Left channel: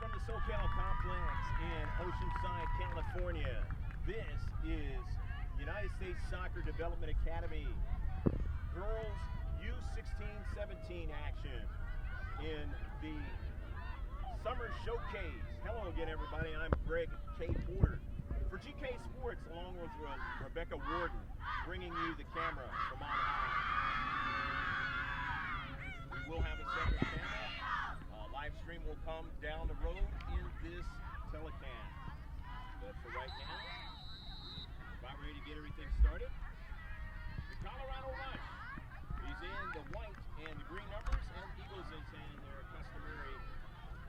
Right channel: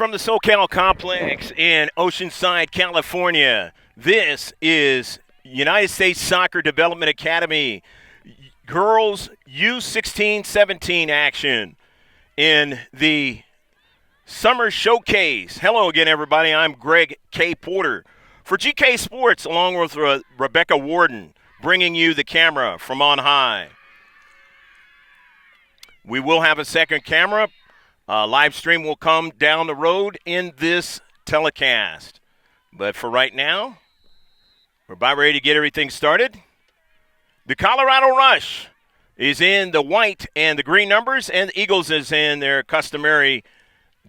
From the SoCal Complex in Oceanside, California, this is United States Soccer Development Academy Girls U-16-17 action in the Summer Showcase. Hello again, everybody. I'm Greg K. Porter for GK Sports, along with Rebecca Warden, bringing you the camera from on high. We will have a second camera. Live stream will come down the road in this telecast. But for right now, we're about ready to get everything started. The Colorado Rush is in the white and the green numbers, and the Eagles is in their customary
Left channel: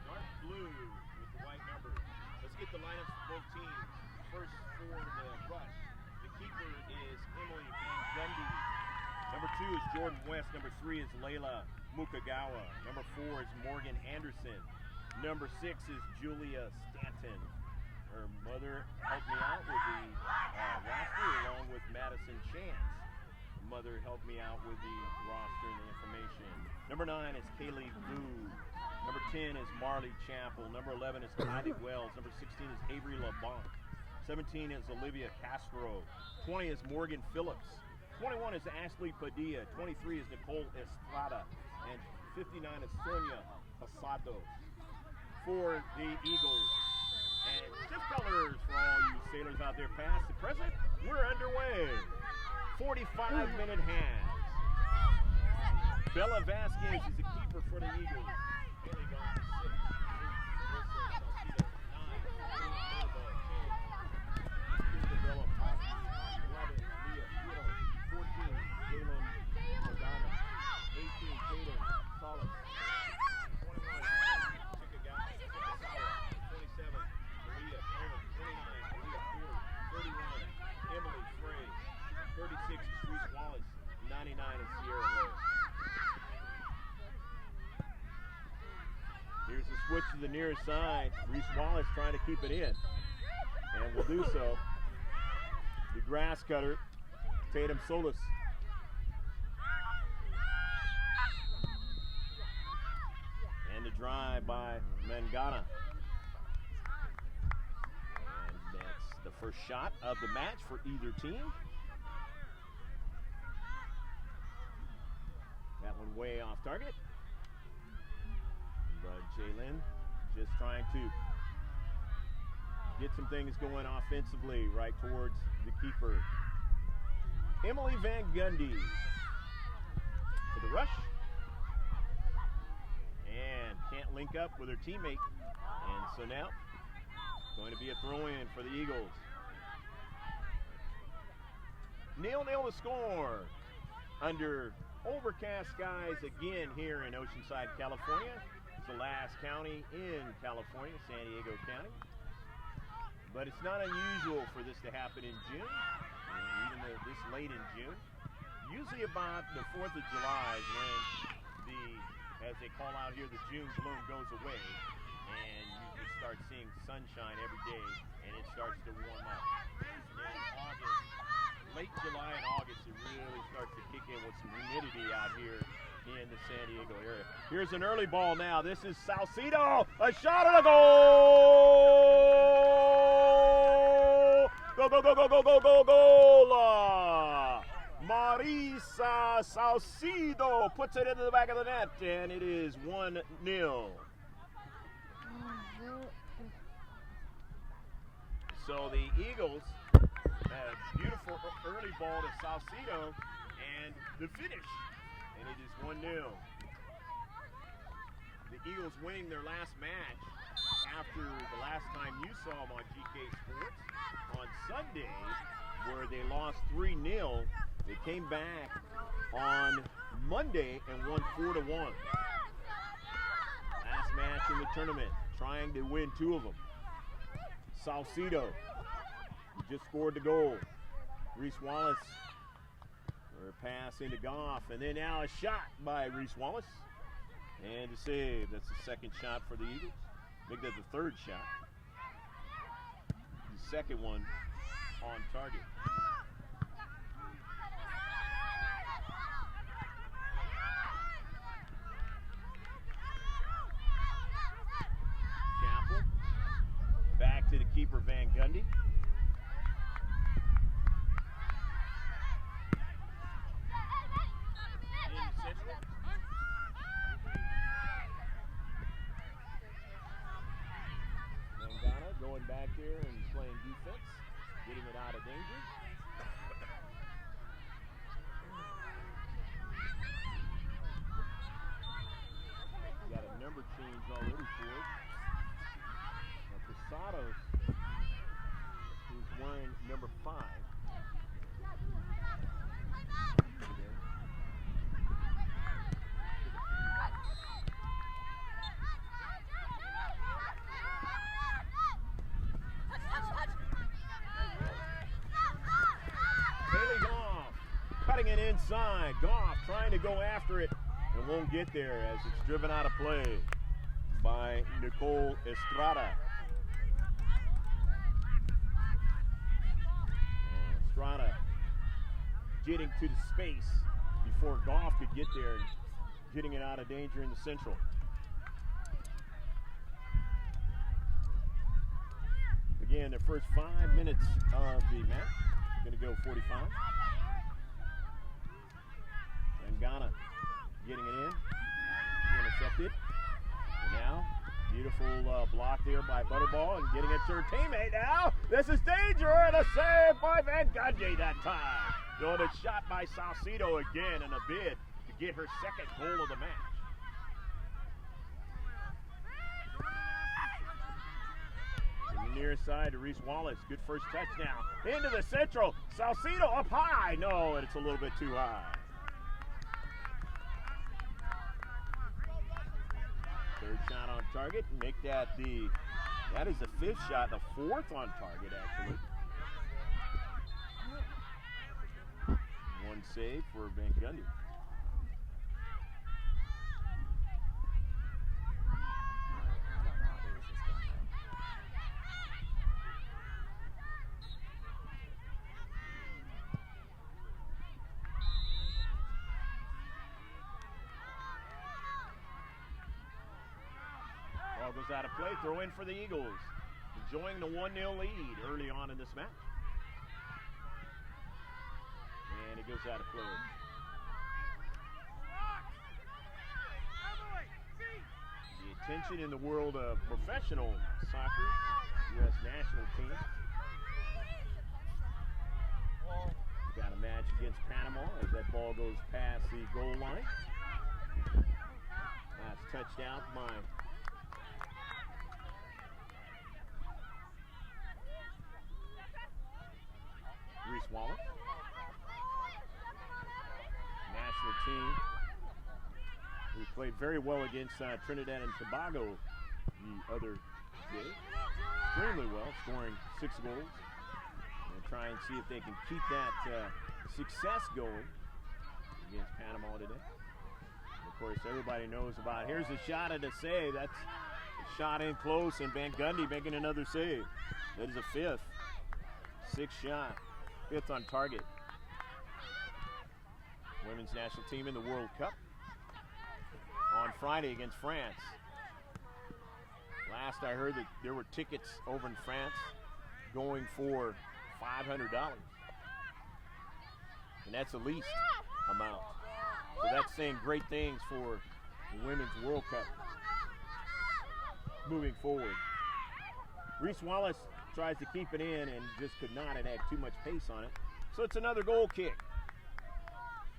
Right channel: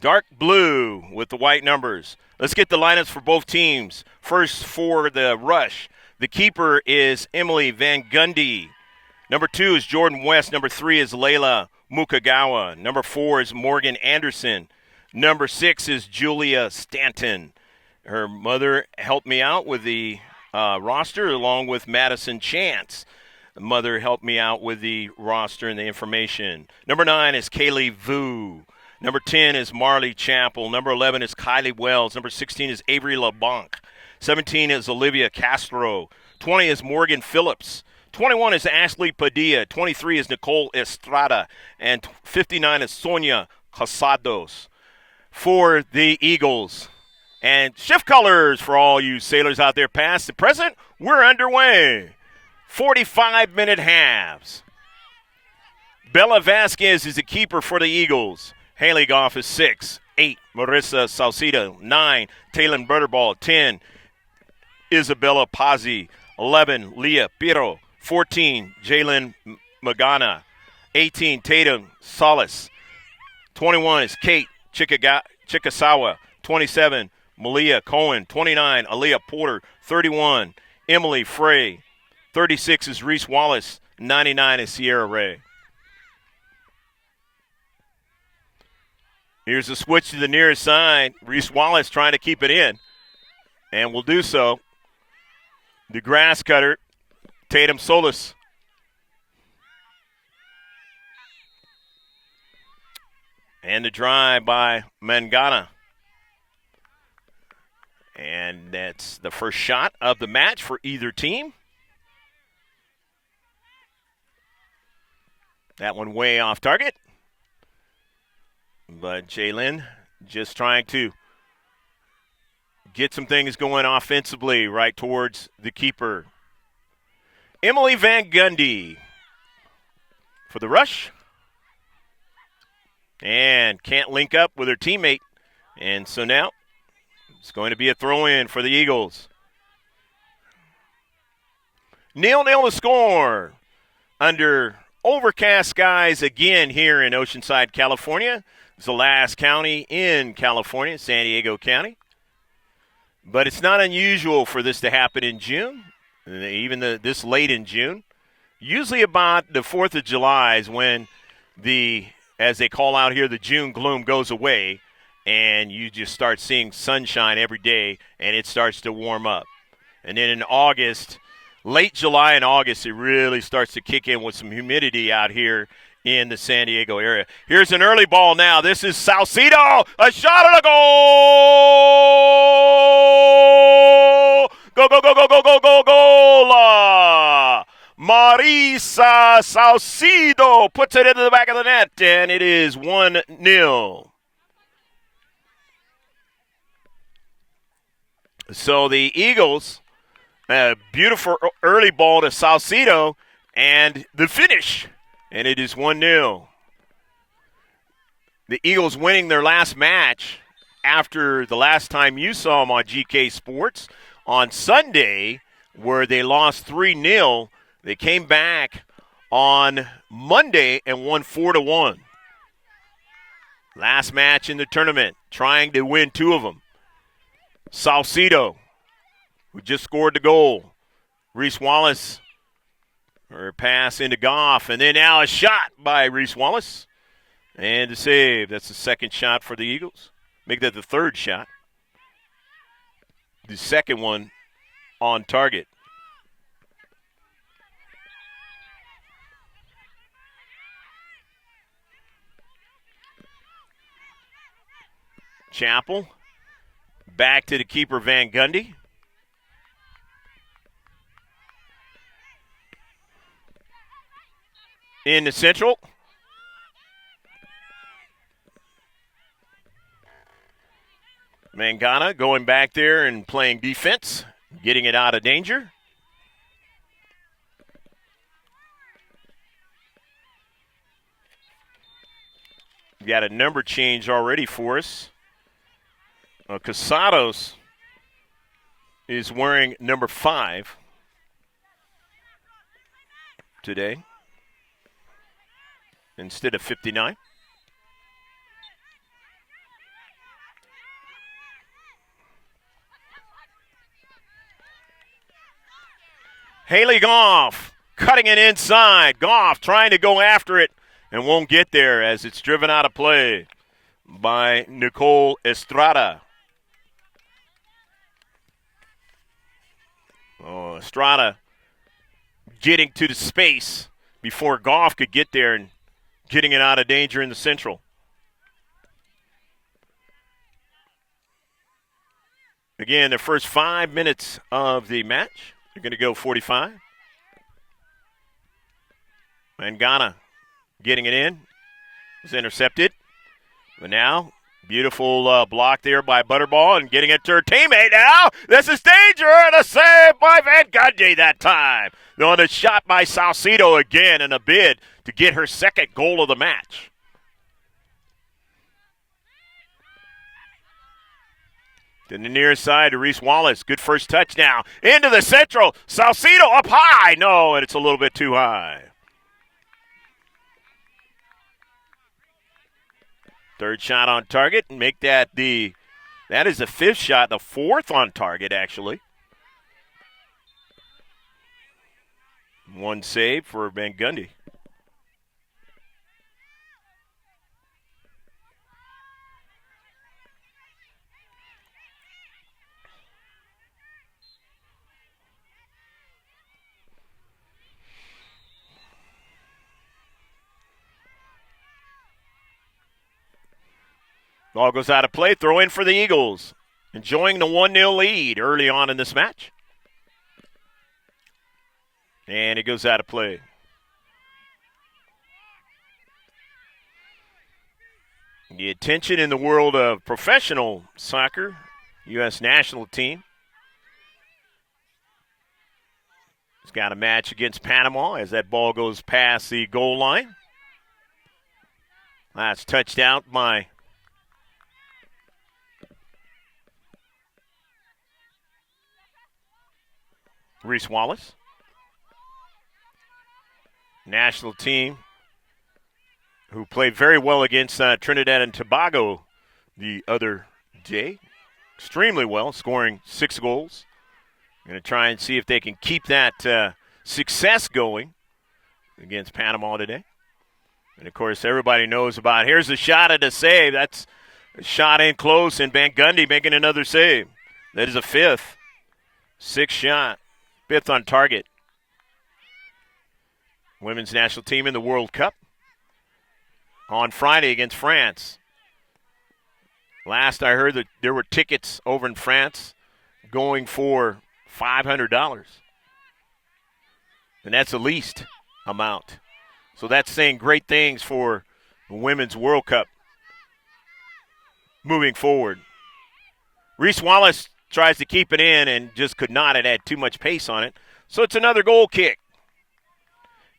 dark blue with the white numbers. Let's get the lineups for both teams. First for the Rush, the keeper is Emily Van Gundy. Number 2 is Jordan West. Number 3 is Layla Mukagawa. Number 4 is Morgan Anderson. Number 6 is Julia Stanton. Her mother helped me out with the roster along with Madison Chance. The mother helped me out with the roster and the information. Number 9 is Kaylee Vu. Number 10 is Marley Chappell. Number 11 is Kylie Wells. Number 16 is Avery LeBlanc. 17 is Olivia Castro. 20 is Morgan Phillips. 21 is Ashley Padilla. 23 is Nicole Estrada. And 59 is Sonia Casados for the Eagles. And shift colors for all you sailors out there past the present. We're underway. 45-minute halves. Bella Vasquez is the keeper for the Eagles. Haley Goff is 6. 8, Marissa Salcido. 9, Taylor Butterball. 10, Isabella Pazzi. 11, Leah Piro. 14, Jalen Magana. 18, Tatum Solis. 21 is Kate Chikasawa. 27, Malia Cohen. 29, Aaliyah Porter. 31, Emily Frey. 36 is Reese Wallace. 99 is Sierra Ray. Here's a switch to the nearest side. Reese Wallace trying to keep it in, and will do so. The grass cutter, Tatum Solis. And the drive by Mangana. And that's the first shot of the match for either team. That one way off target. But Jalen just trying to get some things going offensively right towards the keeper. Emily Van Gundy for the Rush. And can't link up with her teammate. And so now it's going to be a throw-in for the Eagles. 0-0 to score under overcast skies again here in Oceanside, California. It's the last county in California, San Diego County. But it's not unusual for this to happen in June, even this late in June. Usually about the 4th of July is when as they call out here, the June gloom goes away, and you just start seeing sunshine every day, and it starts to warm up. And then in August, late July and August, it really starts to kick in with some humidity out here in the San Diego area. Here's an early ball now. This is Salcido. A shot and a goal! Go, go, go, go, go, go, go, goal! Marisa Salcido puts it into the back of the net, and it is 1-0. So the Eagles, a beautiful early ball to Salcido, and the finish. And it is 1-0. The Eagles winning their last match after the last time you saw them on GK Sports on Sunday, where they lost 3-0. They came back on Monday and won 4-1. Last match in the tournament, trying to win 2 of them. Salcido, who just scored the goal. Reese Wallace, her pass into Goff, and then now a shot by Reese Wallace. And a save. That's the second shot for the Eagles. Make that the third shot. The second one on target. Chapel. Back to the keeper, Van Gundy. In the central. Mangana going back there and playing defense, getting it out of danger. We got a number change already for us. Casados is wearing number 5 today instead of 59. Haley Goff cutting it inside. Goff trying to go after it and won't get there as it's driven out of play by Nicole Estrada. Oh, Estrada getting to the space before Goff could get there and getting it out of danger in the central. Again, the first 5 minutes of the match. You're going to go 45. Mangana getting it in. It's intercepted. But now, beautiful block there by Butterball and getting it to her teammate now. This is danger and a save by Van Gundy that time. On a shot by Salcido again in a bid to get her second goal of the match. To the near side to Reese Wallace. Good first touch now. Into the central. Salcido up high. No, and it's a little bit too high. Third shot on target. And make that that is the 5th shot. The 4th on target, actually. One save for Van Gundy. Ball goes out of play. Throw in for the Eagles. Enjoying the 1-0 lead early on in this match. And it goes out of play. The attention in the world of professional soccer, U.S. national team. It's got a match against Panama as that ball goes past the goal line. That's touched out by Reese Wallace. National team who played very well against Trinidad and Tobago the other day. Extremely well, scoring 6 goals. Going to try and see if they can keep that success going against Panama today. And, of course, everybody knows about, here's a shot at a save. That's a shot in close, and Van Gundy making another save. That is a 5th. 6th shot. 5th on target. Women's national team in the World Cup on Friday against France. Last I heard that there were tickets over in France going for $500. And that's the least amount. So that's saying great things for the Women's World Cup moving forward. Reese Wallace tries to keep it in and just could not. It had too much pace on it. So it's another goal kick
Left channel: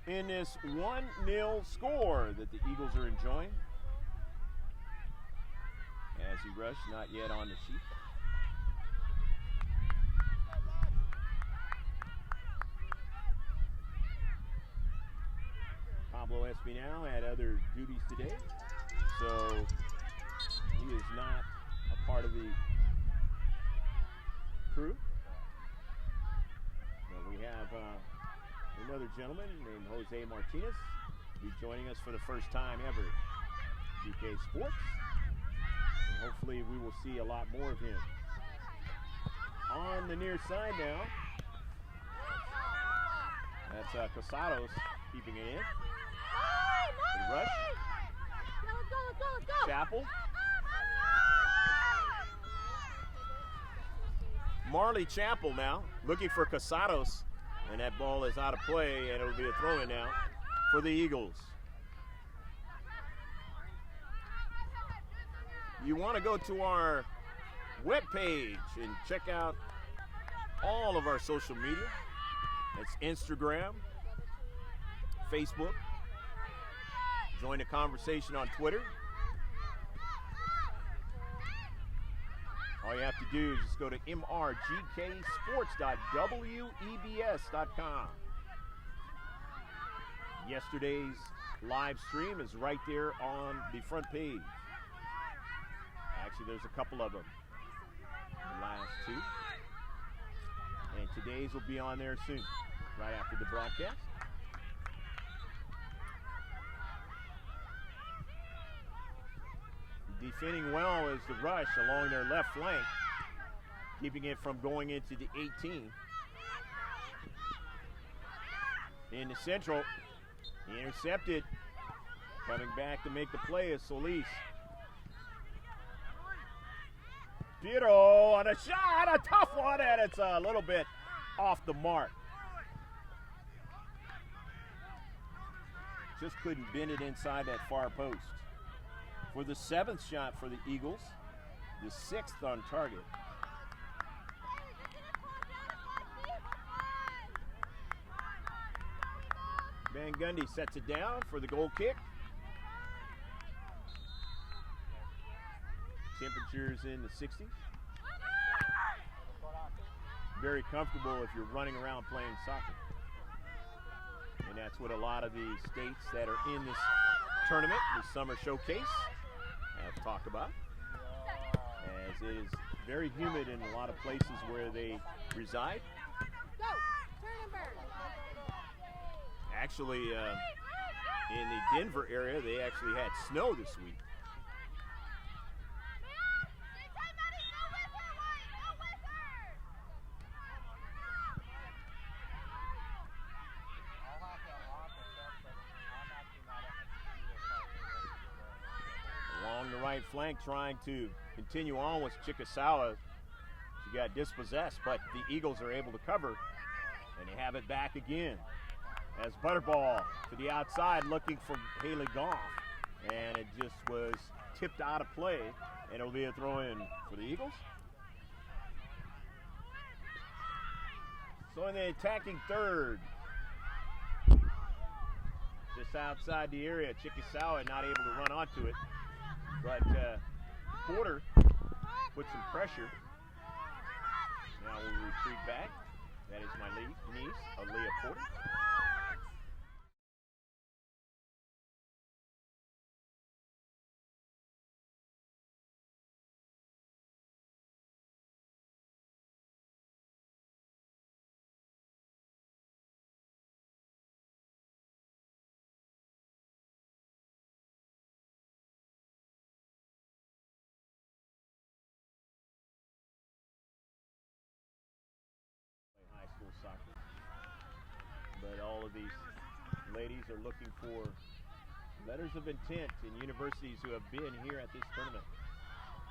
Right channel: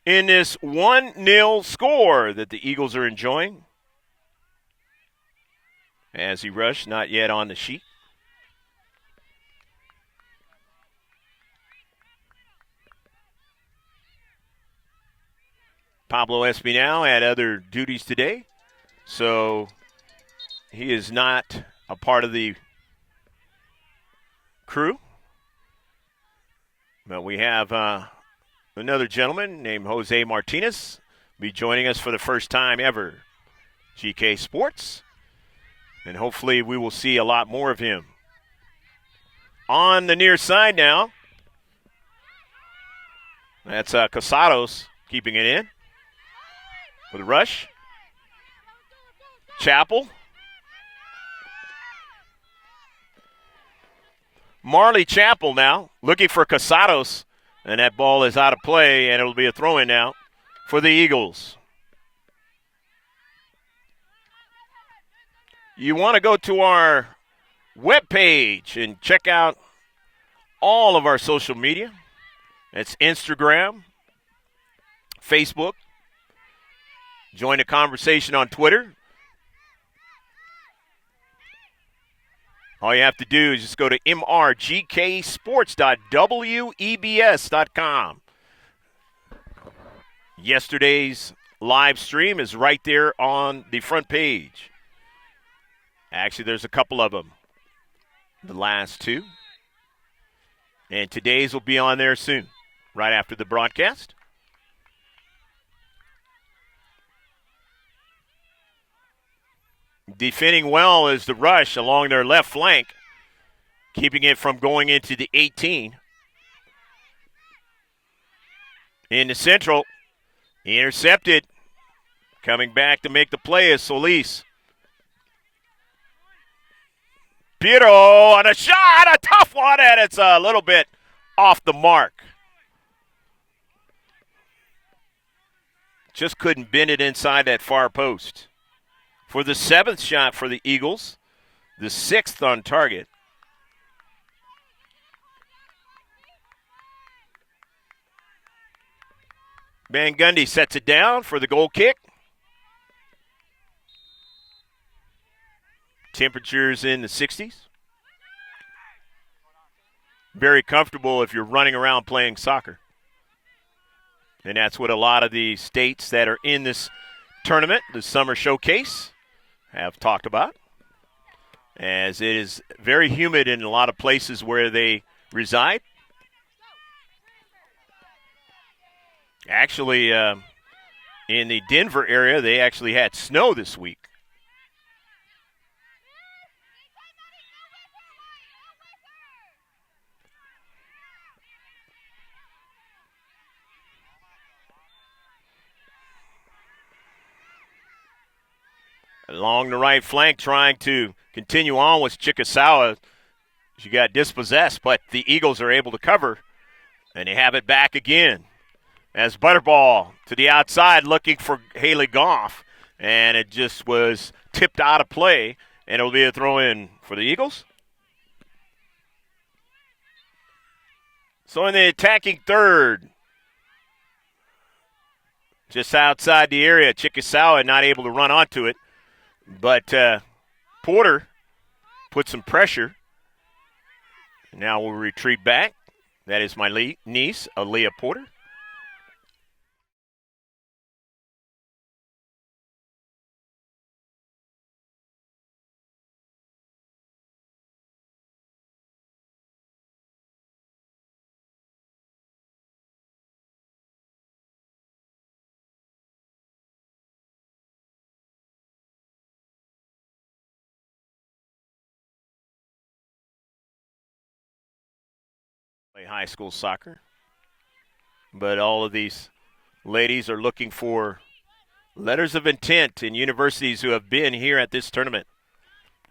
in this 1-0 score that the Eagles are enjoying. As he rushed, not yet on the sheet. Pablo Espinal had other duties today, so he is not a part of the crew. But we have another gentleman named Jose Martinez be joining us for the first time ever. GK Sports. And hopefully we will see a lot more of him. On the near side now. That's Casados keeping it in. With a rush. Chapel. Marley Chapel now looking for Casados, and that ball is out of play, and it'll be a throw-in now for the Eagles. You want to go to our webpage and check out all of our social media. It's Instagram, Facebook. Join the conversation on Twitter. All you have to do is just go to mrgksports.webs.com. Yesterday's live stream is right there on the front page. Actually, there's a couple of them. The last two. And today's will be on there soon, right after the broadcast. Defending well is the rush along their left flank, keeping it from going into the 18. In the central, intercepted. Coming back to make the play is Solis. Piero on a shot, a tough one, and it's a little bit off the mark. Just couldn't bend it inside that far post. For the 7th shot for the Eagles, the 6th on target. Van Gundy sets it down for the goal kick. Temperatures in the 60s. Very comfortable if you're running around playing soccer. And that's what a lot of the states that are in this tournament, the summer showcase, have talked about, as it is very humid in a lot of places where they reside. Actually, in the Denver area, they actually had snow this week. Along the right flank, trying to continue on with Chikasawa. She got dispossessed, but the Eagles are able to cover, and they have it back again. As Butterball to the outside looking for Haley Goff, and it just was tipped out of play, and it'll be a throw-in for the Eagles. So in the attacking third, just outside the area, Chikasawa not able to run onto it. But Porter put some pressure. Now we'll retreat back. That is my niece, Aaliyah Porter. Play high school soccer. But all of these ladies are looking for letters of intent in universities who have been here at this tournament,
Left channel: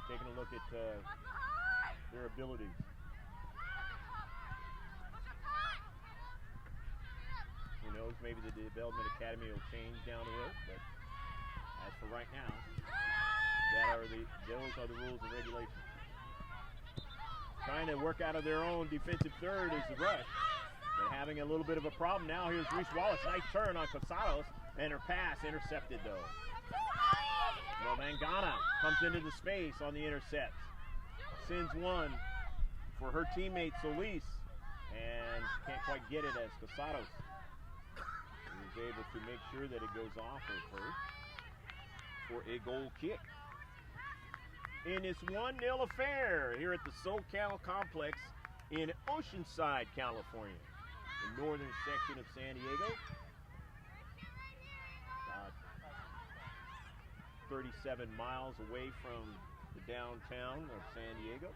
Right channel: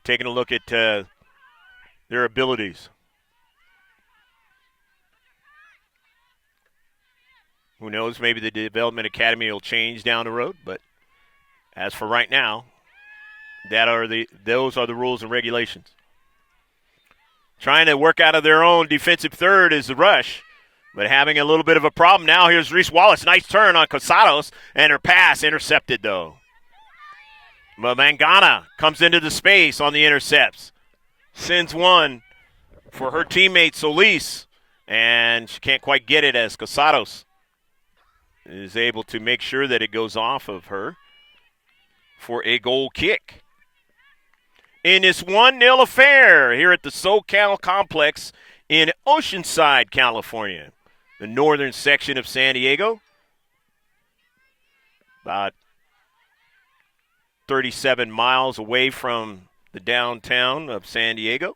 taking a look at their abilities. Who knows, maybe the Development Academy will change down the road, but as for right now, those are the rules and regulations. Trying to work out of their own defensive third is the rush, but having a little bit of a problem now. Here's Reese Wallace. Nice turn on Casados, and her pass intercepted, though. Mangana comes into the space on the intercepts. Sends one for her teammate Solis, and she can't quite get it as Casados is able to make sure that it goes off of her for a goal kick. In this 1-0 affair here at the SoCal Complex in Oceanside, California, the northern section of San Diego. About 37 miles away from the downtown of San Diego,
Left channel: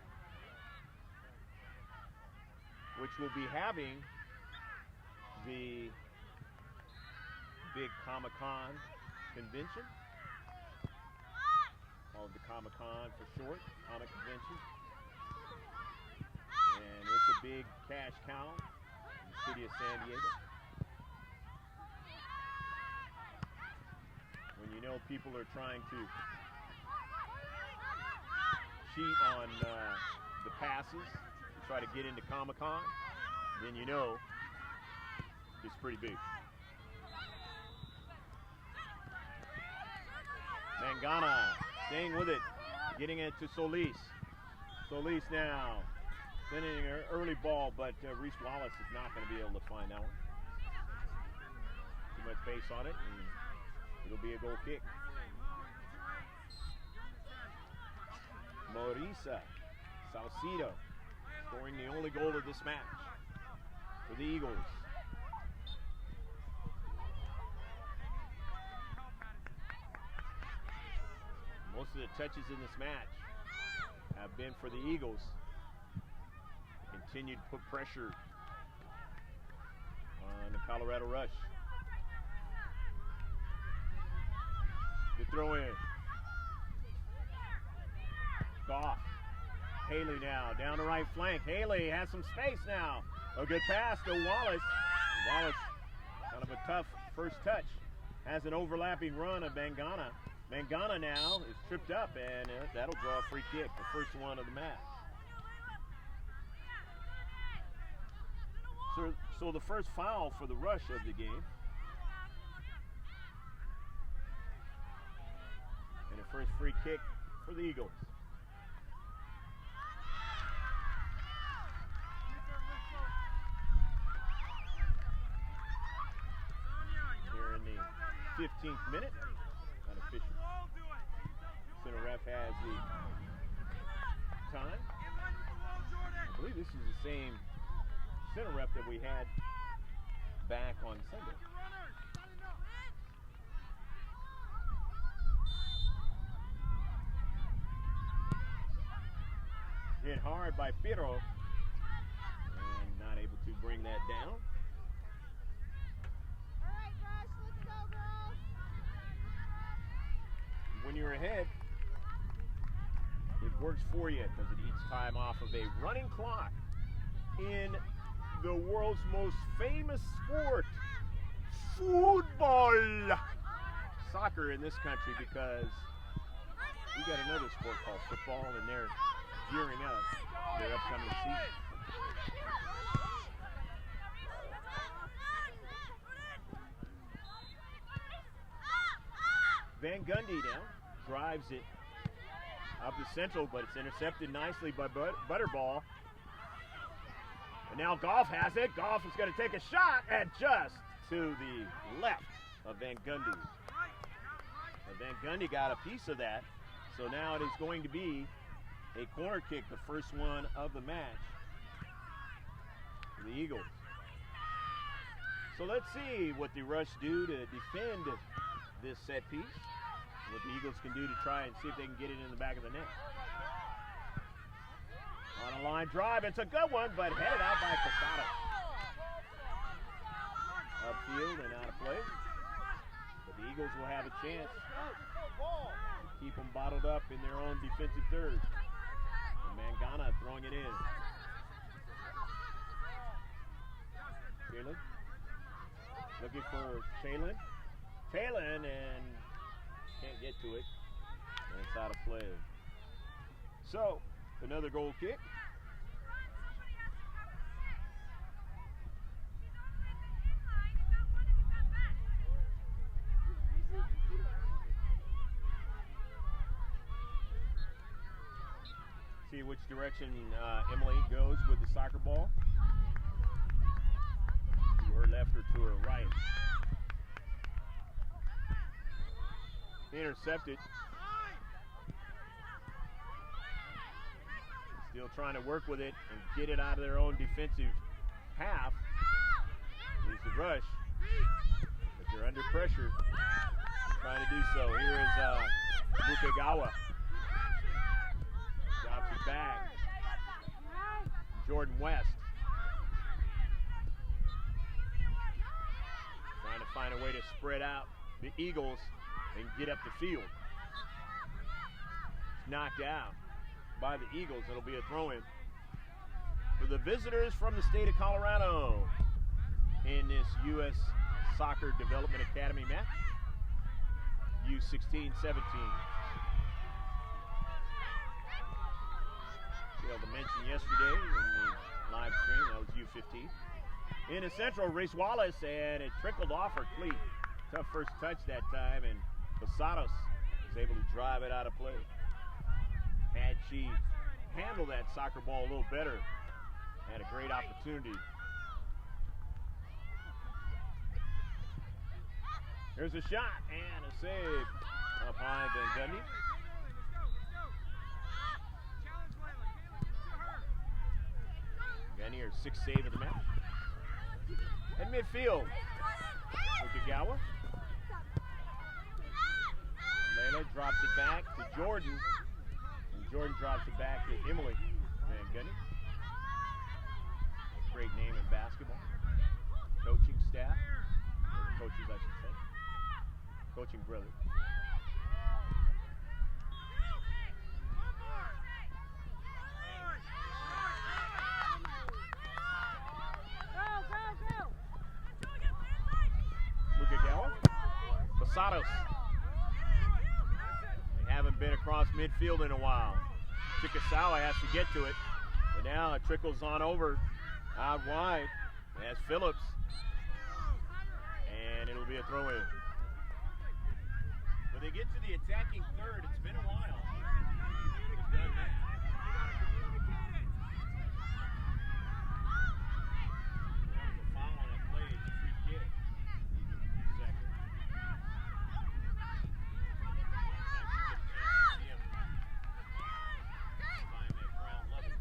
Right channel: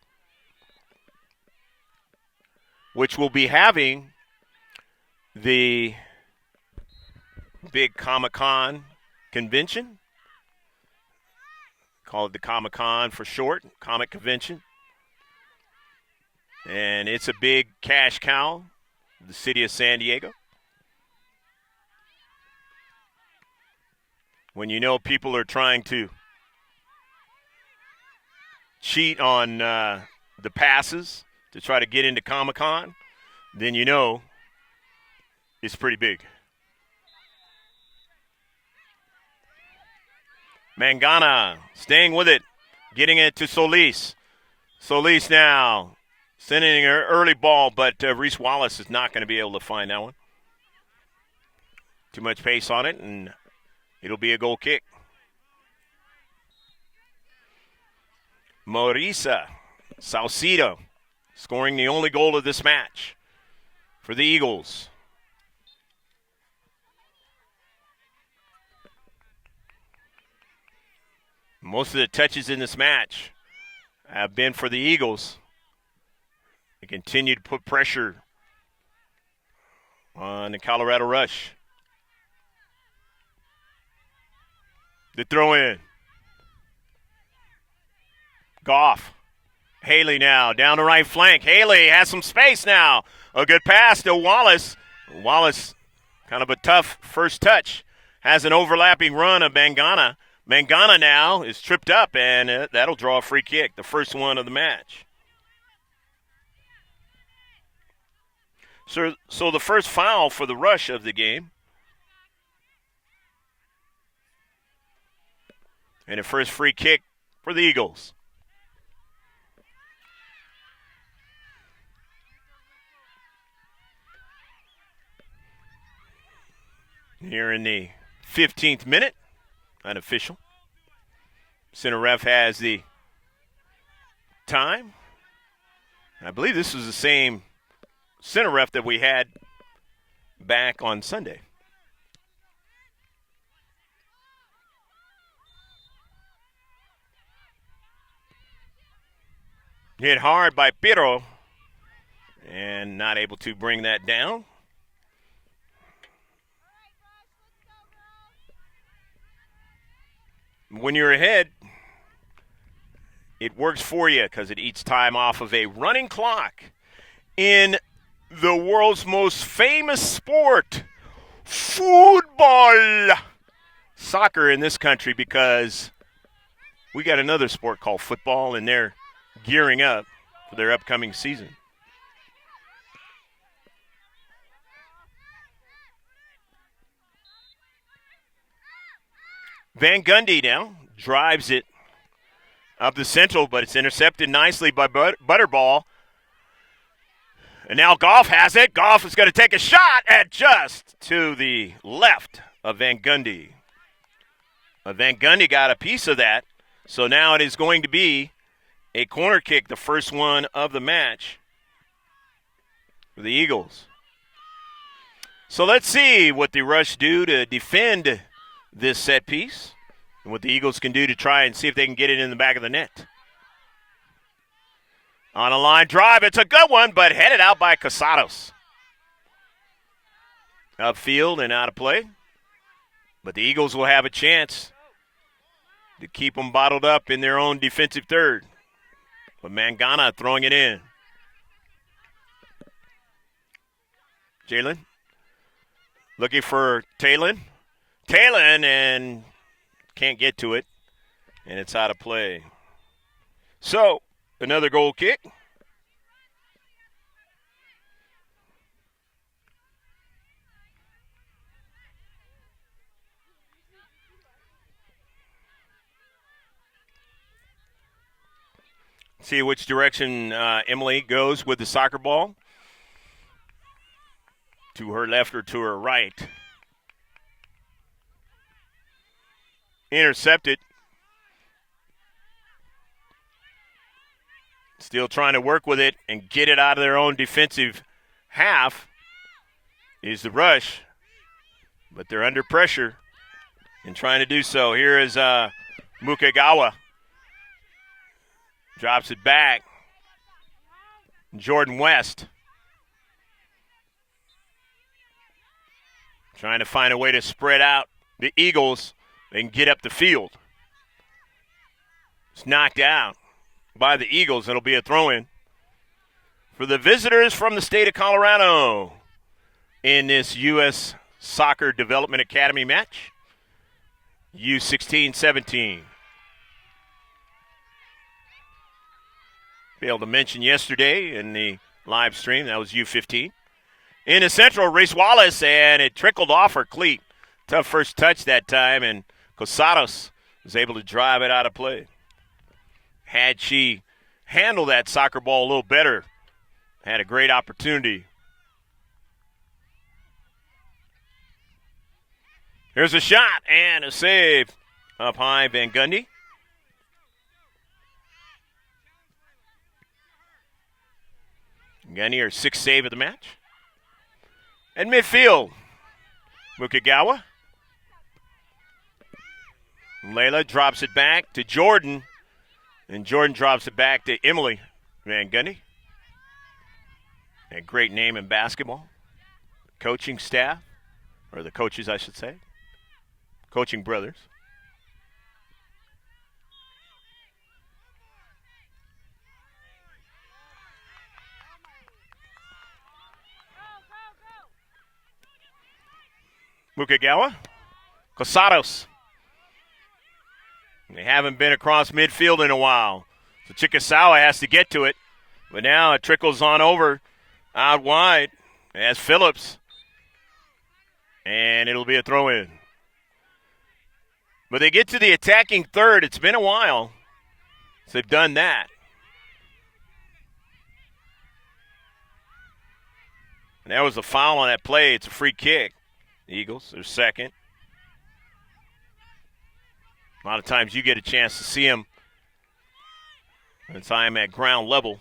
which will be having the big Comic-Con convention. Called the Comic-Con for short, Comic Convention. And it's a big cash cow, the city of San Diego. When you know people are trying to cheat on the passes to try to get into Comic-Con, then you know it's pretty big. Mangana staying with it, getting it to Solis. Solis now sending an early ball, but Reese Wallace is not going to be able to find that one. Too much pace on it, and it'll be a goal kick. Marisa Saucedo scoring the only goal of this match for the Eagles. Most of the touches in this match have been for the Eagles. They continue to put pressure on the Colorado Rush. The throw in. Goff. Haley now down the right flank. Haley has some space now. A good pass to Wallace. Wallace, kind of a tough first touch. Has an overlapping run of Mangana. Mangana now is tripped up, and that'll draw a free kick, the first one of the match. So the first foul for the Rush of the game. And a first free kick for the Eagles. Here in the 15th minute. Unofficial. Center ref has the time. I believe this was the same center ref that we had back on Sunday. Hit hard by Pirro and not able to bring that down. When you're ahead, it works for you because it eats time off of a running clock in the world's most famous sport, football. Soccer in this country, because we got another sport called football, and they're gearing up for their upcoming season. Van Gundy now drives it up the central, but it's intercepted nicely by Butterball. And now Goff has it. Goff is going to take a shot at just to the left of Van Gundy. But Van Gundy got a piece of that, so now it is going to be a corner kick, the first one of the match for the Eagles. So let's see what the Rush do to defend this set piece and what the Eagles can do to try and see if they can get it in the back of the net. On a line drive, it's a good one, but headed out by Casados. Upfield and out of play. But the Eagles will have a chance to keep them bottled up in their own defensive third. But Mangana throwing it in. Jalen looking for Talon. Talon, and can't get to it, and it's out of play. So, another goal kick. See which direction Emily goes with the soccer ball. To her left or to her right. Intercepted. Still trying to work with it and get it out of their own defensive half is the Rush. But they're under pressure and trying to do so. Here is Mukagawa. Drops it back. Jordan West. Trying to find a way to spread out the Eagles and get up the field. It's knocked out by the Eagles. It'll be a throw-in for the visitors from the state of Colorado in this U.S. Soccer Development Academy match. U-16-17. Failed to mention yesterday in the live stream, that was U-15. In the central, Reese Wallace, and it trickled off her cleat. Tough first touch that time, and Cosados was able to drive it out of play. Had she handled that soccer ball a little better, had a great opportunity. Here's a shot and a save up high, Van Gundy. Gundy, her sixth save of the match. And midfield, Mukagawa. Layla drops it back to Jordan, and Jordan drops it back to Emily Van Gundy. A great name in basketball. Coaching staff, or the coaches, I should say. Coaching brothers. Mukagawa, Cosados. They haven't been across midfield in a while. So Chikasawa has to get to it, but now it trickles on over out wide as Phillips, and it'll be a throw-in. But they get to the attacking third. It's been a while since they've done that. And that was a foul on that play. It's a free kick. The Eagles, they're second. A lot of times you get a chance to see them since I'm at ground level.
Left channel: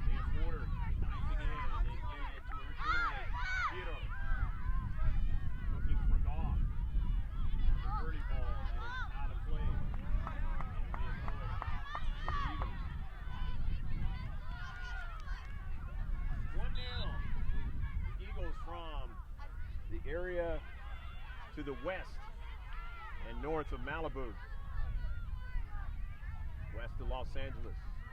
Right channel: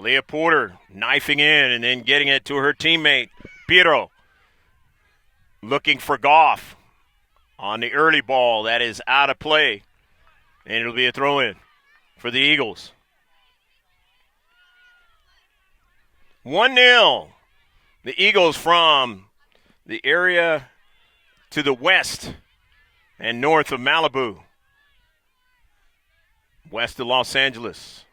Leah Porter knifing in and then getting it to her teammate, Piero. Looking for Goff on the early ball. That is out of play. And it'll be a throw-in for the Eagles. 1-0. The Eagles from the area to the west and north of Malibu. West of Los Angeles.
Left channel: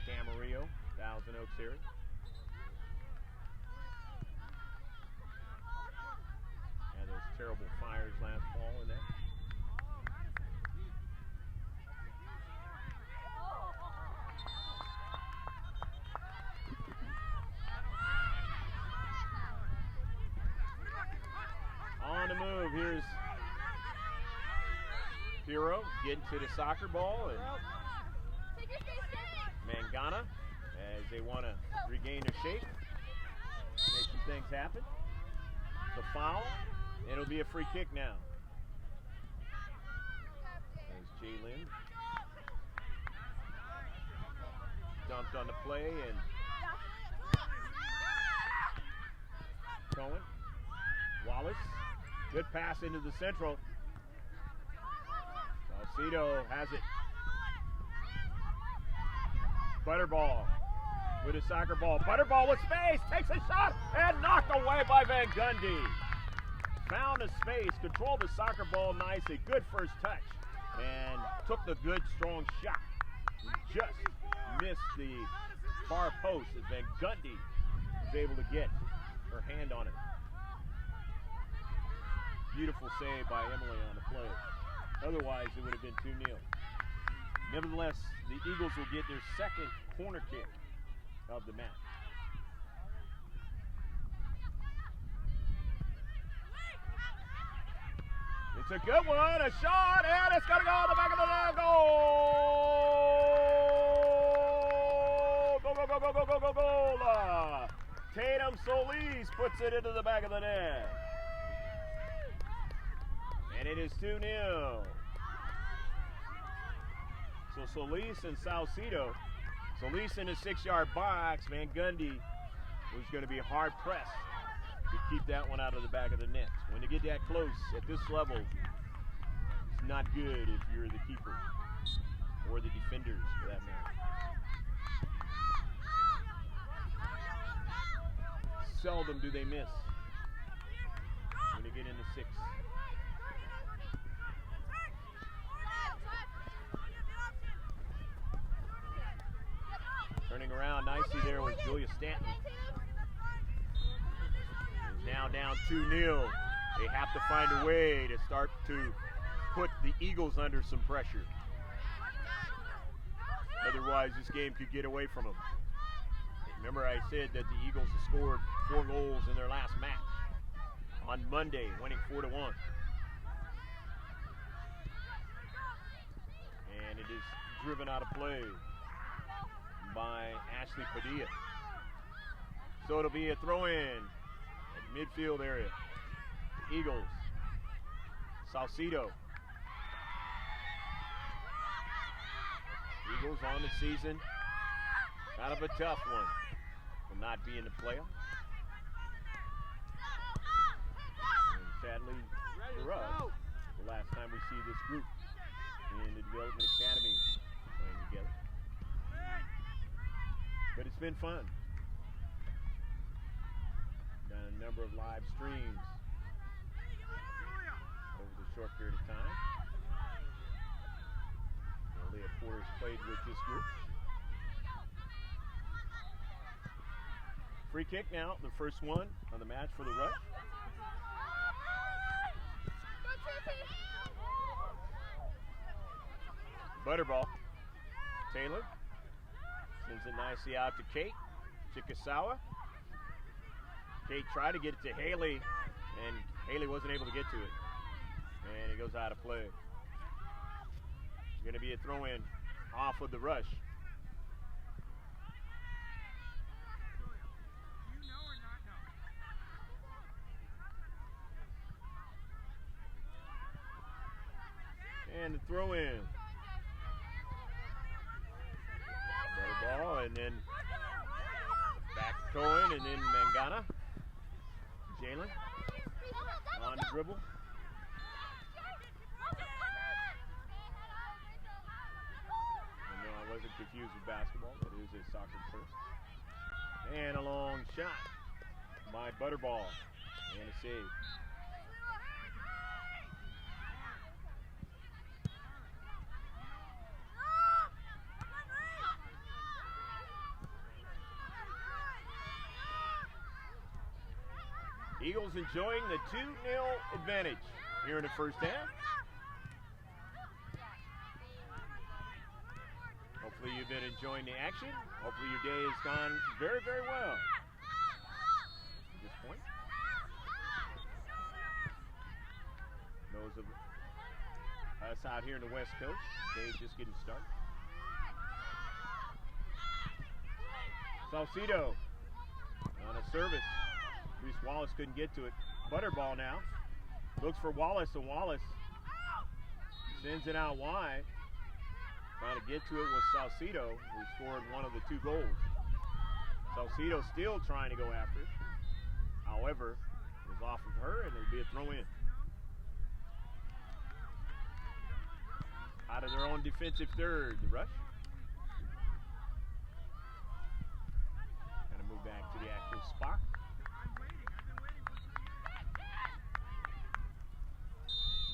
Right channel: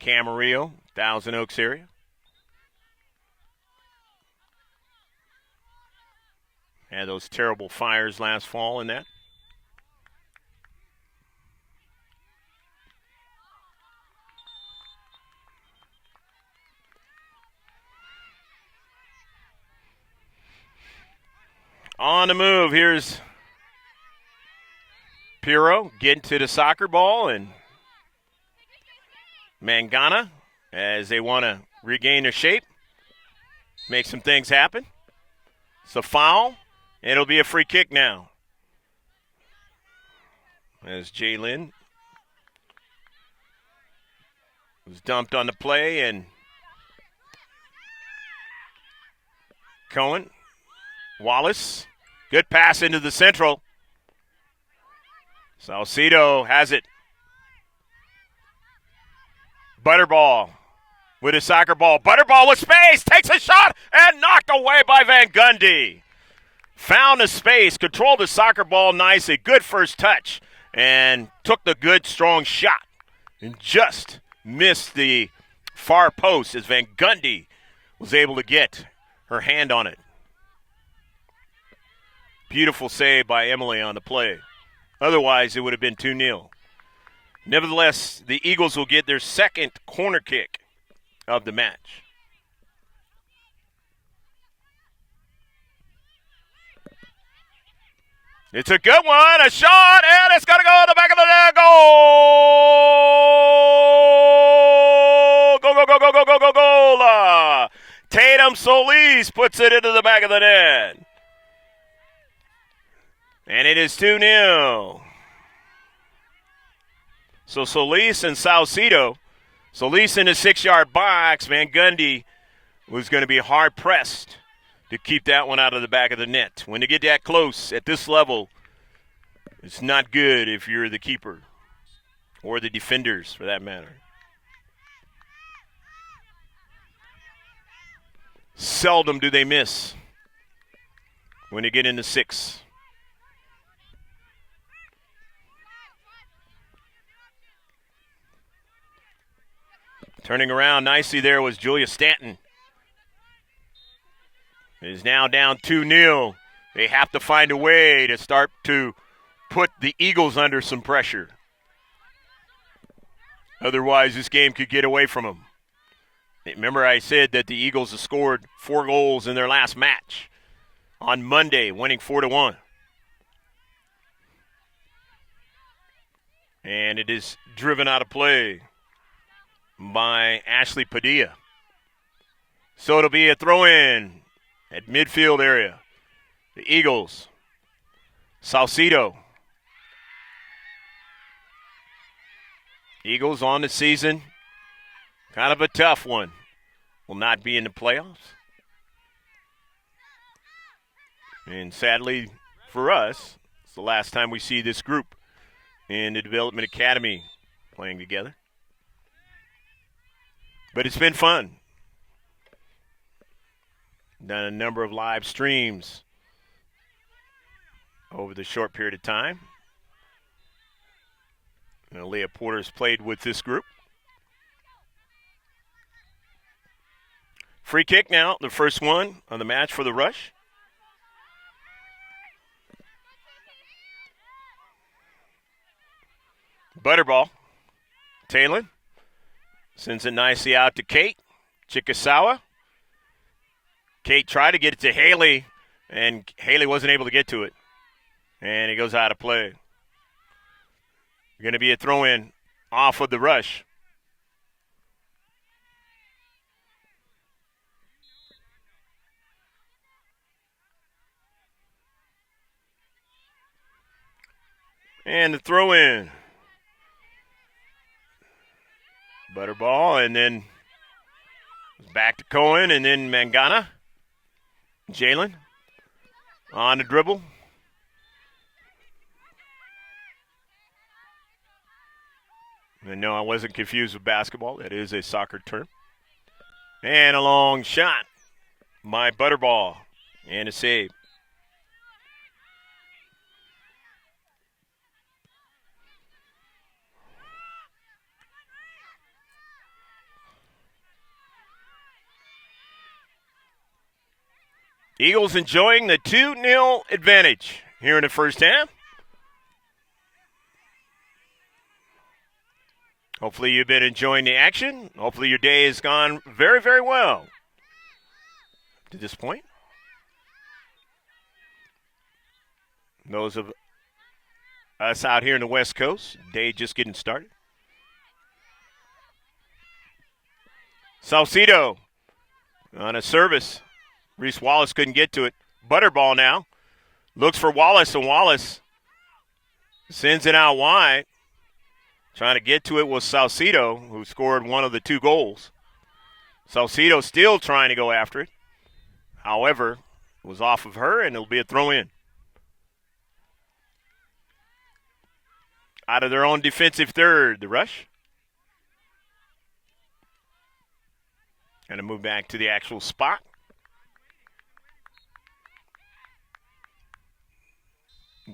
Camarillo, Thousand Oaks area. And those terrible fires last fall in that. On the move, here's Piero getting to the soccer ball, and Mangana, as they want to regain their shape, make some things happen. It's a foul. It'll be a free kick now. As Jalen was dumped on the play, and Cohen, Wallace, good pass into the central. Salcido has it. Butterball with a soccer ball. Butterball with space, takes a shot, and knocked away by Van Gundy. Found the space, controlled the soccer ball nicely. Good first touch, and took the good, strong shot. And just missed the far post as Van Gundy was able to get her hand on it. Beautiful save by Emily on the play. Otherwise, it would have been 2-0. Nevertheless, the Eagles will get their second corner kick of the match. It's a good one, a shot, and it's going to go in the back of the net. Goal! Go, go, go, go, go, go, go, goal! Tatum Solis puts it into the back of the net. And it is 2-0. So Solis and Salcido. Solis in the 6-yard box. Van Gundy was going to be hard-pressed to keep that one out of the back of the net. When you get that close at this level, it's not good if you're the keeper or the defenders, for that matter. Seldom do they miss. when you get into 6. Turning around nicely there was Julia Stanton. It is now down 2-0. They have to find a way to start to put the Eagles under some pressure. Otherwise, this game could get away from them. Remember I said that the Eagles have scored 4 goals in their last match on Monday, winning 4-1. And it is driven out of play by Ashley Padilla. So it'll be a throw-in at midfield area. The Eagles. Salcido. Eagles on the season. Kind of a tough one. Will not be in the playoffs. And sadly for us, it's the last time we see this group in the Development Academy playing together. But it's been fun. Done a number of live streams over the short period of time. And Leah Porter's played with this group. Free kick now, the first one on the match for the Rush. Butterball. Talon sends it nicely out to Kate Chikasawa. Kate tried to get it to Haley, and Haley wasn't able to get to it. And it goes out of play. Going to be a throw-in off of the Rush. And the throw-in. Butterball, and then back to Cohen, and then Mangana. Jalen on the dribble. And no, I wasn't confused with basketball. That is a soccer term. And a long shot by Butterball. And a save. Eagles enjoying the 2-0 advantage here in the first half. Hopefully you've been enjoying the action. Hopefully your day has gone very, very well to this point. Those of us out here in the West Coast, day just getting started. Salcido on a service. Reese Wallace couldn't get to it. Butterball now. Looks for Wallace, and Wallace sends it out wide. Trying to get to it was Salcido, who scored one of the 2 goals. Salcido still trying to go after it. However, it was off of her, and it'll be a throw-in. Out of their own defensive third, the Rush. Going to move back to the actual spot.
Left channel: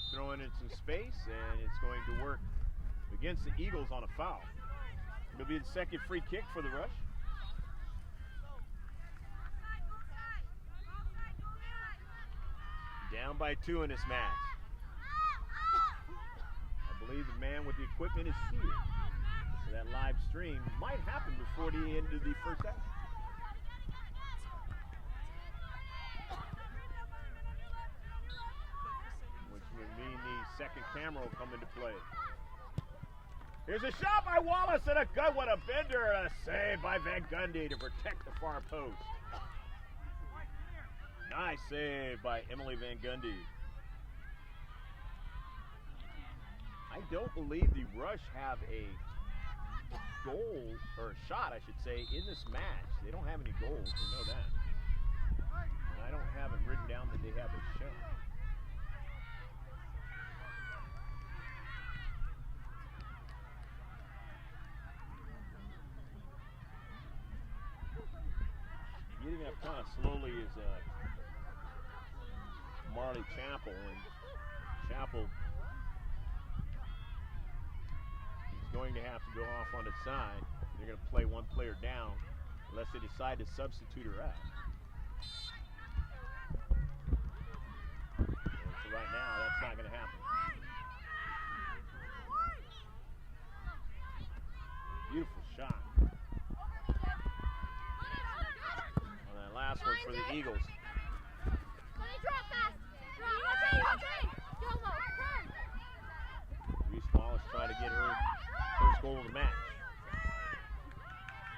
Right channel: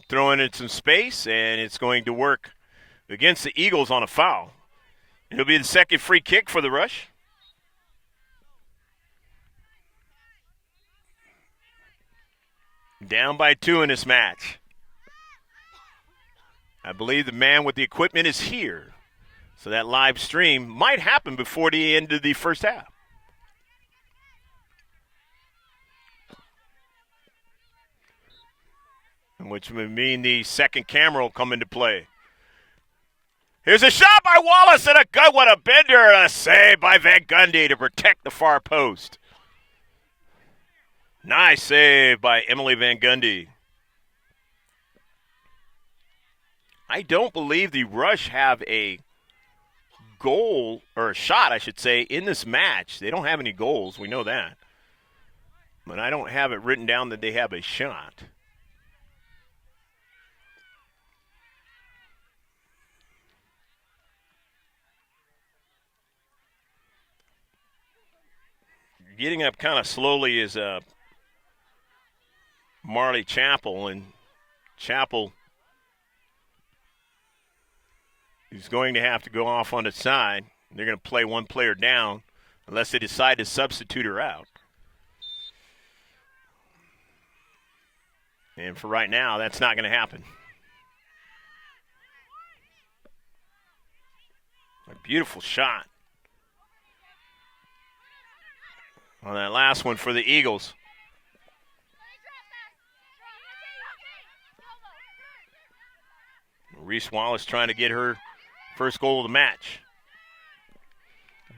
Throwing in some space, and it's going to work against the Eagles on a foul. It'll be the second free kick for the Rush. Down by 2 in this match. I believe the man with the equipment is here. So that live stream might happen before the end of the first half. Which would mean the second camera will come into play. Here's a shot by Wallace, and a good one, a bender, and a save by Van Gundy to protect the far post. Nice save by Emily Van Gundy. I don't believe the Rush have a goal, or a shot, I should say, in this match. They don't have any goals, we know that. But I don't have it written down that they have a shot. Getting up kind of slowly is Marley Chappell, and Chappell is going to have to go off on the side. They're going to play one player down unless they decide to substitute her out. And for right now, that's not going to happen. A beautiful shot on that last one for the Eagles. Reese Wallace trying to get her first goal of the match.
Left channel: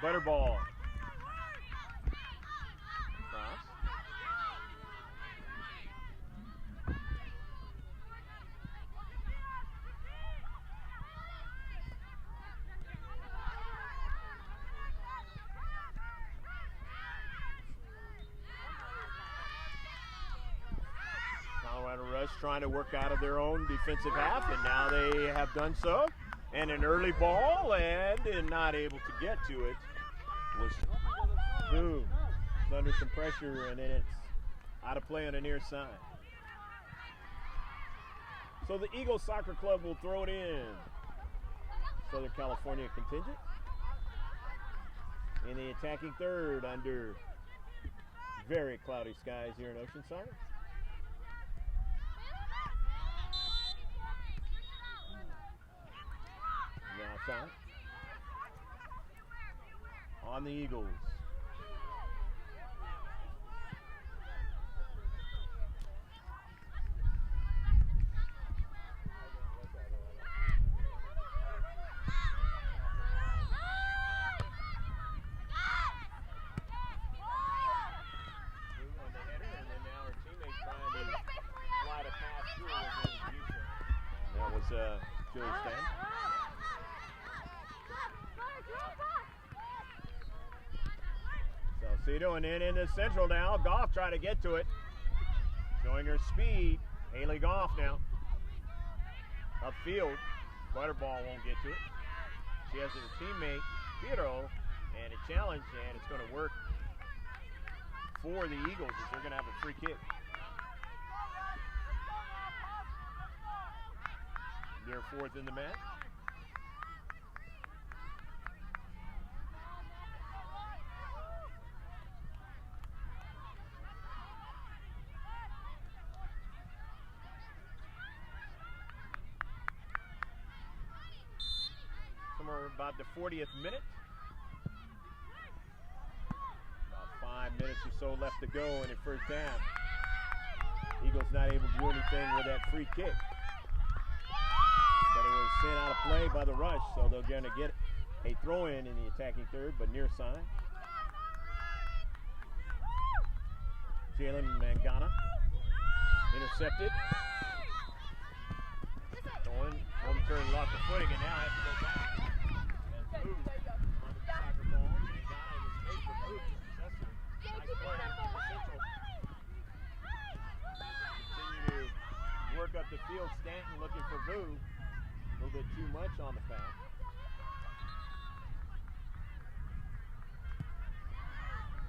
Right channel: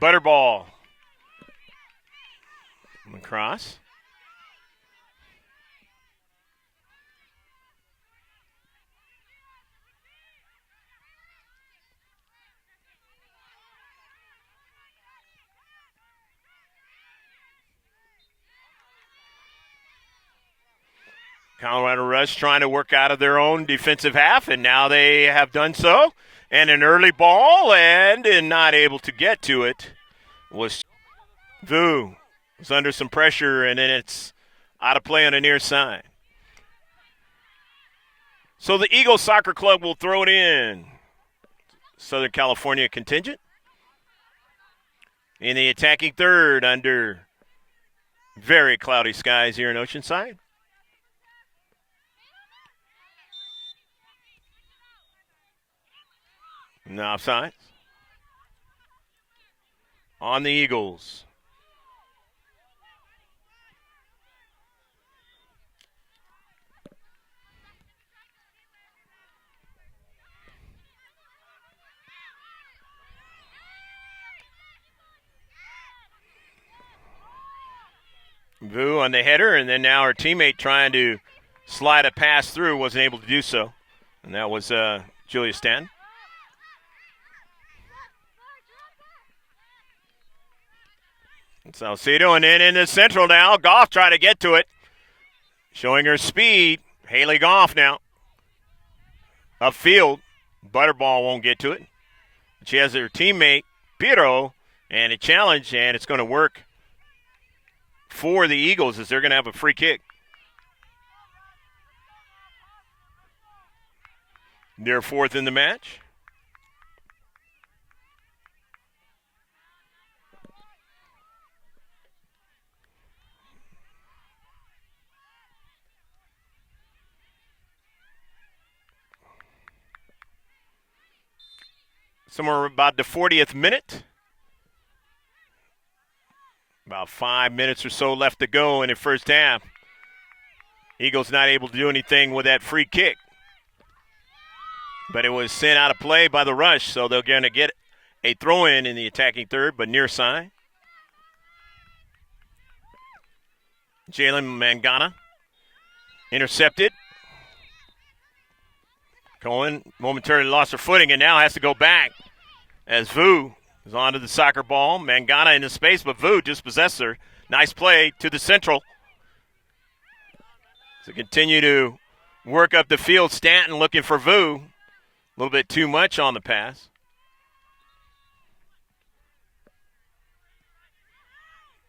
Butterball. Across. Colorado Rush trying to work out of their own defensive half, and now they have done so. And an early ball, and not able to get to it was Vu. Was under some pressure, and then it's out of play on the near side. So the Eagles Soccer Club will throw it in. Southern California contingent. In the attacking third under very cloudy skies here in Oceanside. No offside. On the Eagles. Vu on the header, and then now our teammate trying to slide a pass through, wasn't able to do so. And that was Julia Stanton. Salcedo, and then into Central now. Goff trying to get to it. Showing her speed. Haley Goff now. Upfield. Butterball won't get to it. She has her teammate, Piero, and a challenge, and it's going to work for the Eagles as they're going to have a free kick. They're fourth in the match. Somewhere about the 40th minute. About 5 minutes or so left to go in the first half. Eagles not able to do anything with that free kick. But it was sent out of play by the Rush, so they're going to get a throw-in in the attacking third, but near side. Jalen Mangana intercepted. Cohen momentarily lost her footing and now has to go back as Vu is onto the soccer ball. Mangana in the space, but Vu dispossessed her. Nice play to the Central. So continue to work up the field. Stanton looking for Vu. A little bit too much on the pass.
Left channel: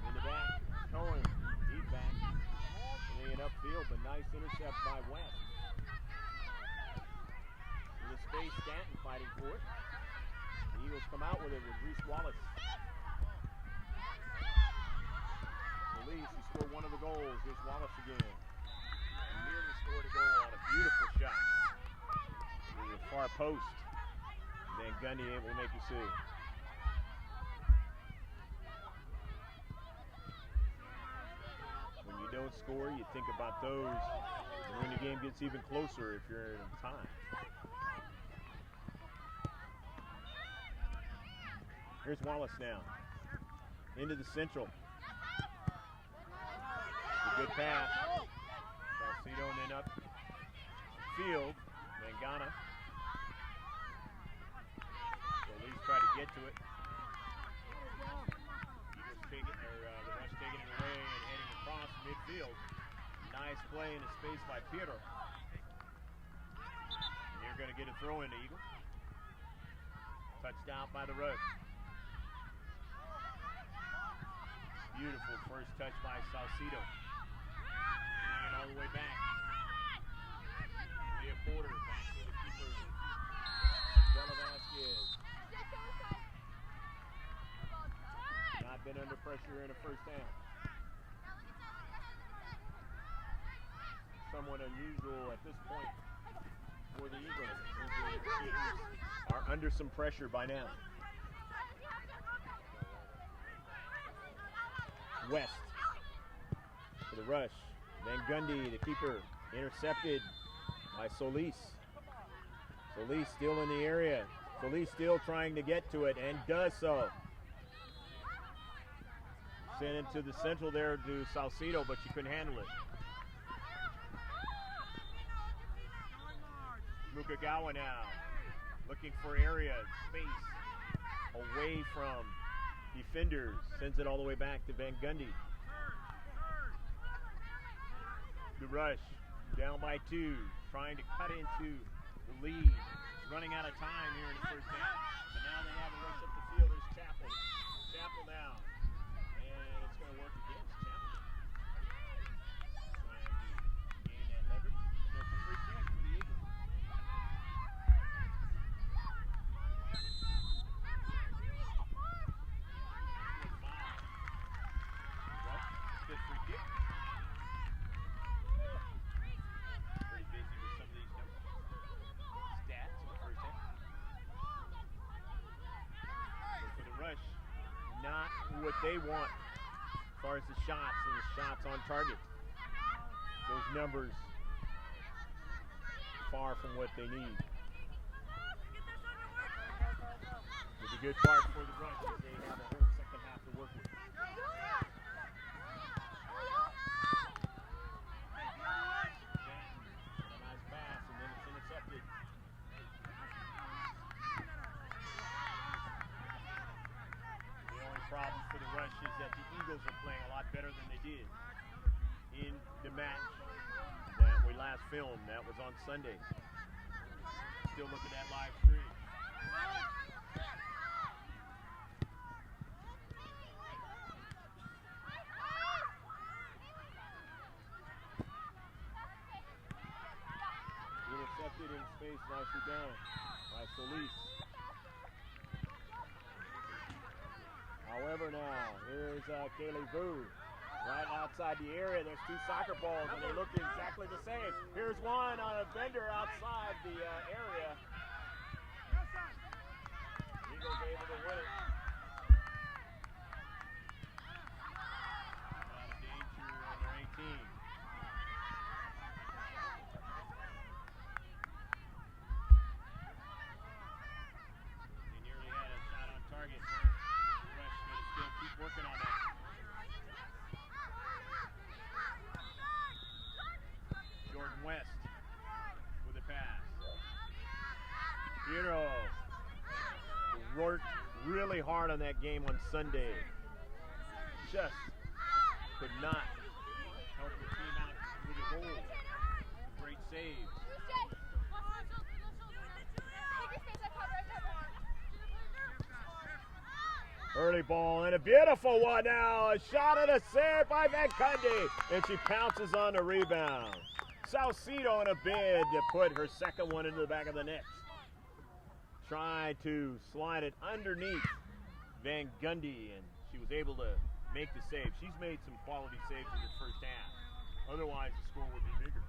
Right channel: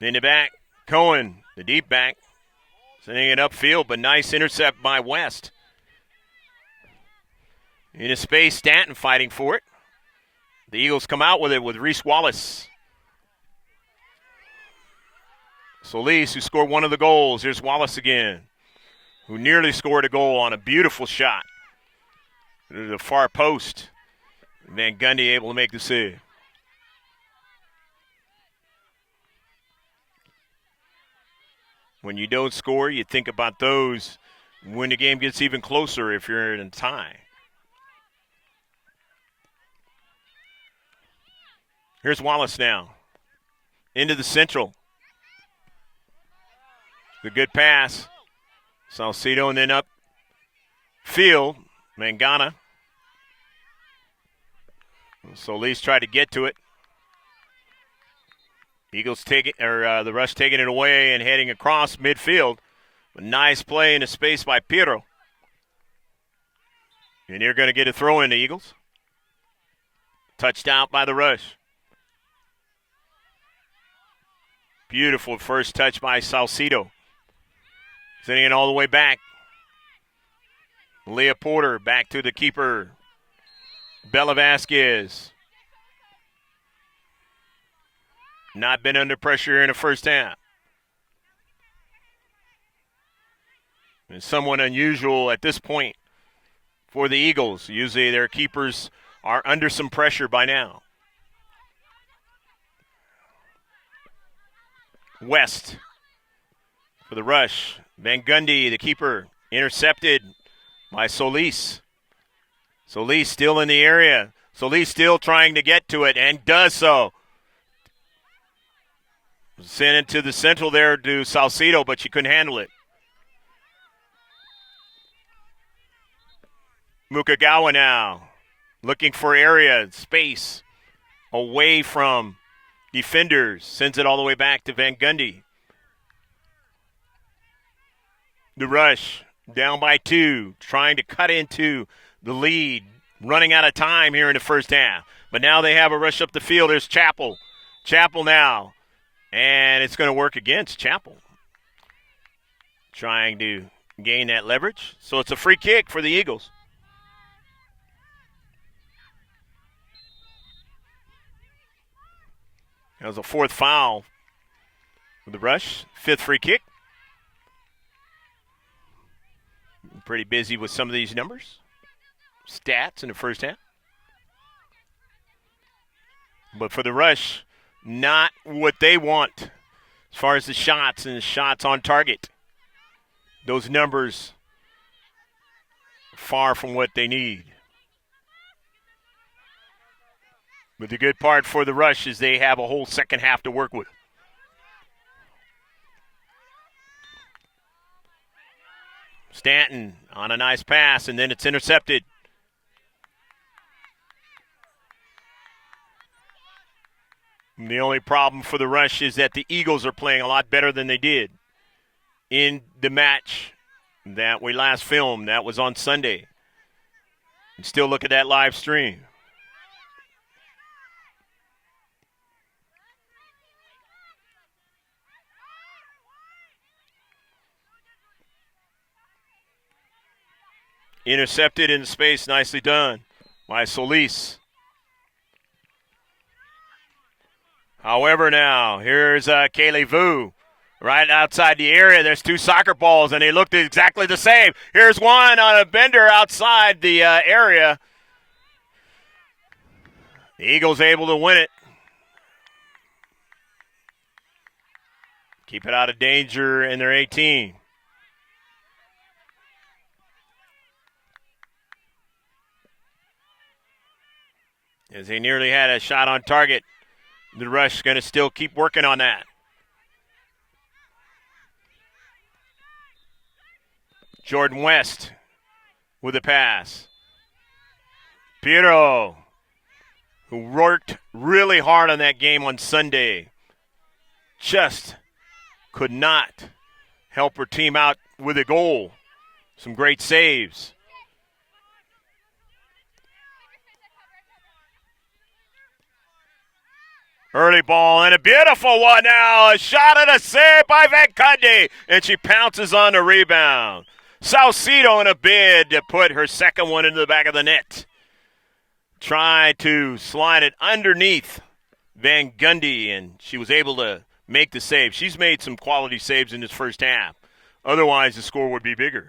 In the back, Cohen, the deep back. Sending it upfield, but nice intercept by West. In a space, Stanton fighting for it. The Eagles come out with it with Reese Wallace. Solis, who scored one of the goals. Here's Wallace again, who nearly scored a goal on a beautiful shot to the far post. Van Gundy able to make the save. When you don't score, you think about those when the game gets even closer if you're in a tie. Here's Wallace now. Into the Central. The good pass. Salcedo and then up field. Mangana. Solis tried to get to it. Eagles taking, or the Rush taking it away and heading across midfield. A nice play in the space by Piero. And you're going to get a throw in the Eagles. Touched out by the Rush. Beautiful first touch by Salcedo. Sending it all the way back. Leah Porter back to the keeper. Bella Vasquez. Not been under pressure in the first half. It's somewhat unusual at this point for the Eagles. Usually their keepers are under some pressure by now. West for the rush. Van Gundy, the keeper, intercepted by Solis. Solis still in the area. Solis still trying to get to it and does so. Sent it to the central there to Salcido, but she couldn't handle it. Mukagawa now looking for area, space, away from defenders. Sends it all the way back to Van Gundy. The rush, down by 2, trying to cut into the lead. Running out of time here in the first half. But now they have a rush up the field. There's Chappell. Chappell now. And it's going to work against Chappell. Trying to gain that leverage. So it's a free kick for the Eagles. That was a 4th foul for the rush. 5th free kick. Pretty busy with some of these numbers. Stats in the first half. But for the rush, not what they want as far as the shots and the shots on target. Those numbers far from what they need. But the good part for the rush is they have a whole second half to work with. Stanton on a nice pass, and then it's intercepted. And the only problem for the rush is that the Eagles are playing a lot better than they did in the match that we last filmed. That was on Sunday. And still look at that live stream. Intercepted in space, nicely done by Solis. However, now, here's Kaylee Vu right outside the area. There's 2 soccer balls, and they looked exactly the same. Here's one on a bender outside the area. The Eagles able to win it. Keep it out of danger in their 18. As they nearly had a shot on target. The rush going to still keep working on that. Jordan West with a pass. Piero, who worked really hard on that game on Sunday, just could not help her team out with a goal. Some great saves. Early ball and a beautiful one now. A shot and a save by Van Gundy. And she pounces on the rebound. Salcido in a bid to put her second one into the back of the net. Try to slide it underneath Van Gundy, and she was able to make the save. She's made some quality saves in this first half. Otherwise, the score would be bigger.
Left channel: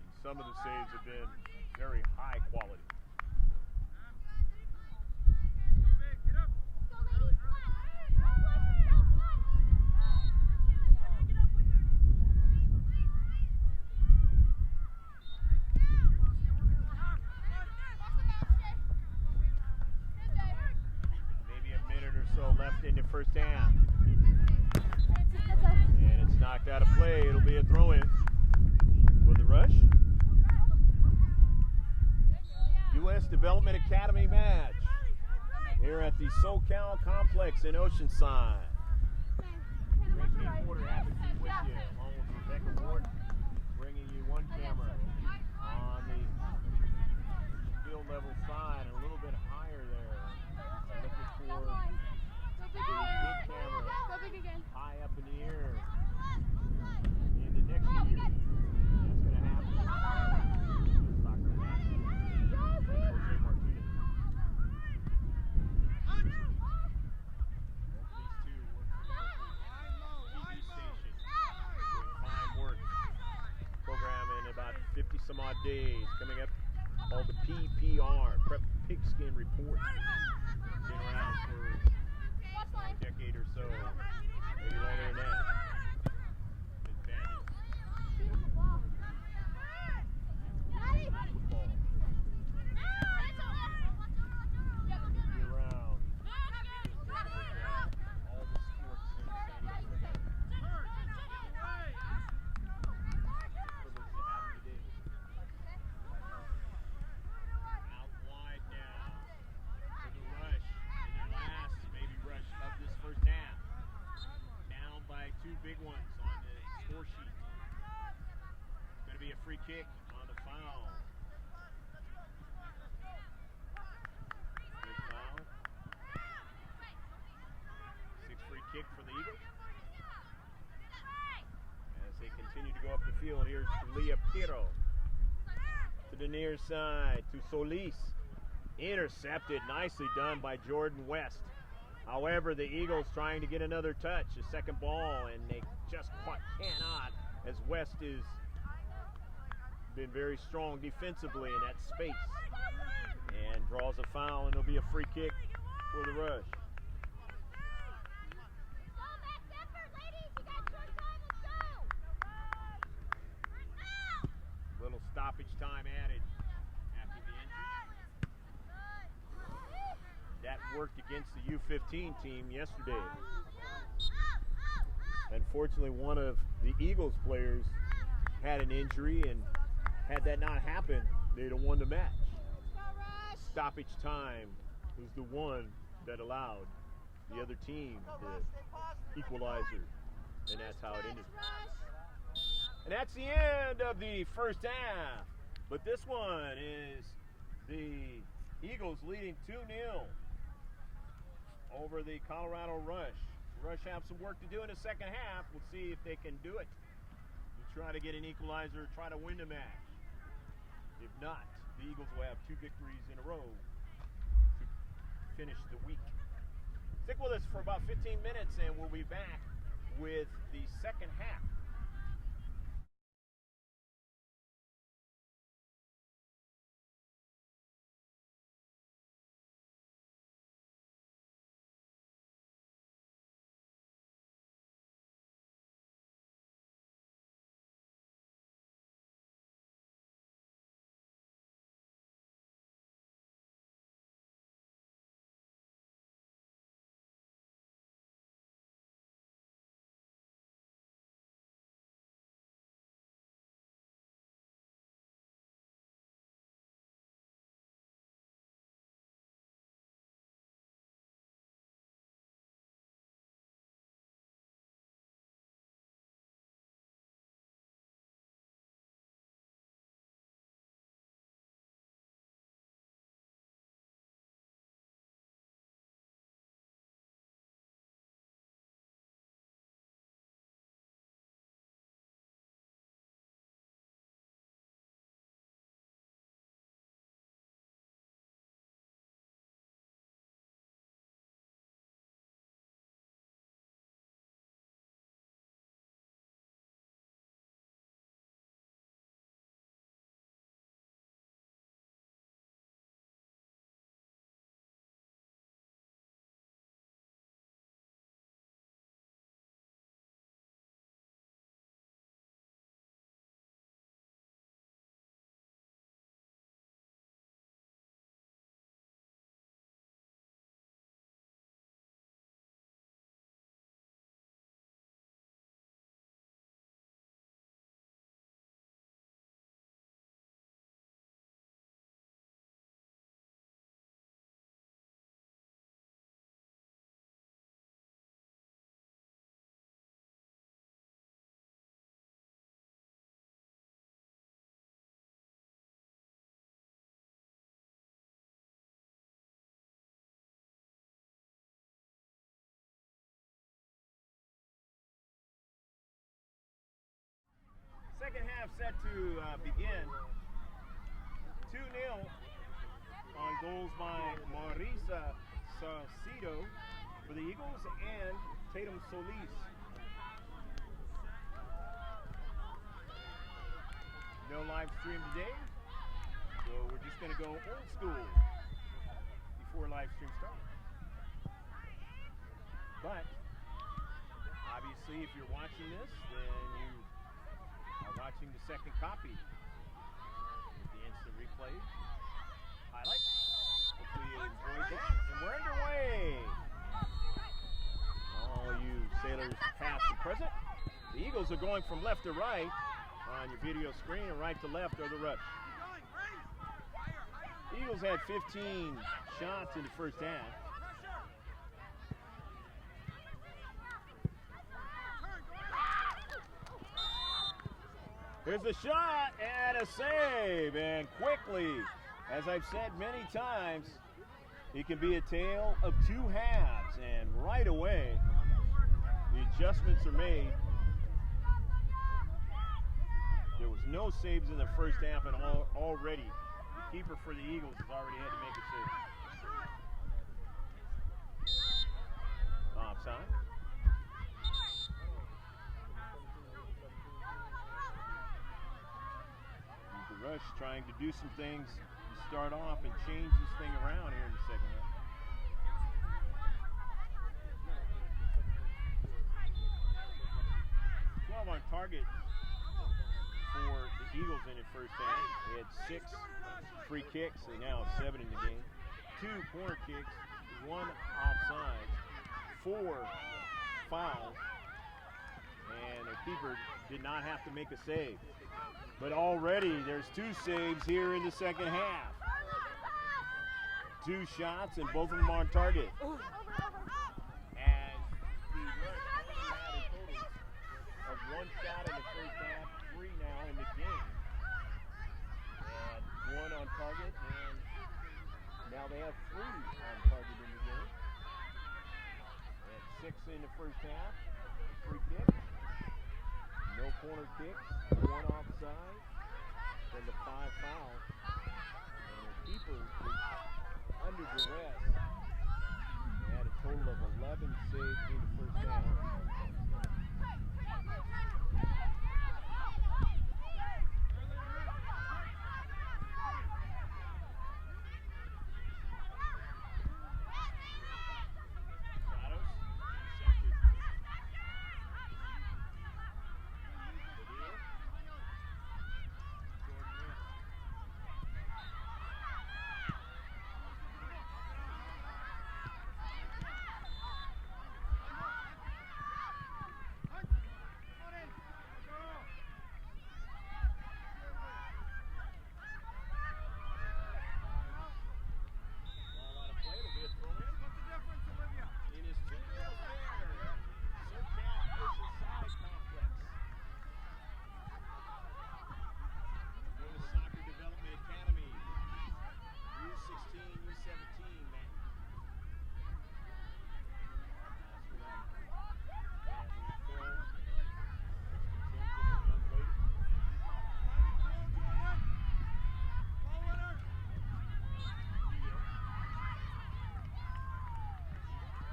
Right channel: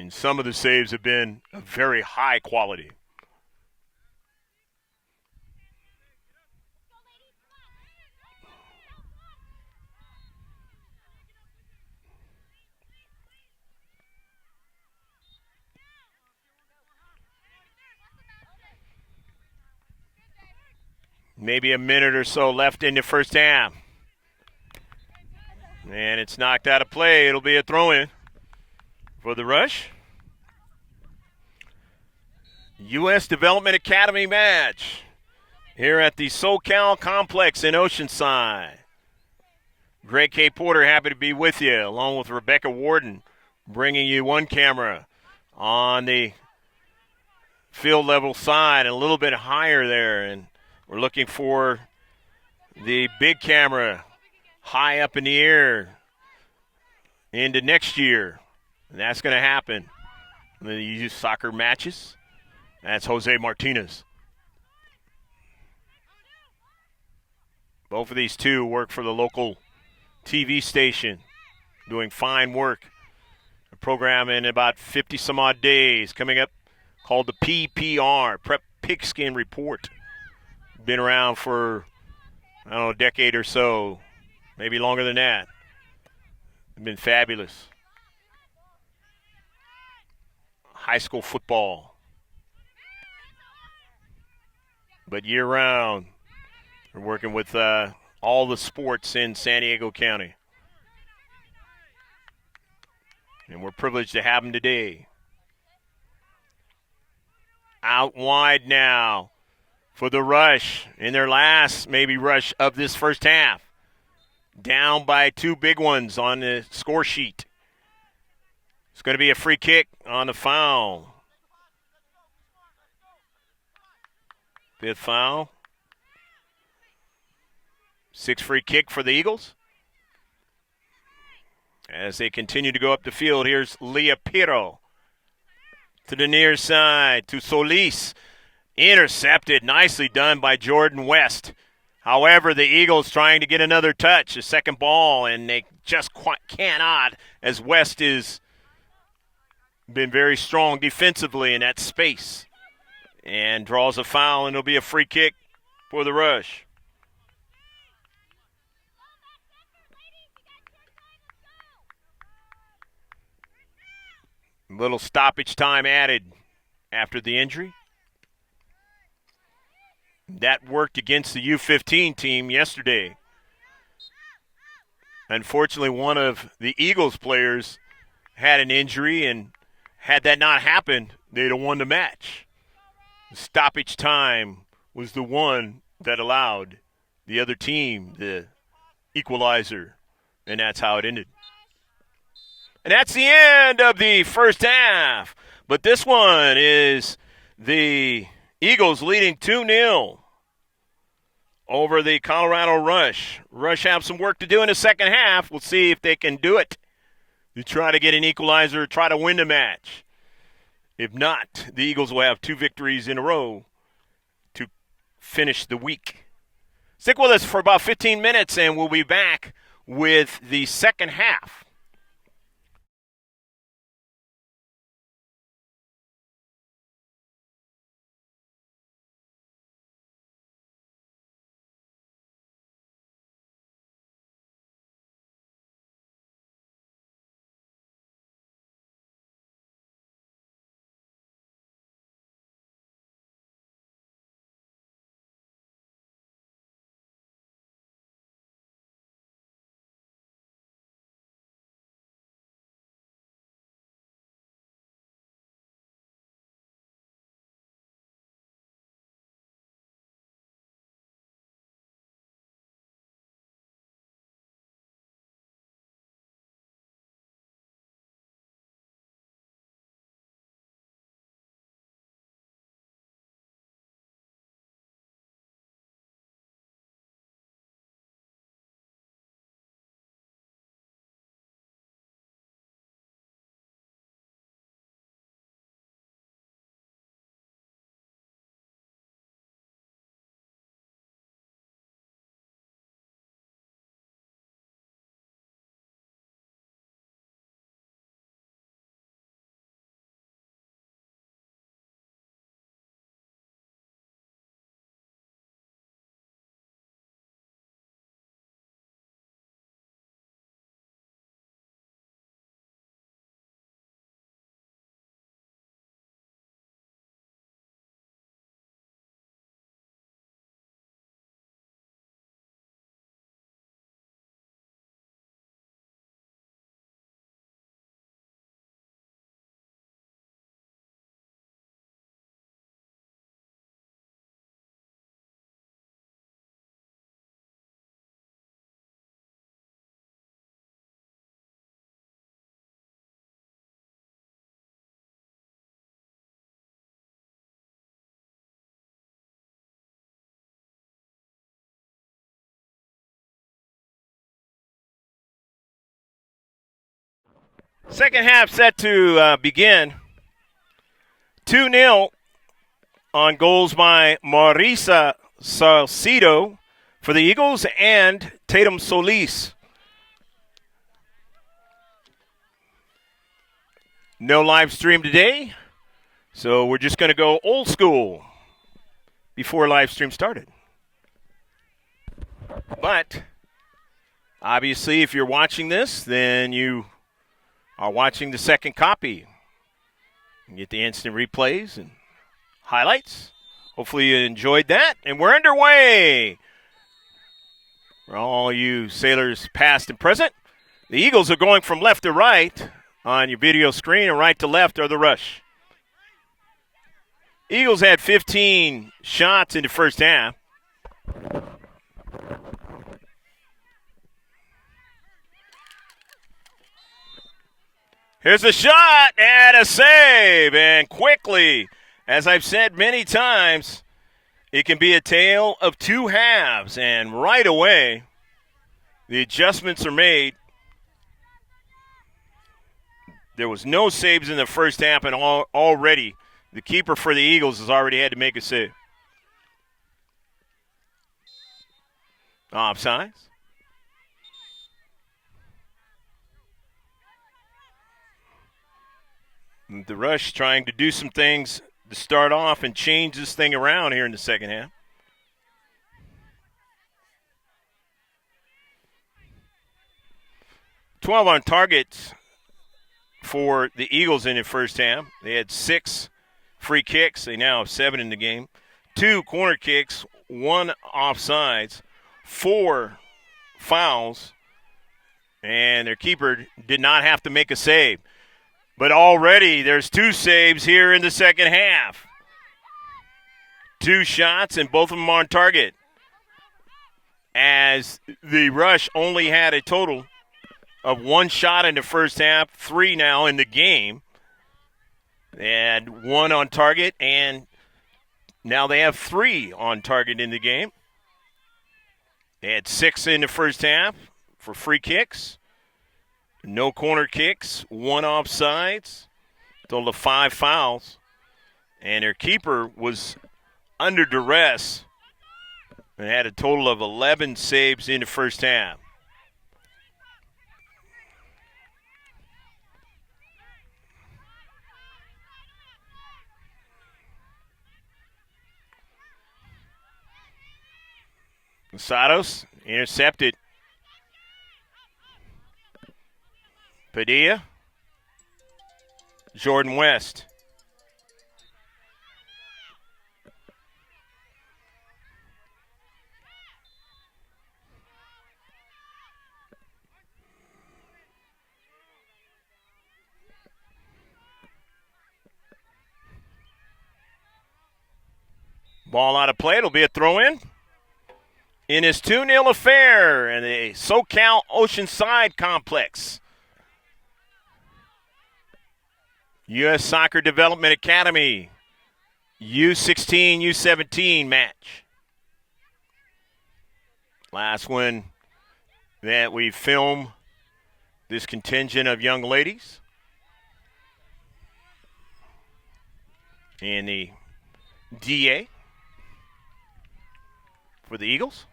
And some of the saves have been of very high quality. Maybe a minute or so left in the first half. And it's knocked out of play. It'll be a throw-in for the rush. U.S. Development Academy match here at the SoCal Complex in Oceanside. Greg K. Porter, happy to be with you, along with Rebecca Warden, bringing you one camera on the field level side, and a little bit higher there, and We're looking for the big camera high up in the air into next year. And that's going to happen. And then you use soccer matches. That's Jose Martinez. Both of these two work for the local TV station, doing fine work. A program in about 50 some odd days coming up called the PPR, Prep Pigskin Report. Been around for, I don't know, a decade or so, maybe longer than that. Been fabulous. High school football. But year round, we're working with all the sports in San Diego County. And we're privileged to have them today. Out wide now for the rush in their last maybe rush of this first half. Down by two big ones on the score sheet. It's going to be a free kick on the foul. Fifth foul. 6 free kick for the Eagles. As they continue to go up the field, here's Leah Piro to the near side to Solis. Intercepted, nicely done by Jordan West. However, the Eagles trying to get another touch, a second ball, and they just cannot, as West has been very strong defensively in that space. And draws a foul, and it'll be a free kick for the Rush. Little stoppage time added after the injury. That worked against the U-15 team yesterday. Unfortunately, one of the Eagles players had an injury, and had that not happened, they'd have won the match. Stoppage time was the one that allowed the other team the equalizer, and that's how it ended. And that's the end of the first half. But this one is the Eagles leading 2-0 over the Colorado Rush. Rush have some work to do in the second half. We'll see if they can do it to try to get an equalizer, try to win the match. If not, the Eagles will have 2 victories in a row to finish the week. Stick with us for about 15 minutes, and we'll be back with the second half. Second half set to begin. 2-0 on goals by Marisa Salcido for the Eagles and Tatum Solis. No live stream today, so we're just going to go old school before live stream started. But obviously, if you're watching this, then you are watching the second copy. You get the instant replays and highlights. Hopefully you enjoyed that. And we're underway. For all you sailors past and present, the Eagles are going from left to right on your video screen, and right to left are the Rush. Eagles had 15 shots in the first half. Here's a shot and a save, and quickly, as I've said many times, it can be a tale of two halves, and right away, the adjustments are made. There was no saves in the first half, and already the keeper for the Eagles has already had to make a save. Offsides. The Rush trying to do some things to start off and change this thing around here in the second half. "12 on targets for the Eagles in the first half. They had 6 free kicks. They now have 7 in the game. 2 corner kicks, 1 offsides, 4 fouls, and their keeper did not have to make a save. But already there's 2 saves here in the second half. 2 shots, and both of them on target. As the Rush only had a total of 1 shot in the first half, 3 now in the game. They had 1 on target, and now they have 3 on target in the game. They had 6 in the first half for free kicks. No corner kicks, 1 offsides, total of 5 fouls. And their keeper was under duress and had a total of 11 saves in the first half. Sados intercepted. Padilla. Jordan West. Ball out of play. It'll be a throw-in. In his 2-0 affair in the SoCal Oceanside Complex. U.S. Soccer Development Academy, U-16, U-17 match. Last one that we film this contingent of young ladies in the DA for the Eagles.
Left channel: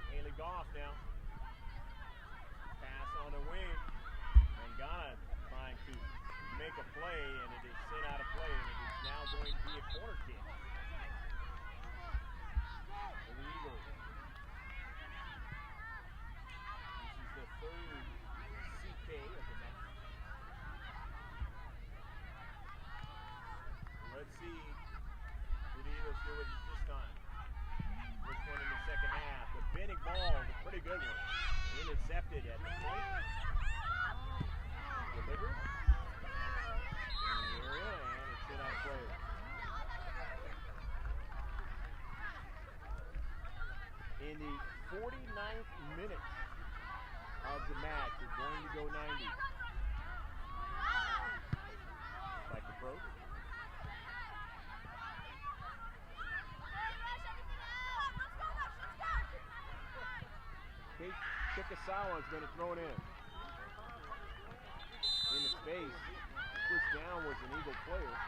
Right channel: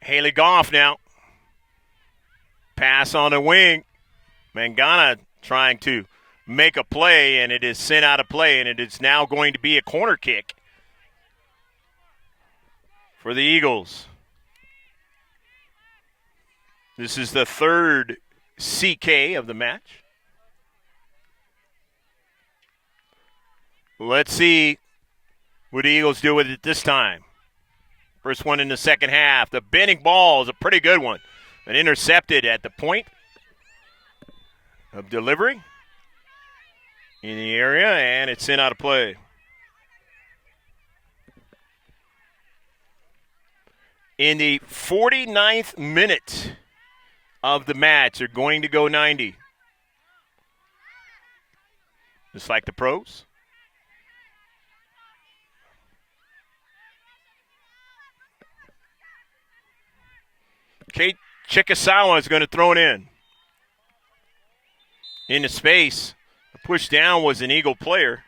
Haley Goff now. Pass on the wing. Mangana trying to make a play, and it is sent out of play, and it is now going to be a corner kick for the Eagles. This is the 3rd CK of the match. Let's see what the Eagles do with it this time. First one in the second half. The bending ball is a pretty good one. And intercepted at the point of delivery in the area, and it's sent out of play. In the 49th minute of the match, they're going to go 90. Just like the pros. Kate Chikasawa is going to throw it in. Into space. Pushed down was an Eagle player.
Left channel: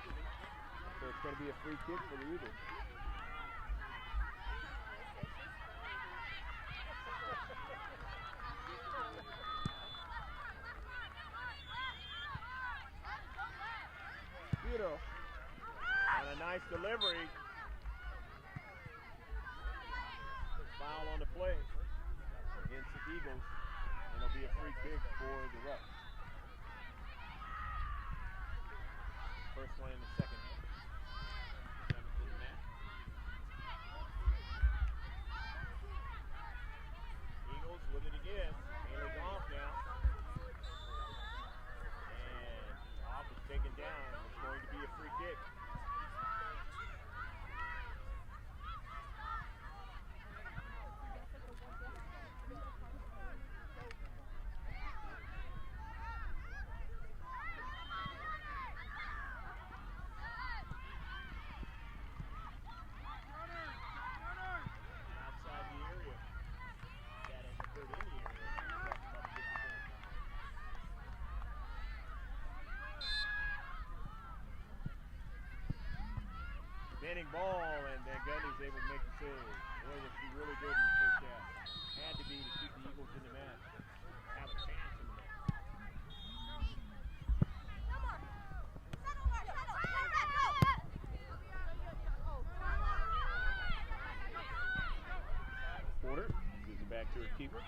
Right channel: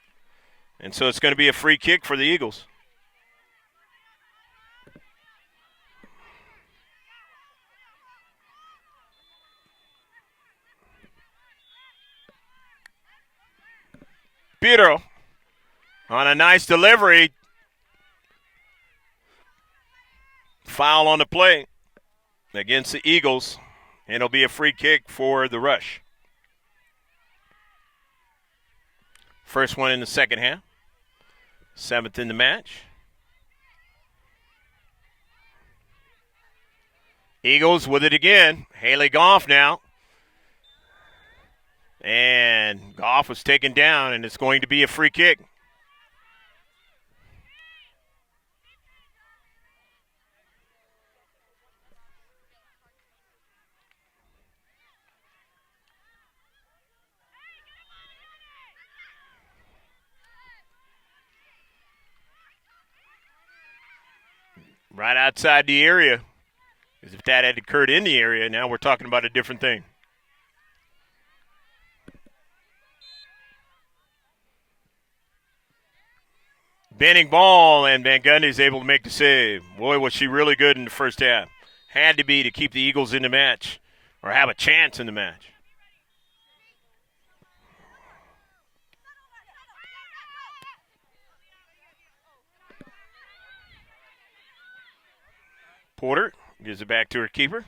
And so it's going to be a free kick for the Eagles. Piero on a nice delivery. Foul on the play against the Eagles. And it'll be a free kick for the Rush. First one in the second half. 7th in the match. Eagles with it again. Haley Goff now. And Goff was taken down, and it's going to be a free kick. Right outside the area. Because if that had occurred in the area, now we're talking about a different thing. Bending ball, and Van Gundy is able to make the save. Boy, was she really good in the first half. Had to be to keep the Eagles in the match or have a chance in the match. Porter gives it back to her keeper.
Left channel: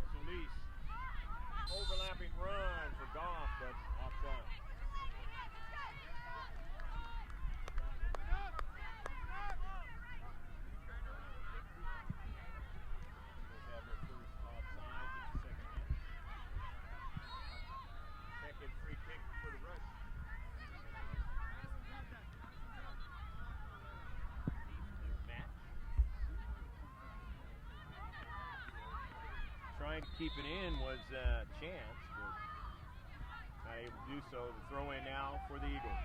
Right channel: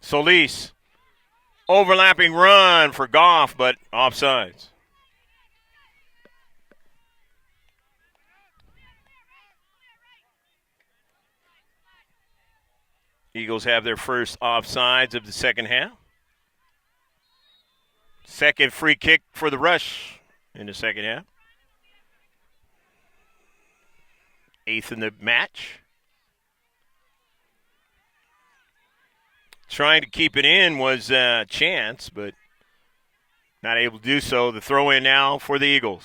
Solis, overlapping run for Goff, but offsides. Eagles have their first offsides of the second half. Second free kick for the Rush in the second half. 8th in the match. Trying to keep it in was a chance, but not able to do so. The throw in now for the Eagles.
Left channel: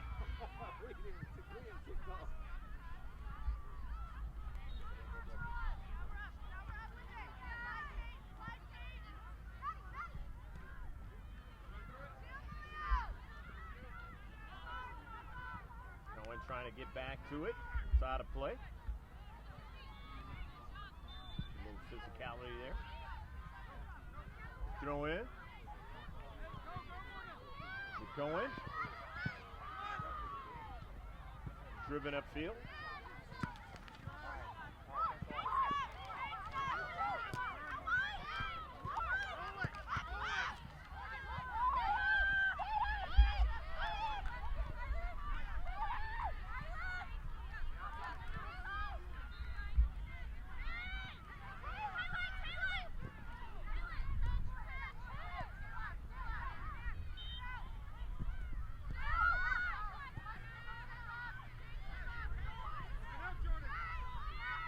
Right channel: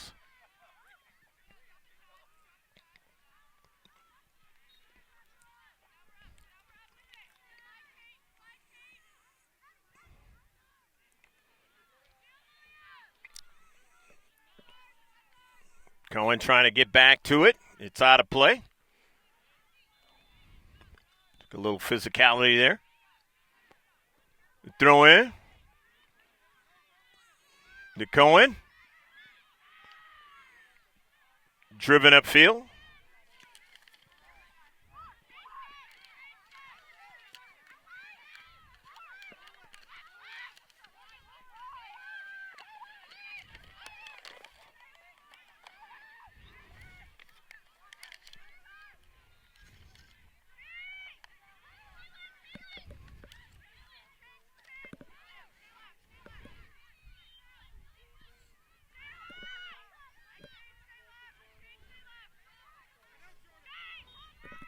Cohen trying to get back to it. It's out of play. A little physicality there. Throw in. To Cohen. Driven upfield.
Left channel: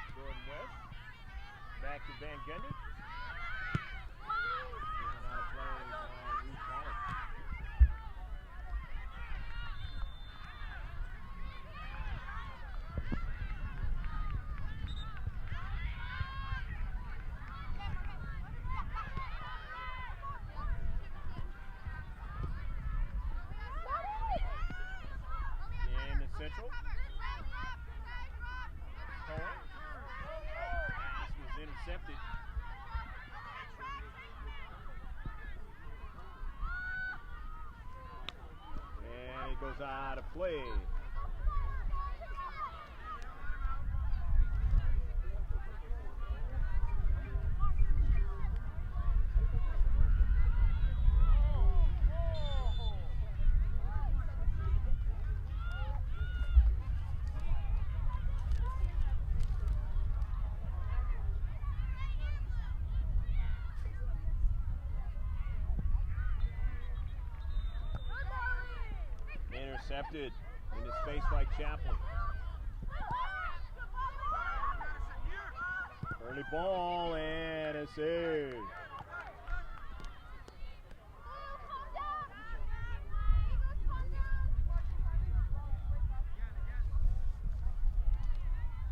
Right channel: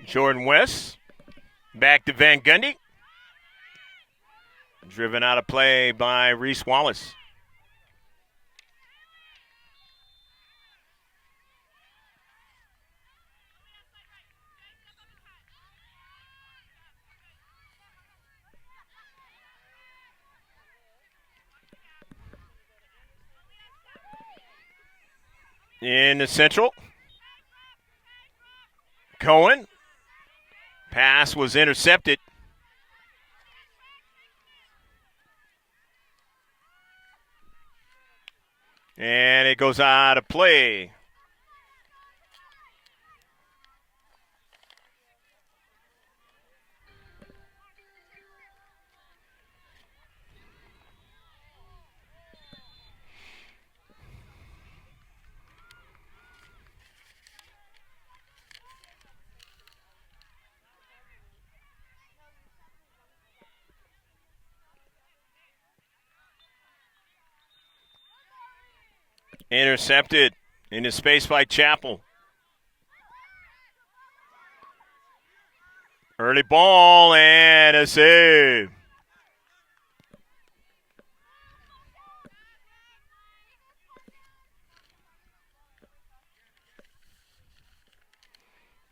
Jordan West, back to Van Gundy. Driven out of play by Reese Wallace. In the central, Cohen. Pass was intercepted. And it goes out of play. Intercepted into space by Chappell. Early ball and a save.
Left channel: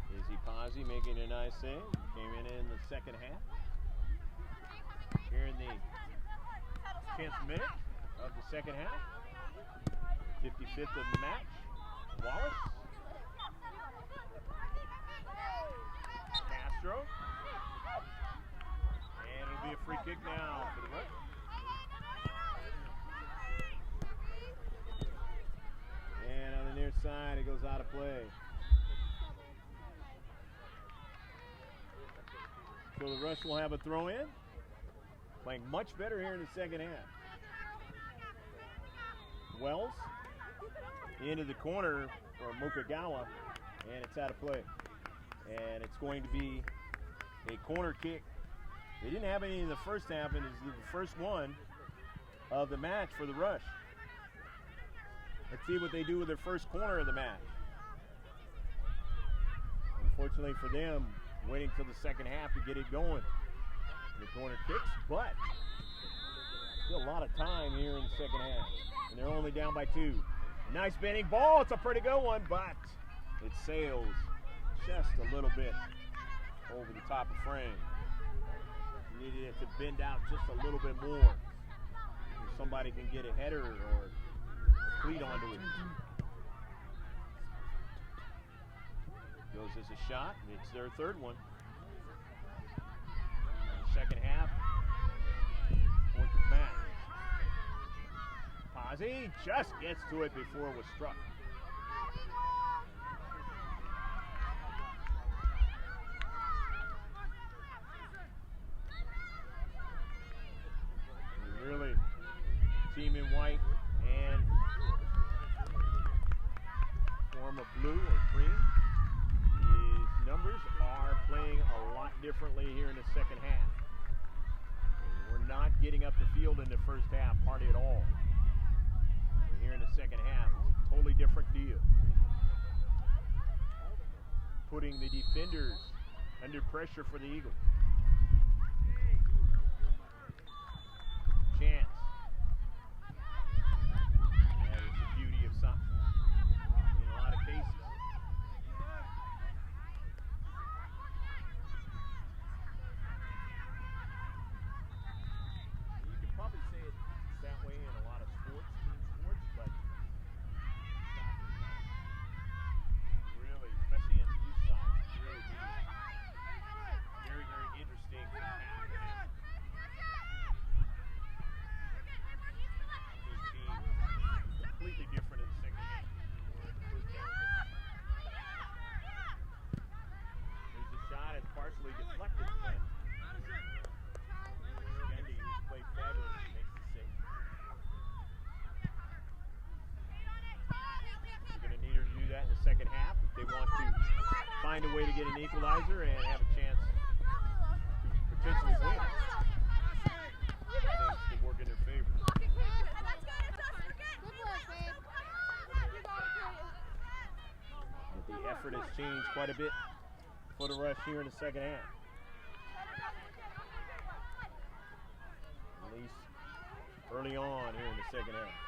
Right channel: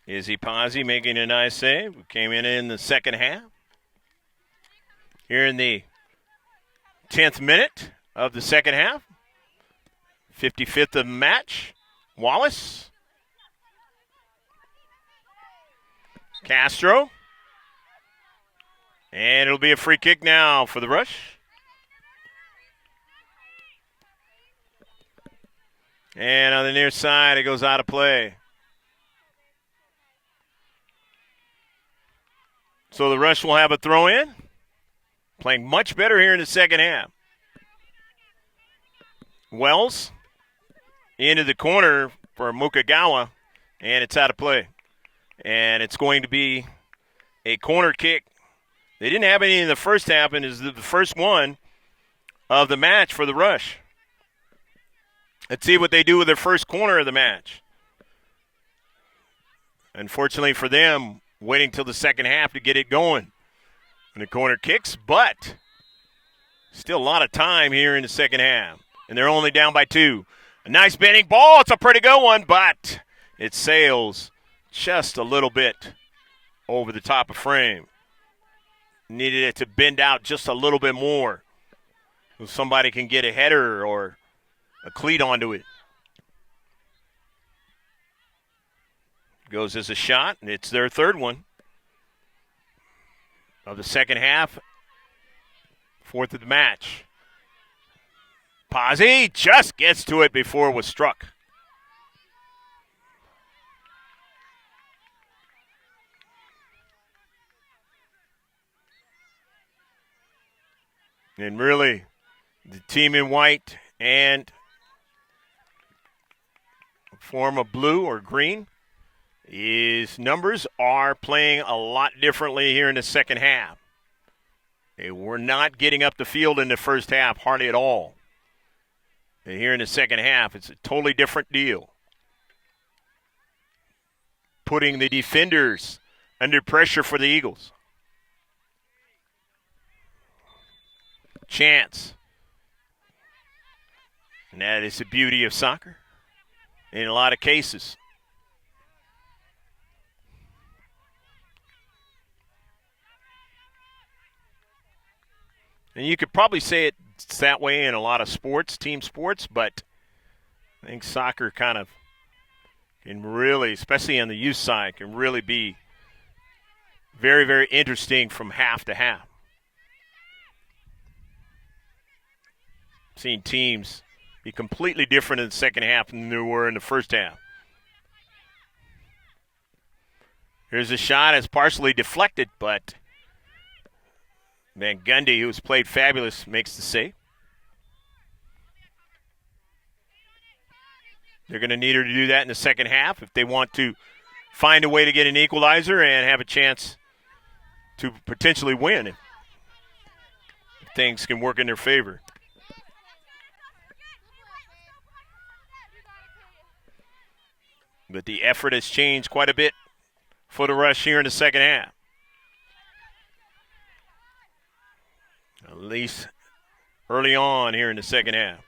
Izzy Pazzi making a nice save. Came in the second half. Here in the 10th minute of the second half. 55th of the match. Wallace. Castro. And it'll be a free kick now for the Rush. And on the near side, it goes out of play. So the Rush will have a throw in. Playing much better here in the second half. Wells into the corner for Mukagawa, and it's out of play. And it's going to be a corner kick. They didn't have any in the first half, and is the first one of the match for the Rush. Let's see what they do with their first corner of the match. Unfortunately for them, waiting till the second half to get it going. And the corner kicks, but still a lot of time here in the second half. And they're only down by 2. A nice bending ball. It's a pretty good one, but it sails just a little bit over the top of frame. Needed it to bend out just a little bit more so somebody can get a header or a cleat onto it. Goes as a shot, and it's their third one of the second half. 4th of the match. Pazzi just gets to it before it was struck. And really, the team in white and form of blue or green, his numbers are playing a lot differently here in the second half. They were not getting up the field in the first half, hardly at all. And here in the second half, it's a totally different deal. Putting the defenders under pressure for the Eagles. Chance. And that is the beauty of soccer in a lot of cases. And you could probably say it's that way in a lot of sports, team sports, but I think soccer kind of can really, especially on the youth side, can really be very, very interesting from half to half. Seeing teams be completely different in the second half than they were in the first half. Here's a shot. It's partially deflected, but Van Gundy, who's played fabulous, makes the save. They're going to need her to do that in the second half if they want to find a way to get an equalizer and have a chance to potentially win if things can work in their favor. But the effort has changed quite a bit for the Rush here in the second half. At least early on here in the second half.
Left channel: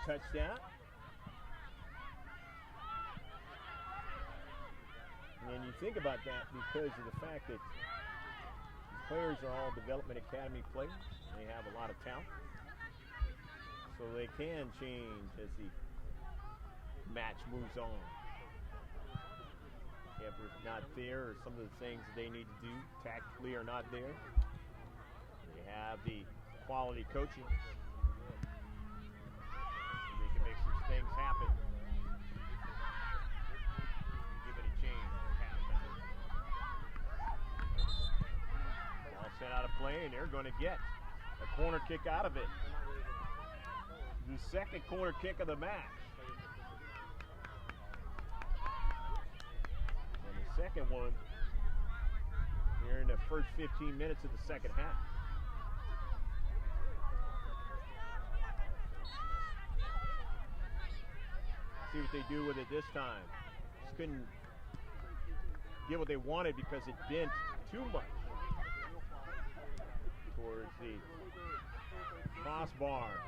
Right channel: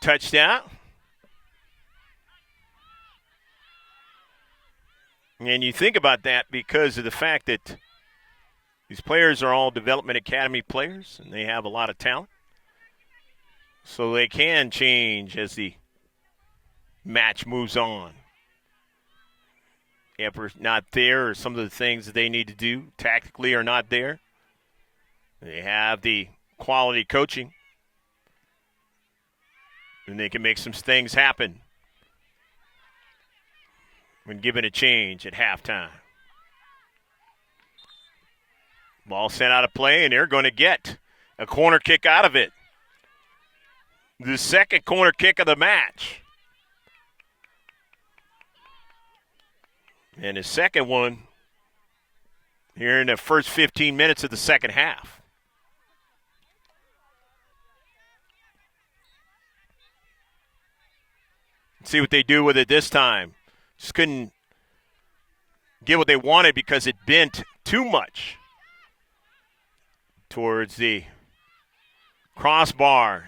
Touchdown. And you think about that because of the fact that these players are all development academy players and they have a lot of talent. So they can change as the match moves on. If we're not there, or some of the things that they need to do tactically are not there. They have the quality coaching, and they can make some things happen when given a change at halftime. Ball sent out of play, and they're going to get a corner kick out of it. The second corner kick of the match. And his second one here in the first 15 minutes of the second half. See what they do with it this time. Just couldn't get what they wanted because it bent too much towards the crossbar.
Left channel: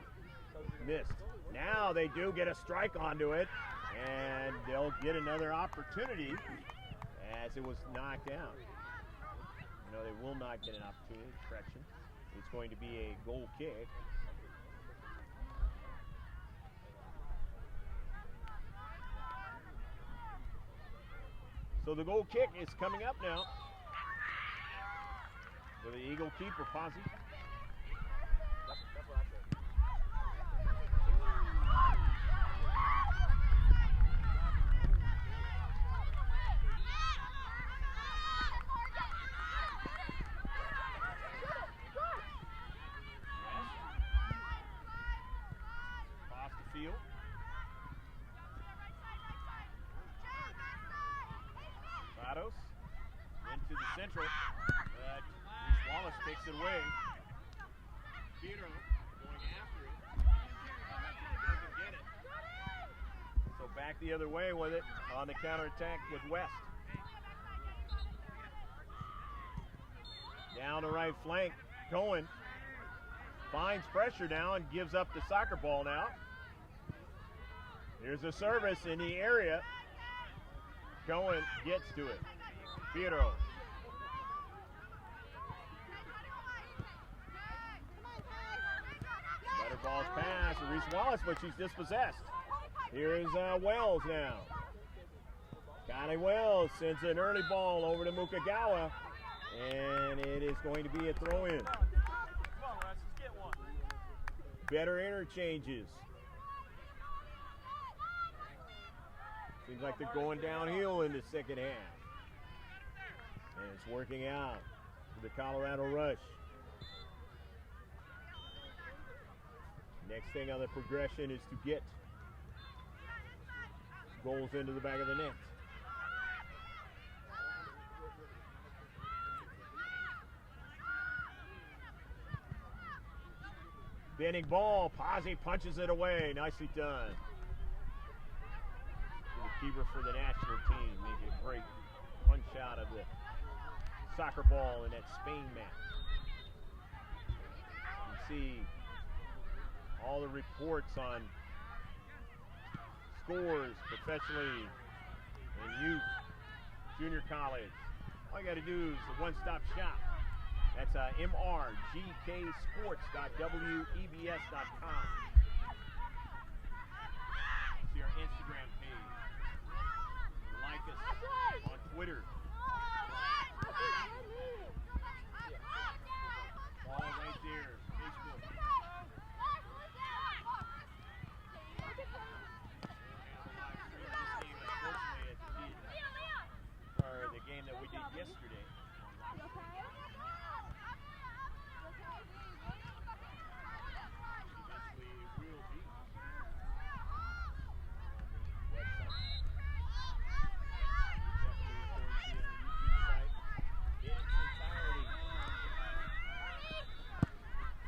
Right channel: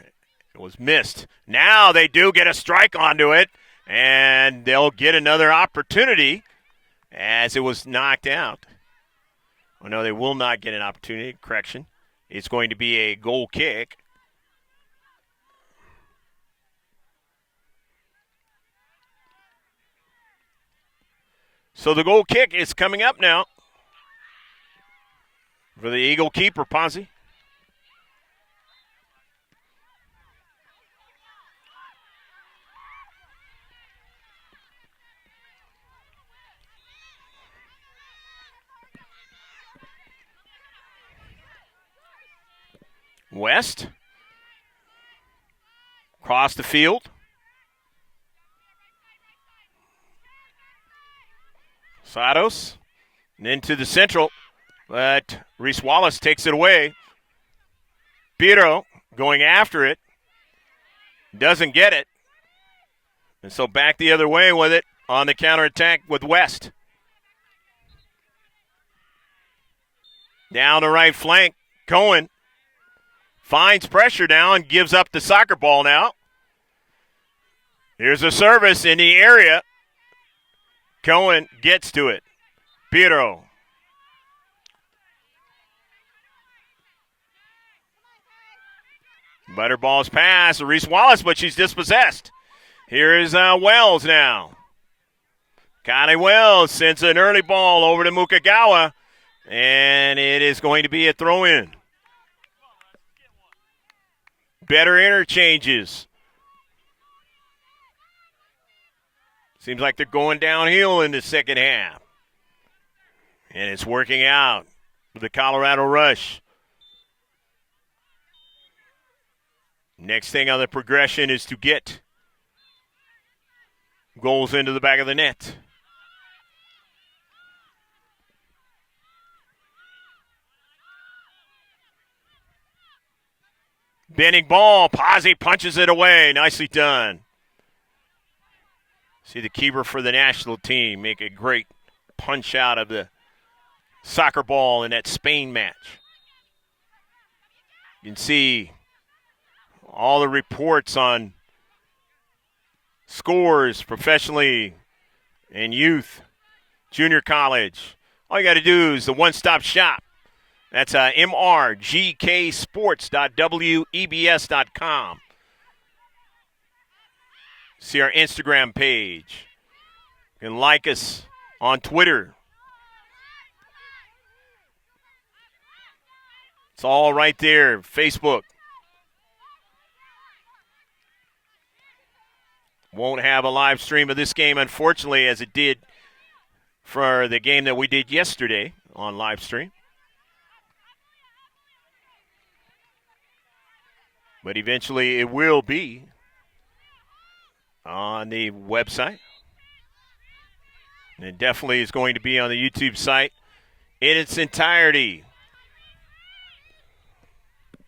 It was missed. Now they do get a strike onto it, and they'll get another opportunity as it was knocked out. Oh, no, they will not get an opportunity. Correction. It's going to be a goal kick. So the goal kick is coming up now for the Eagle keeper, Ponzi. West. Across the field. Sados. And into the central. But Reese Wallace takes it away. Piro going after it. Doesn't get it. And so back the other way with it on the counterattack with West. Down the right flank. Cohen finds pressure now and gives up the soccer ball now. Here's a service in the area. Cohen gets to it. Piro. Butterball's pass. Reese Wallace, but she's dispossessed. Here is Wells now. Connie Wells sends an early ball over to Mukagawa, and it is going to be a throw-in. Better interchanges. Seems like they're going downhill in the second half. And it's working out for the Colorado Rush. Next thing on the progression is to get goals into the back of the net. Bending ball. Pazzi punches it away. Nicely done. See the keeper for the national team make a great punch out of the soccer ball in that Spain match. You can see all the reports on scores professionally and youth, junior college. All you got to do is the one-stop shop. That's mrgksports.webs.com. See our Instagram page. You can like us on Twitter. It's all right there. Facebook. Won't have a live stream of this game, unfortunately, as it did for the game that we did yesterday on live stream. But eventually it will be on the website. And it definitely is going to be on the YouTube site in its entirety.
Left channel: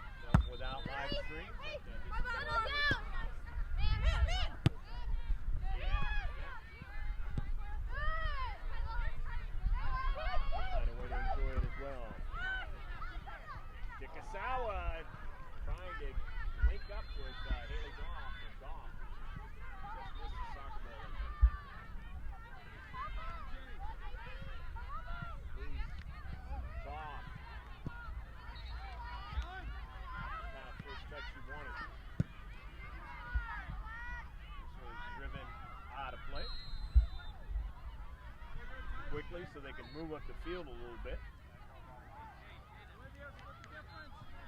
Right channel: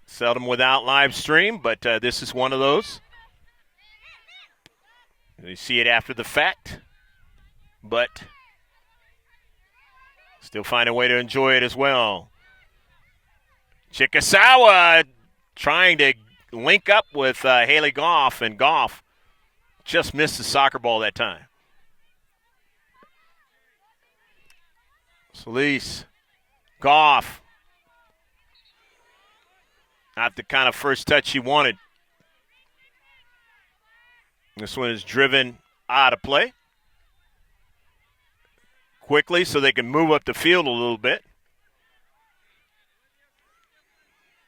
Seldom without live stream, but this is one of those. You see it after the fact, but still find a way to enjoy it as well. Chikasawa trying to link up with Haley Goff, and Goff just missed the soccer ball that time. Solis, Goff. Not the kind of first touch she wanted. This one is driven out of play quickly so they can move up the field a little bit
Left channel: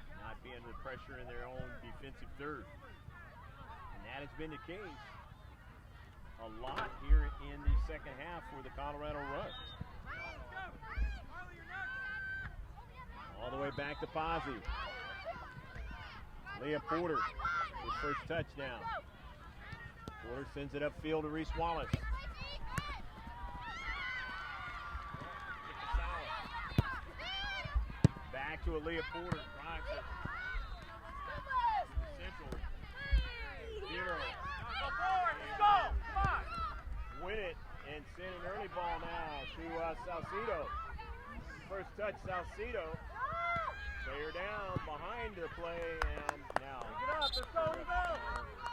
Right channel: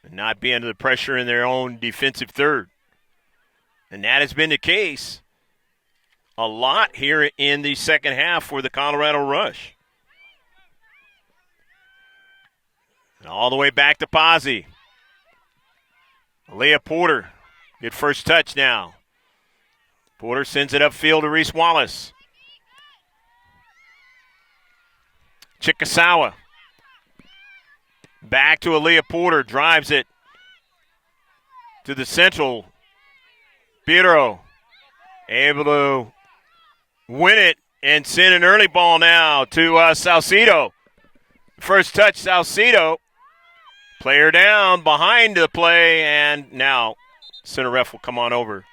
and not be under the pressure in their own defensive third. And that has been the case a lot here in the second half for the Colorado Rush. And all the way back to Pazzi. Leah Porter, good first touch now. Porter sends it upfield to Reese Wallace. Chikasawa. Back to Aaliyah Porter, drives it to the central. Piro able to win it and send an early ball now to Salcido. First touch, Salcido. Player down behind the play, and now center ref will come on over.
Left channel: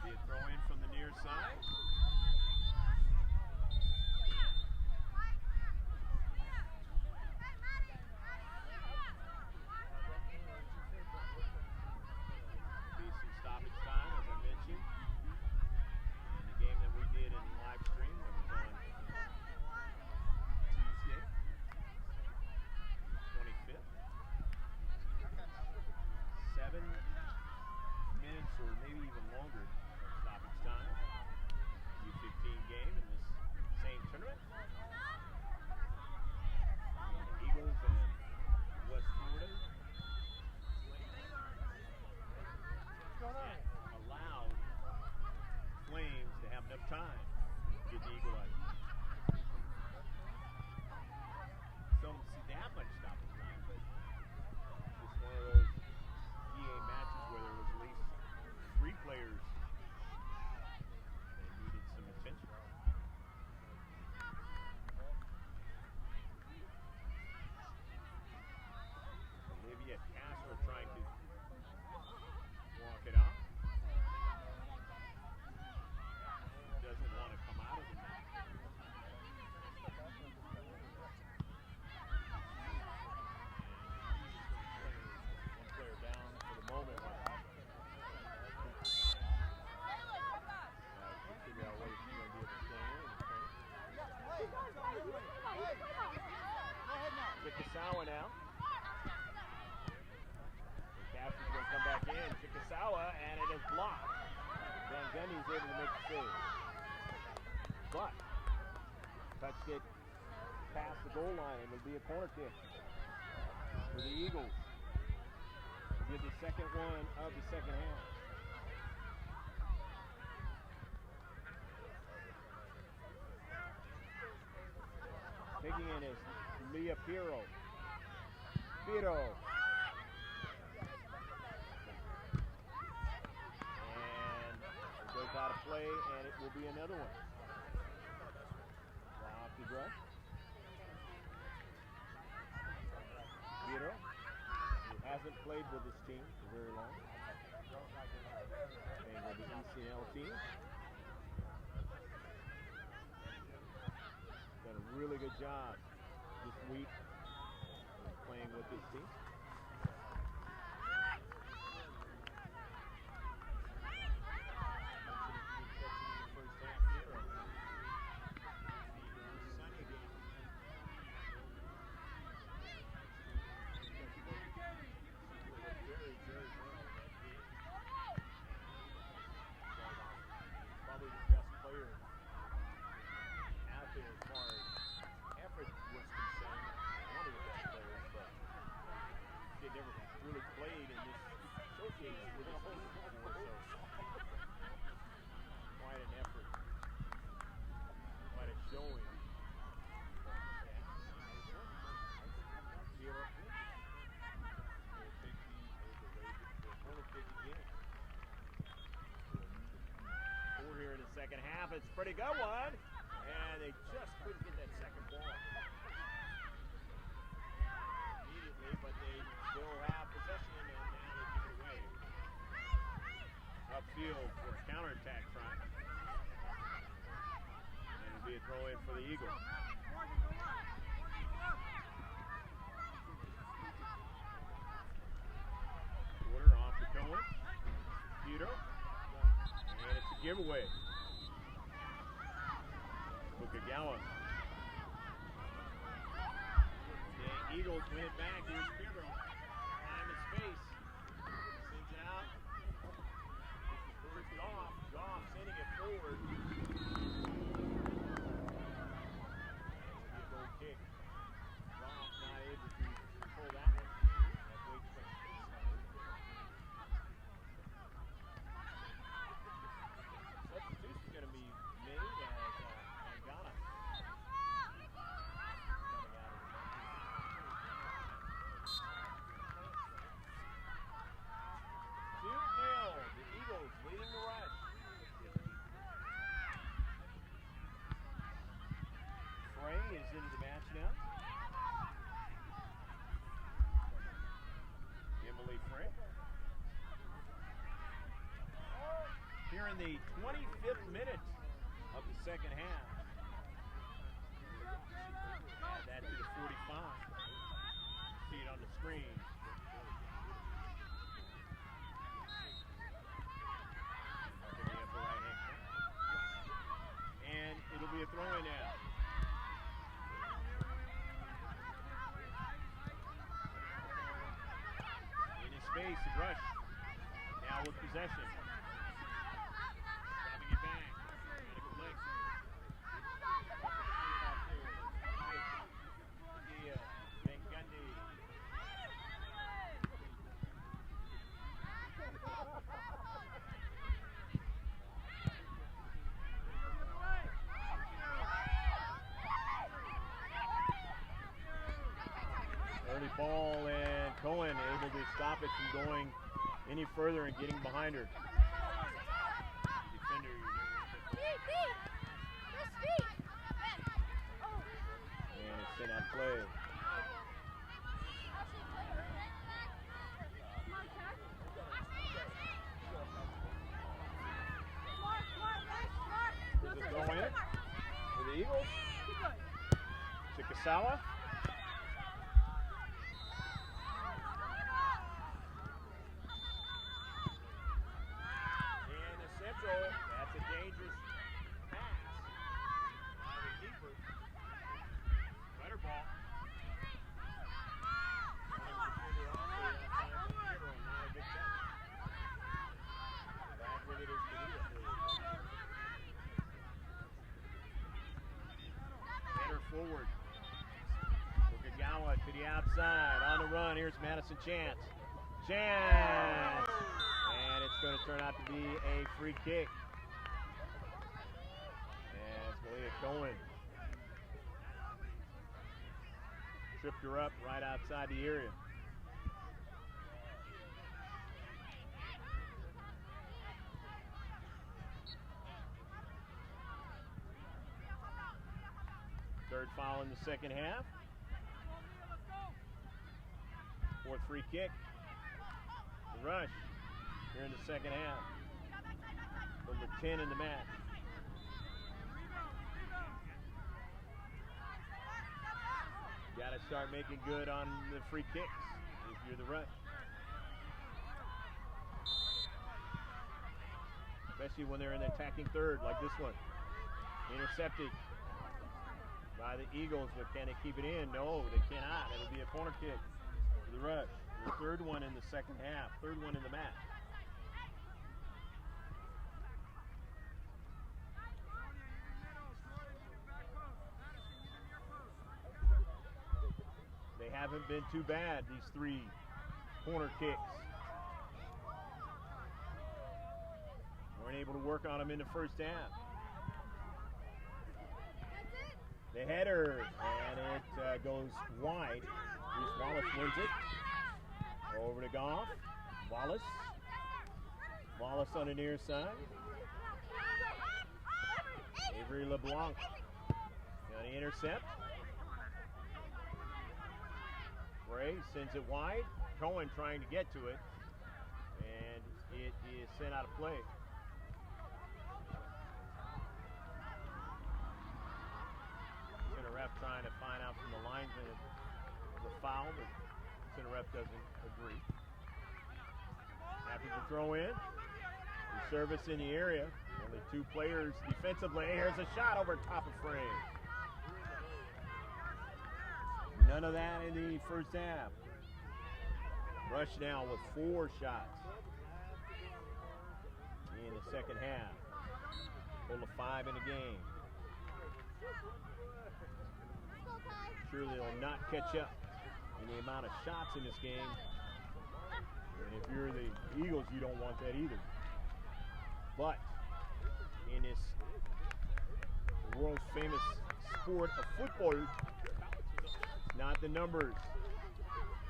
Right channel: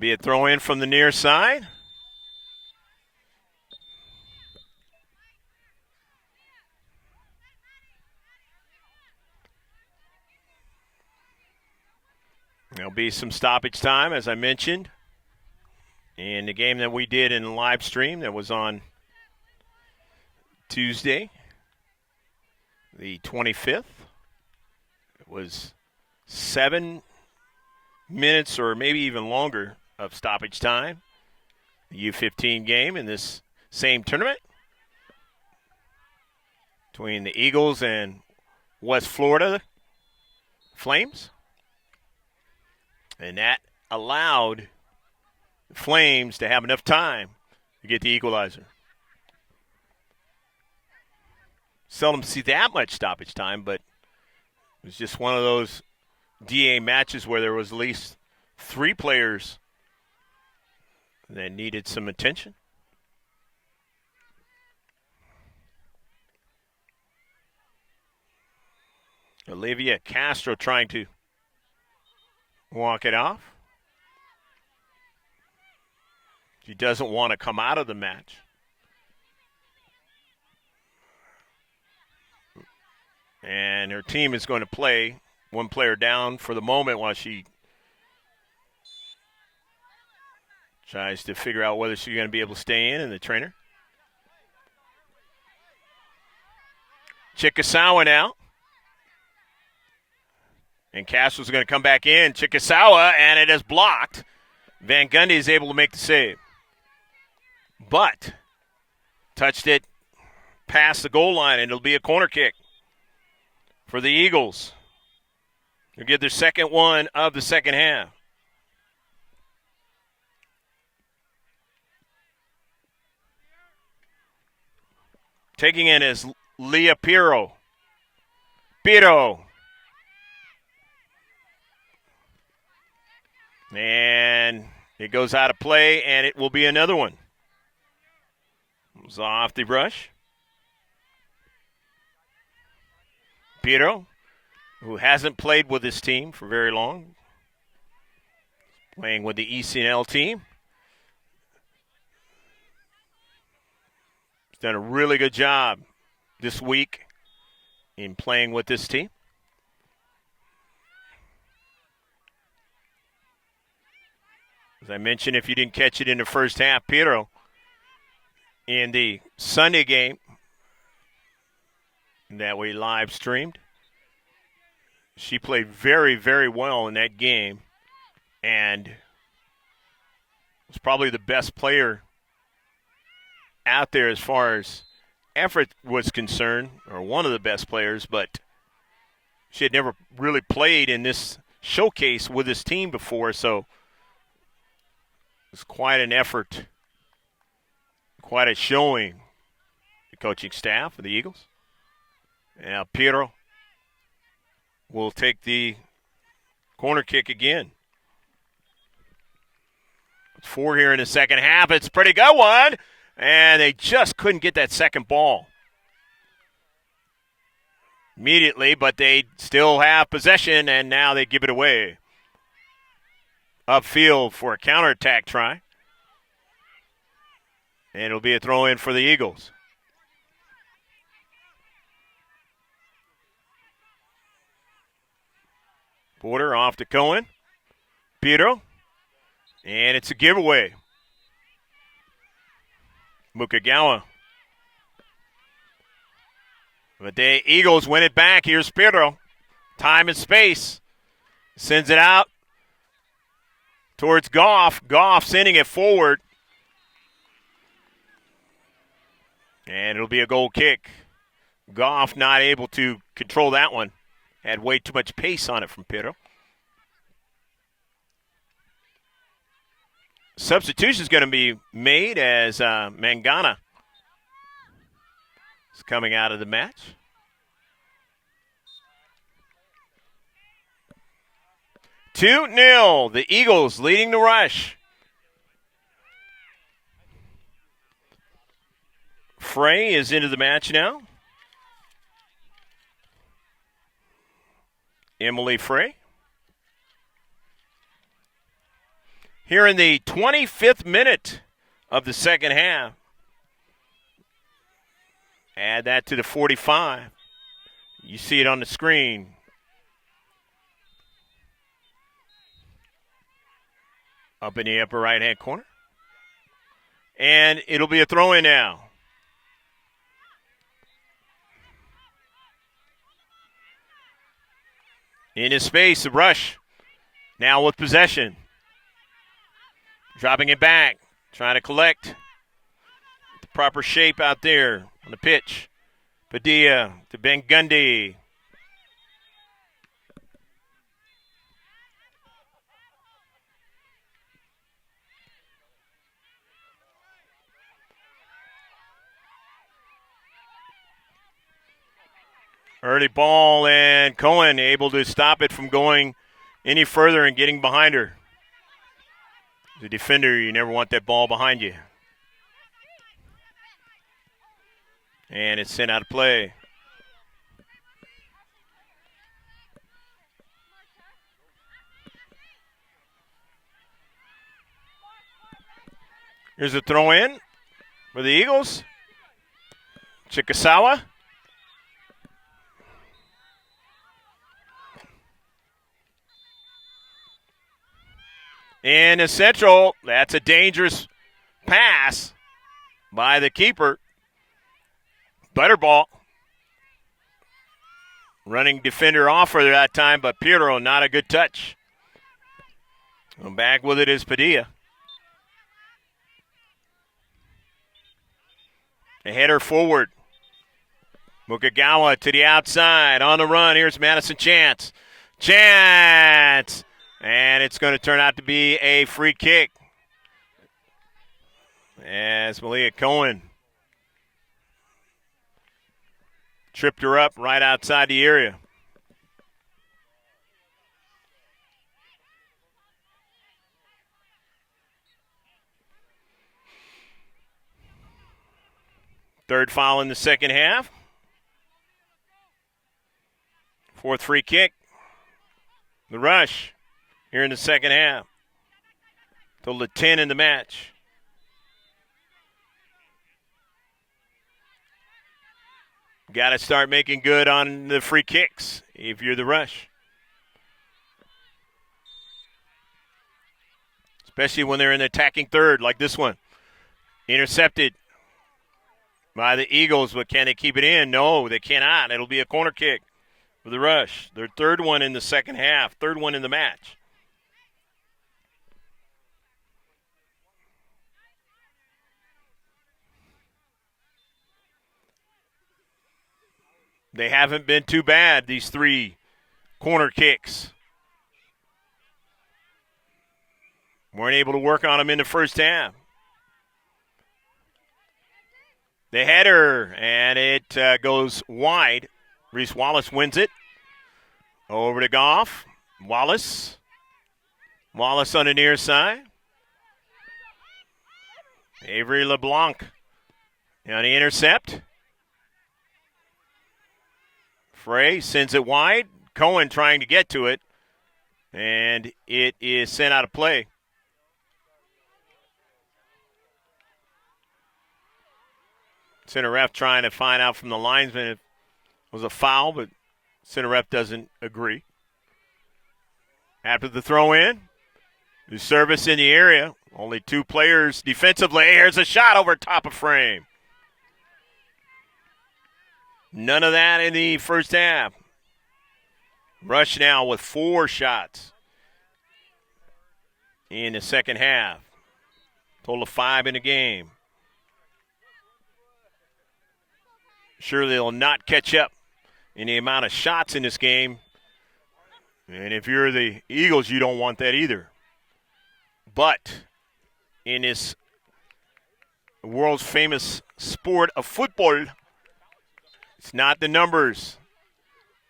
Be a throw in from the near side. There'll be some stoppage time, as I mentioned, in the game that we did in the live stream that was on Tuesday, the 25th. It was 7 minutes or maybe even longer of stoppage time. The U-15 game in this same tournament between the Eagles and West Florida Flames. And that allowed the Flames to have enough time to get the equalizer. Seldom see that much stoppage time, but it was just one of those DA matches where there was at least 3 players that needed some attention. Olivia Castro trying to walk it off. She doesn't want to come out of the match. And her team is going to play one player down for the moment while she tries to figure out whether she's going to be able to stay in, and the trainer. Chikasawa now. And Castro's going to come back in. Chikasawa, and it is blocked. Van Gundy is able to make the save. But touched it past the goal line, and it'll be a corner kick for the Eagles. They'll get their second one of the second half. Taking in is Leah Piro. And it goes out of play, and it will be another one. It was off the rush. Piro, who hasn't played with this team for very long, playing with the ECNL team. He's done a really good job this week in playing with this team. As I mentioned, if you didn't catch it in the first half, Piro, in the Sunday game that we live streamed, she played very, very well in that game and was probably the best player out there as far as effort was concerned, or one of the best players, but she had never really played in this showcase with this team before, so it's quite an effort, quite a showing, the coaching staff of the Eagles. Now Piero will take the corner kick again. It's 4 here in the second half. It's a pretty good one, and they just couldn't get that second ball immediately, but they still have possession, and now they give it away. Upfield for a counterattack try. And it'll be a throw in for the Eagles. Porter off to Cohen. Pedro. And it's a giveaway. Mukagawa. But the Eagles win it back. Here's Pedro. Time and space. Sends it out towards Goff. Goff sending it forward. And it'll be a goal kick. Goff not able to control that one. Had way too much pace on it from Pedro. Substitution is going to be made as Mangana is coming out of the match. Two 0, the Eagles leading the rush. Frey is into the match now. Emily Frey. Here in the 25th minute of the second half. Add that to the 45. You see it on the screen. Up in the upper right-hand corner. And it'll be a throw-in now. In his space, the rush. Now with possession. Dropping it back. Trying to collect the proper shape out there on the pitch. Padilla to Ben Gundy. Early ball, and Cohen able to stop it from going any further and getting behind her. The defender, you never want that ball behind you. And it's sent out of play. Here's a throw in for the Eagles. Chikasawa. In the central, that's a dangerous pass by the keeper. Butterball. Running defender off for that time, but Piero, not a good touch. And back with it is Padilla. A header forward. Mukagawa to the outside, on the run. Here's Madison Chance. Chance! And it's going to turn out to be a free kick. As Malia Cohen tripped her up right outside the area. Third foul in the second half. Fourth free kick. The rush here in the second half. Total of 10 in the match. Got to start making good on the free kicks if you're the rush. Especially when they're in the attacking third like this one. Intercepted by the Eagles, but can they keep it in? No, they cannot. It'll be a corner kick for the rush. Their third one in the second half, third one in the match. They haven't been too bad, these three corner kicks. Weren't able to work on them in the first half. The header, and it goes wide. Reese Wallace wins it. Over to Goff. Wallace. Wallace on the near side. Avery LeBlanc on the intercept. Frey sends it wide. Cohen trying to get to it, and it is sent out of play. Center ref trying to find out from the linesman if it was a foul, but center ref doesn't agree. After the throw in, the service in the area. Only two players defensively. Here's a shot over top of frame. None of that in the first half. Rush now with 4 shots in the second half. Total of 5 in the game. Surely they'll not catch up in the amount of shots in this game. And if you're the Eagles, you don't want that either. But in this world's famous sport of football, It's not the numbers.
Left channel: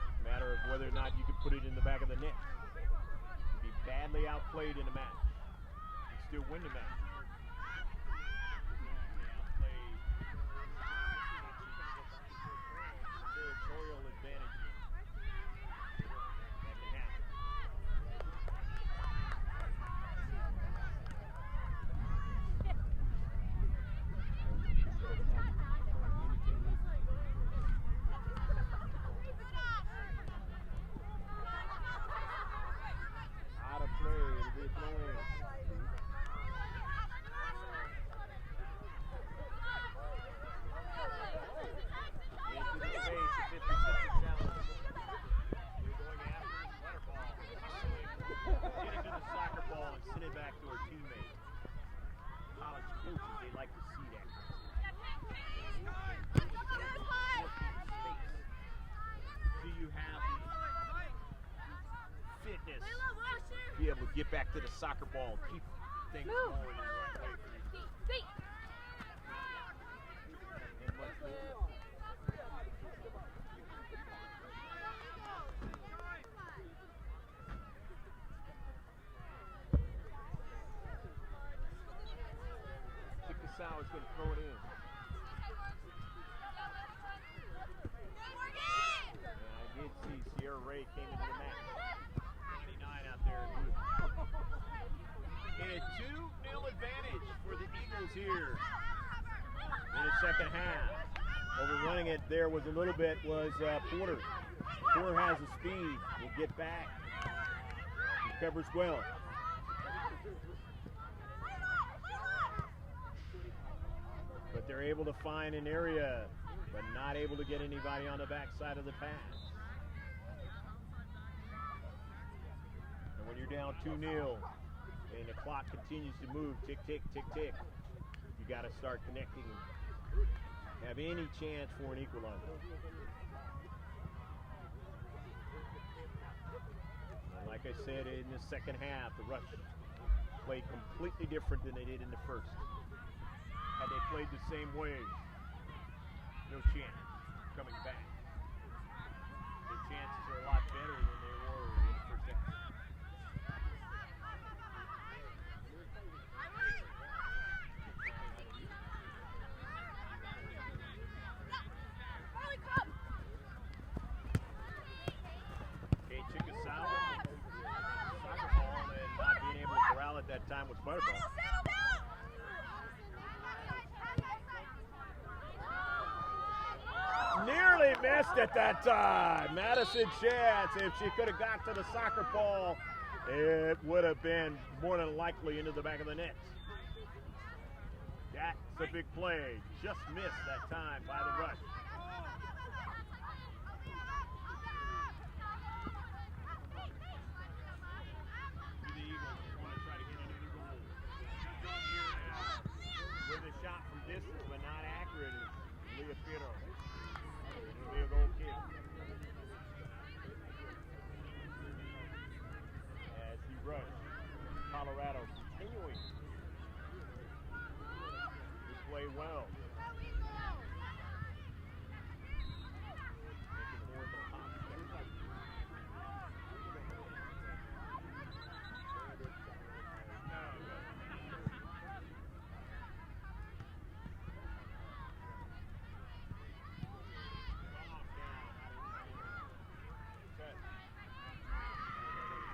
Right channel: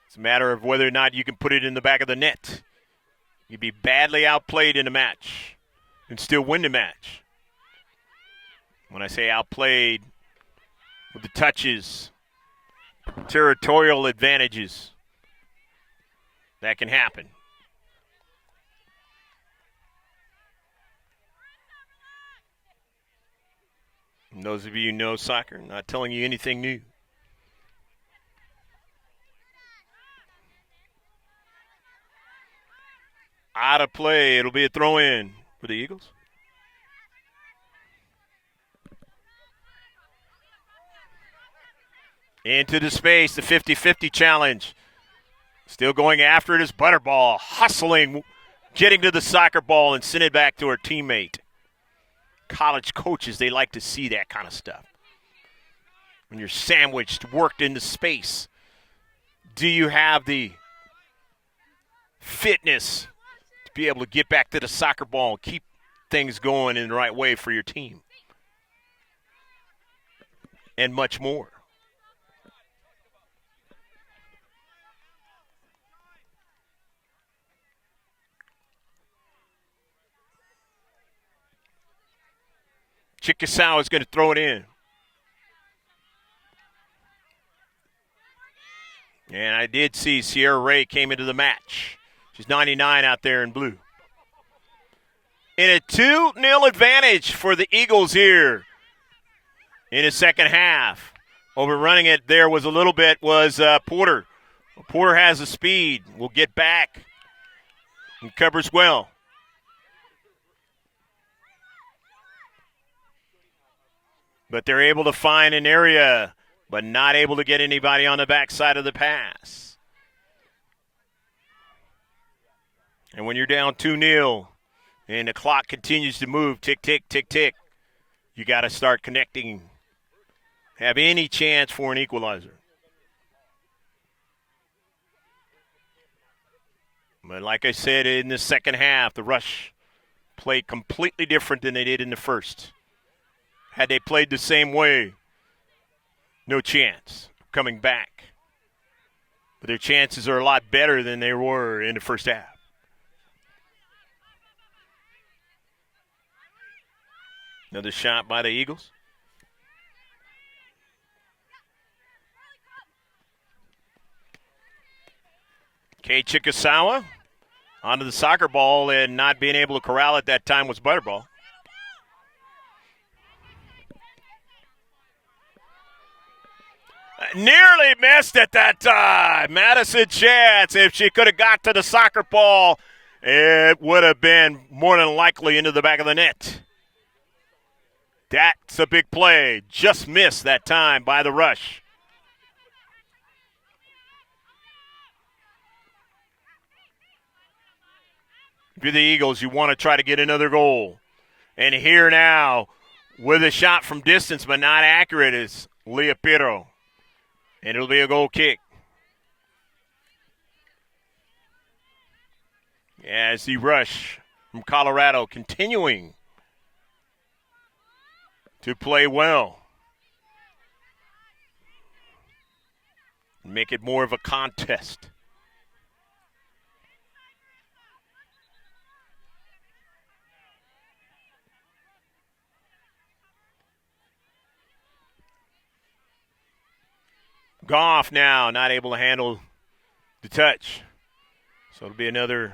It's a matter of whether or not you can put it in the back of the net. You'd be badly outplayed in a match and still win the match. When I say outplayed, with the touches, territorial advantages, that can happen. And those of you who know soccer, I'm not telling you anything new. Out of play, it'll be a throw-in for the Eagles. Into the space, the 50-50 challenge. Still going after it is Butterball, hustling, getting to the soccer ball and send it back to her teammate. College coaches, they like to see that kind of stuff. When you're sandwiched, worked into space, do you have the fitness to be able to get back to the soccer ball and keep things going in the right way for your team? And much more. Chickasaw is going to throw it in. And I did see Sierra Ray came into the match. She's 99 out there in blue. In a 2-0 advantage for the Eagles here in the second half. Overrunning it there was a little bit was Porter. Porter has the speed. Will get back and covers well. But they're able to find an area, but not able to get anybody on the backside of the pass. And when you're down 2-0 and the clock continues to move, tick, tick, tick, tick, you got to start connecting, have any chance for an equalizer. But like I said, in the second half, the Rush played completely different than they did in the first. Had they played the same way, no chance coming back. But their chances are a lot better than they were in the first half. Another shot by the Eagles. Kay Chickasaw onto the soccer ball, and not being able to corral it that time was Butterball. Nearly missed it that time. Madison Chance, if she could have got to the soccer ball, it would have been more than likely into the back of the net. That's a big play. Just missed that time by the Rush. If you're the Eagles, you want to try to get another goal. And here now, with a shot from distance but not accurate, is Leah Pirro. And it'll be a goal kick. As the Rush from Colorado continuing to play well. Make it more of a contest. Goff now not able to handle the touch. So it'll be another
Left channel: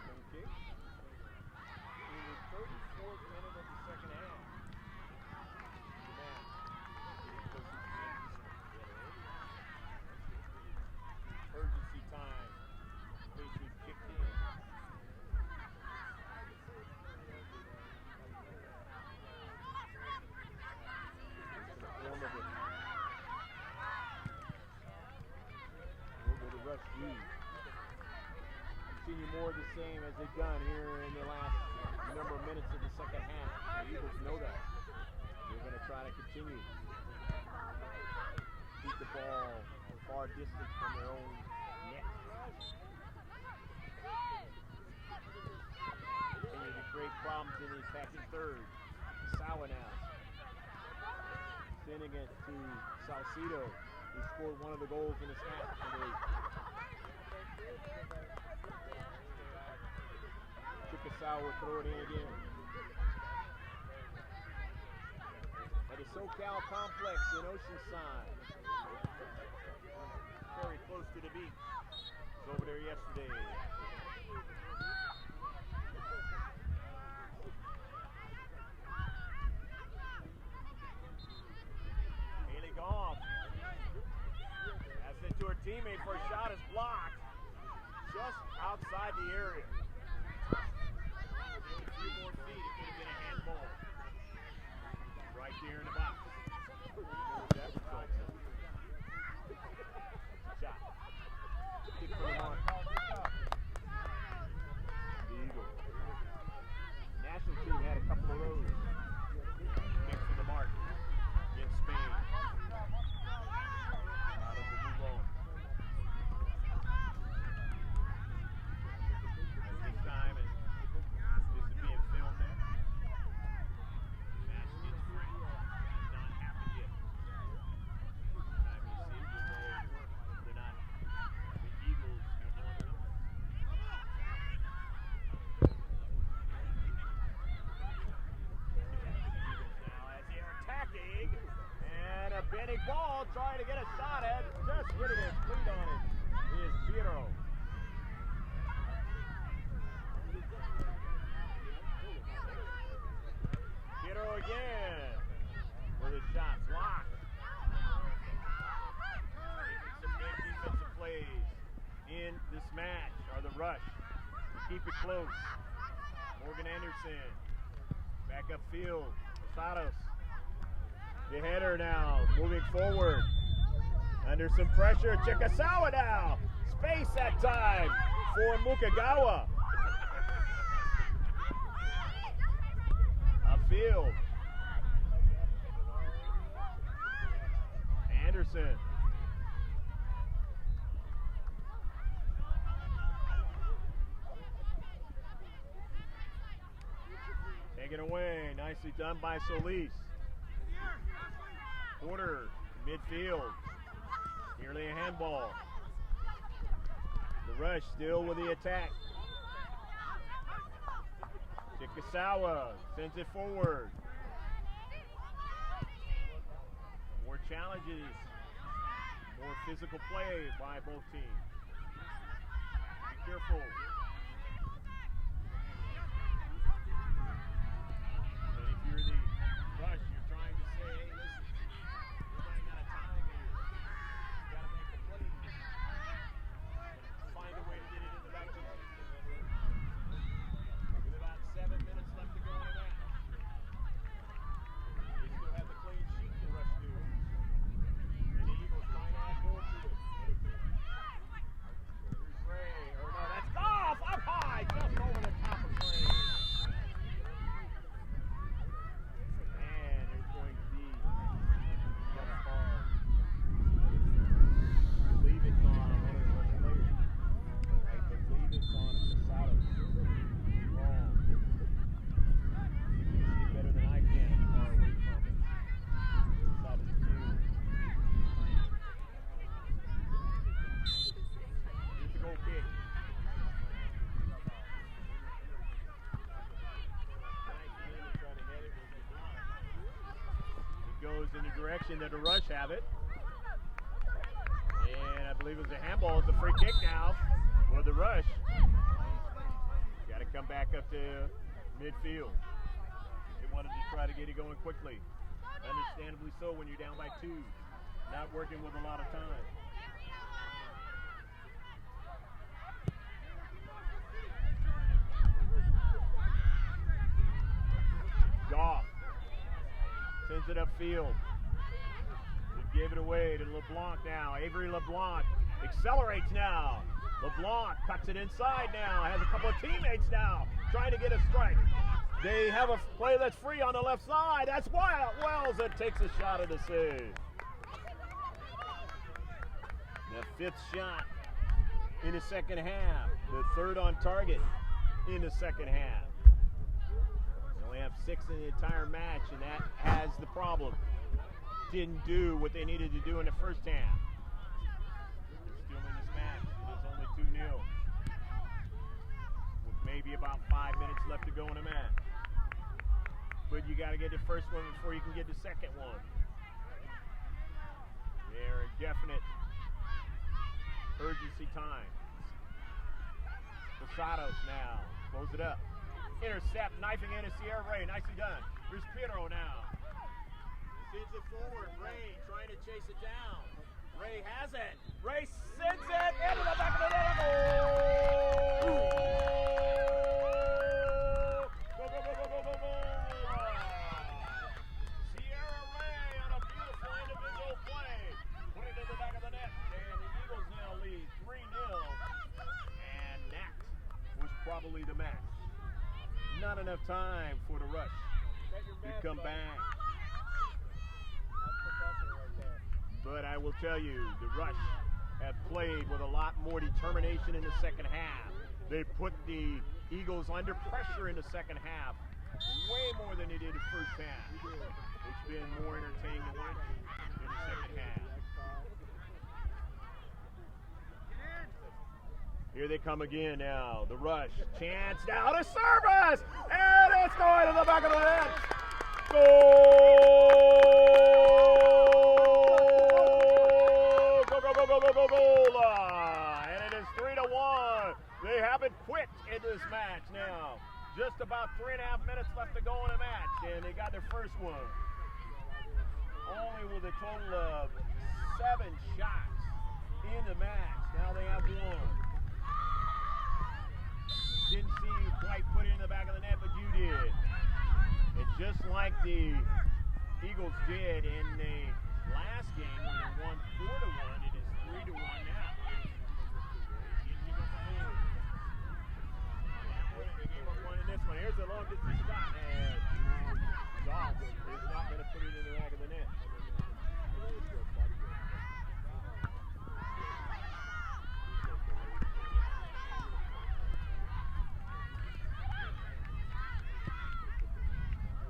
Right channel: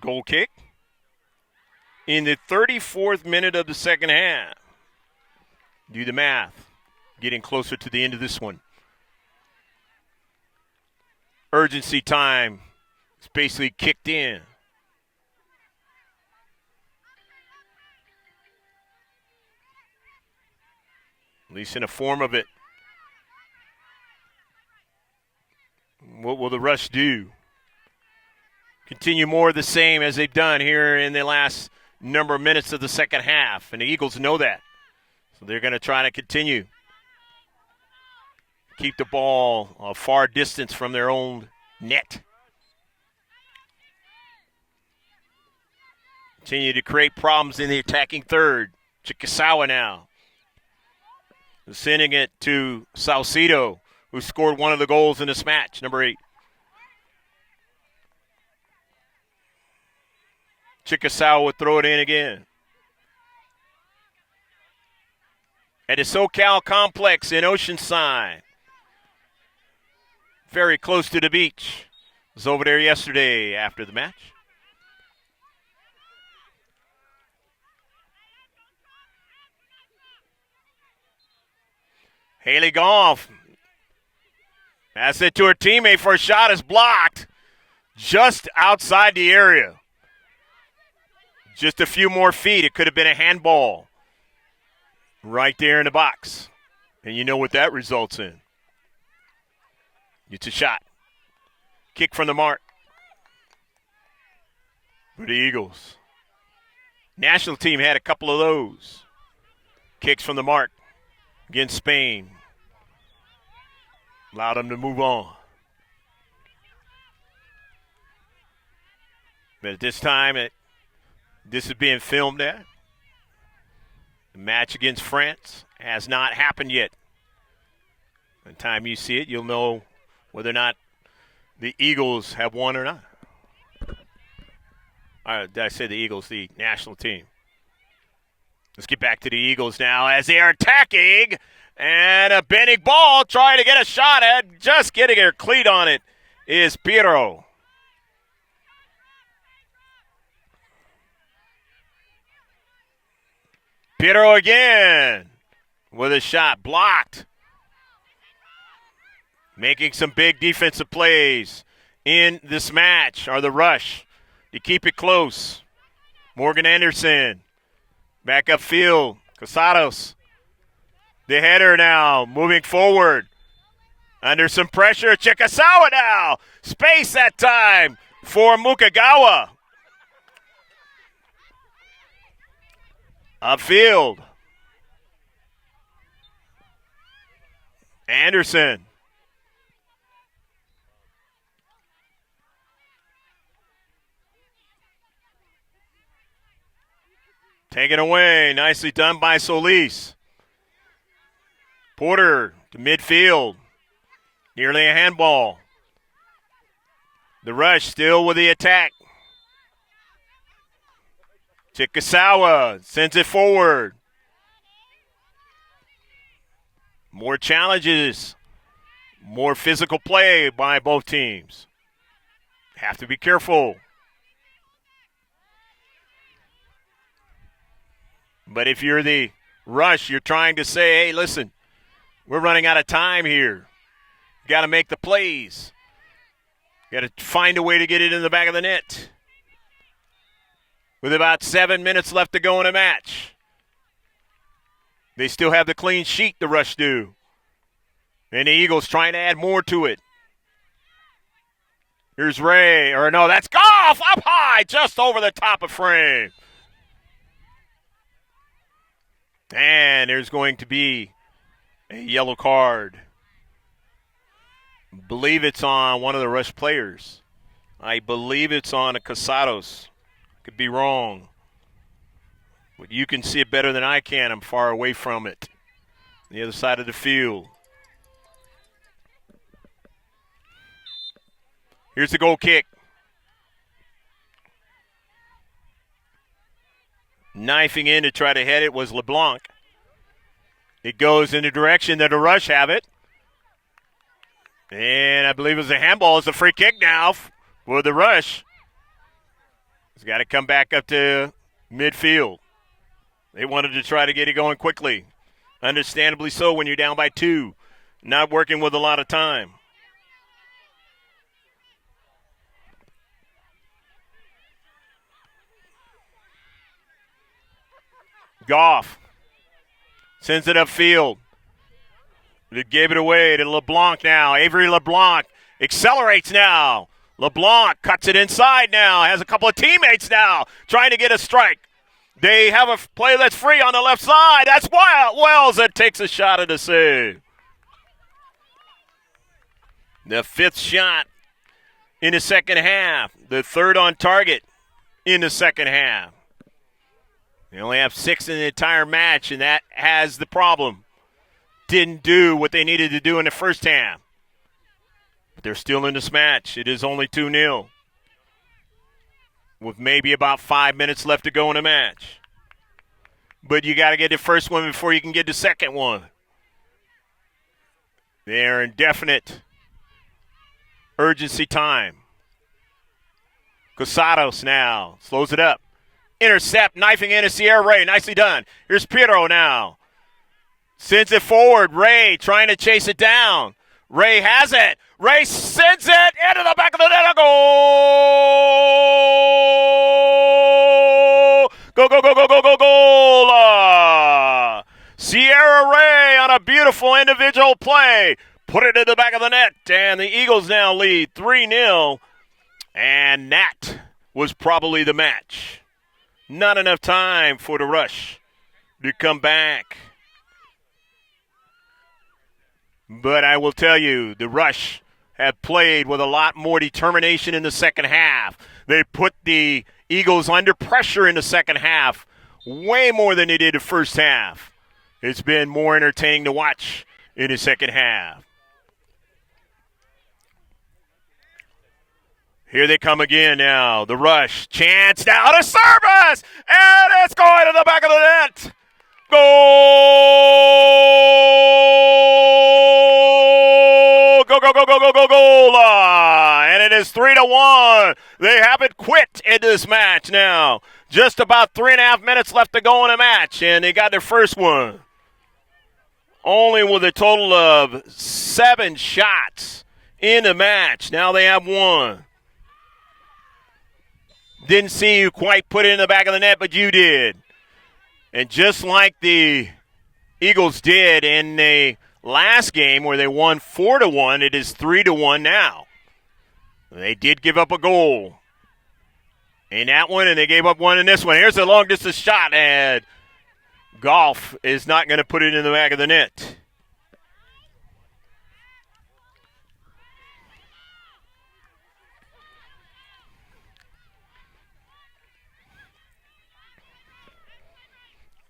goal kick in the 34th minute of the second half. Do the math. Getting closer to the end of this one. Urgency time is basically kicked in. At least in a form of it. What will the Rush do? Continue more of the same as they've done here in the last number of minutes of the second half, and the Eagles know that. So they're going to try to continue. Keep the ball a far distance from their own net. Continue to create problems in the attacking third. Chickasaw now. Sending it to Salcido. who scored one of the goals in this match, number 8. Chickasaw would throw it in again. At the SoCal Complex in Oceanside. Very close to the beach. Was over there yesterday after the match. Haley Goff. Pass it to her teammate for a shot is blocked. Just outside the area. Just a few more feet. It could have been a handball. Right there in the box. And you know what that results in. It's a shot. Kick from the mark. For the Eagles. National team had a couple of those. Kicks from the mark against Spain. Allowed them to move on. But at this time, this is being filmed at. The match against France has not happened yet. By the time you see it, you'll know whether or not the Eagles have won or not. Did I say the Eagles, the national team? Let's get back to the Eagles now as they are attacking. And a bending ball trying to get a shot at. Just getting her cleat on it is Piero. Piero again with a shot blocked. Making some big defensive plays in this match are the Rush. You keep it close. Morgan Anderson back upfield. Casados. The header now moving forward. Under some pressure. Chikasawa now. Space that time for Mukagawa. Upfield. Anderson. Taken away. Nicely done by Solis. Porter to midfield. Nearly a handball. The Rush still with the attack. Chikasawa sends it forward. More challenges. More physical play by both teams. Have to be careful. But if you're the Rush, you're trying to say, hey, listen, we're running out of time here. Got to make the plays. Got to find a way to get it in the back of the net. With about 7 minutes left to go in a match. They still have the clean sheet, the Rush do. And the Eagles trying to add more to it. Here's Ray, or no, that's Goff up high, just over the top of frame. And there's going to be a yellow card. Believe it's on one of the Rush players. I believe it's on a Casados. Could be wrong. But you can see it better than I can. I'm far away from it. The other side of the field. Here's the goal kick. Knifing in to try to head it was LeBlanc. It goes in the direction that the Rush have it. And I believe it was a handball. It's a free kick now for the Rush. He's got to come back up to midfield. They wanted to try to get it going quickly. Understandably so when you're down by 2. Not working with a lot of time. Goff sends it upfield. They gave it away to LeBlanc now. Avery LeBlanc accelerates now. LeBlanc cuts it inside now. Has a couple of teammates now trying to get a strike. They have a play that's free on the left side. That's Wells that takes a shot at a save. The 5th shot in the second half. The 3rd on target in the second half. They only have 6 in the entire match, and that has the problem. didn't do what they needed to do in the first half. They're still in this match. It is only 2-0 with maybe about 5 minutes left to go in the match. But you got to get the first one before you can get the second one. They're in definite urgency time. Cosados now slows it up. Intercept, knifing into Sierra Ray. Nicely done. Here's Piero now. Sends it forward. Ray trying to chase it down. Ray has it. Ray sends it into the back of the net. A goal! Go, go, go, go, go, go, goal! Sierra Ray on a beautiful individual play. Put it in the back of the net. And the Eagles now lead 3-0. And that was probably the match. Not enough time for the Rush to come back. But I will tell you, the Rush have played with a lot more determination in the second half. They put the Eagles under pressure in the second half, way more than they did the first half. It's been more entertaining to watch in the second half. Here they come again now. The Rush. Chance now to service! And it's going to the back of the net. Goal! Go, go, go, go, go, go, goal! And it is 3-1. They haven't quit in this match now. Just about 3.5 minutes left to go in the match, and they got their first one. Only with a total of 7 shots in the match. Now they have one. Didn't see you quite put it in the back of the net, but you did. And just like the Eagles did in the last game where they won 4-1, it is 3-1 now. They did give up a goal in that one, and they gave up one in this one. Here's a long-distance shot, and Goff is not going to put it in the back of the net.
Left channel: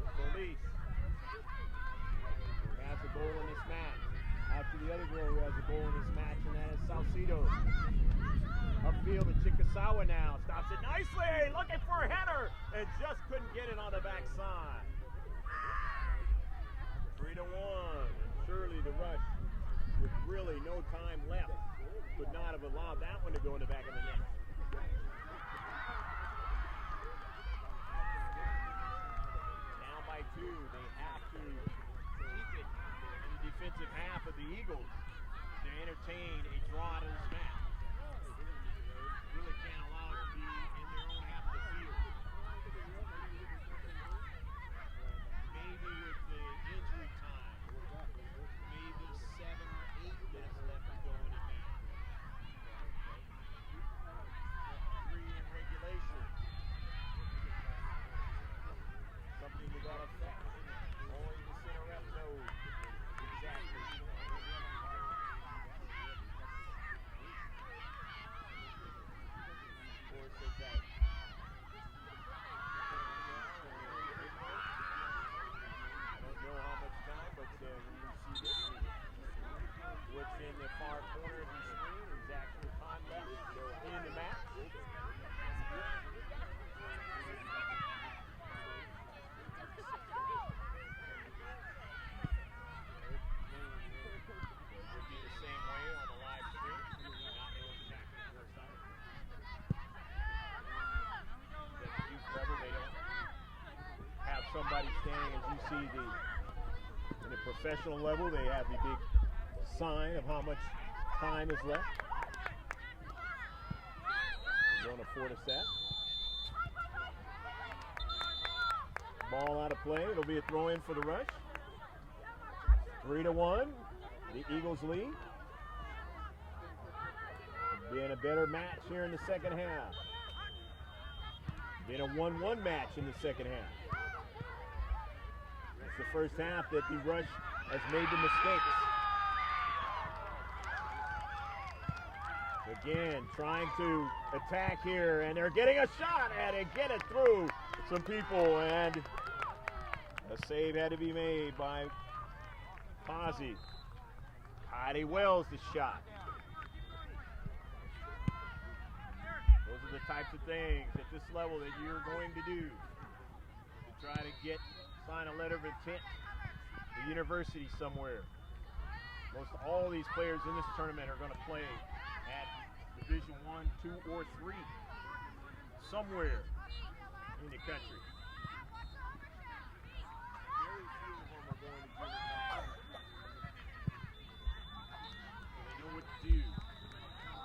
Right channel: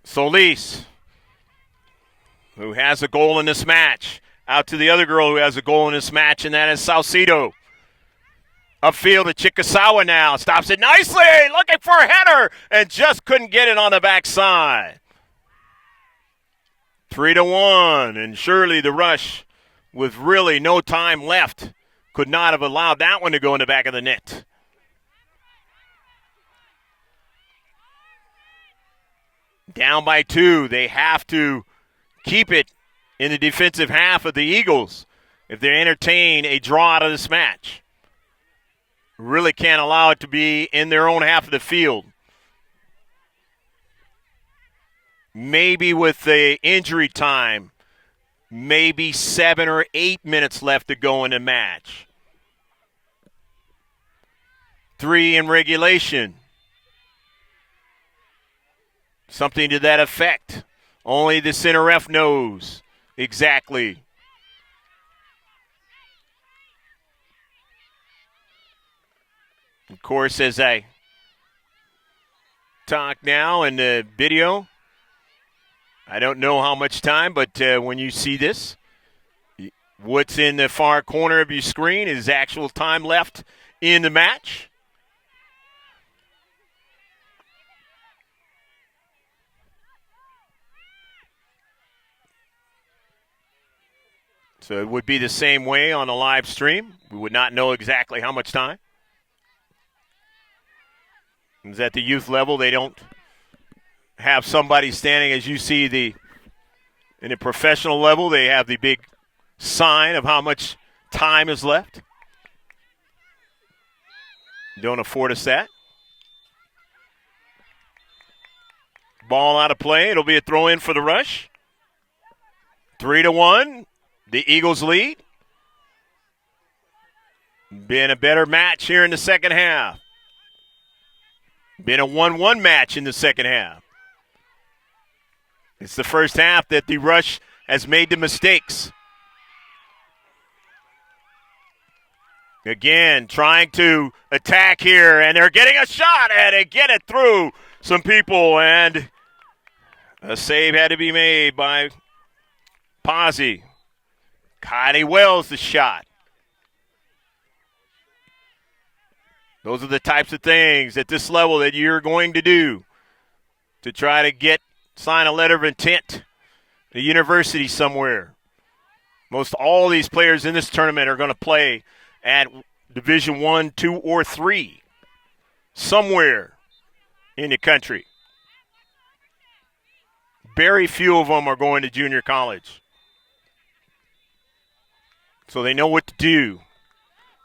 Solis, who has a goal in this match, out to the other girl who has a goal in this match, and that is Salcido. Upfield to Chikasawa now, stops it nicely, looking for a header, and just couldn't get it on the backside. 3-1, and surely the Rush, with really no time left, could not have allowed that one to go in the back of the net. Down by 2, they have to keep it in the defensive half of the Eagles if they entertain a draw out of this match. Really can't allow it to be in their own half of the field. Maybe with the injury time, maybe 7 or 8 minutes left to go in the match. 3 in regulation. Something to that effect. Only the center ref knows exactly. Of course, as I talk now in the video, I don't know how much time, but when you see this, what's in the far corner of your screen is actual time left in the match. So it would be the same way on a live stream. We would not know exactly how much time. Because at the youth level, they don't have somebody standing as you see in a professional level. They have the big sign of how much time is left. Don't afford us that. Ball out of play. It'll be a throw in for the Rush. 3-1. The Eagles lead. Been a better match here in the second half. Been a 1-1 match in the second half. It's the first half that the Rush has made the mistakes. Again, trying to attack here, and they're getting a shot, and they get it through some people, and a save had to be made by Pazzi. Kylie Wells the shot. Those are the types of things at this level that you're going to do to try to sign a letter of intent at a university somewhere. Most all these players in this tournament are going to play at Division I, II, or III somewhere in the country. Very few of them are going to junior college. So they know what to do.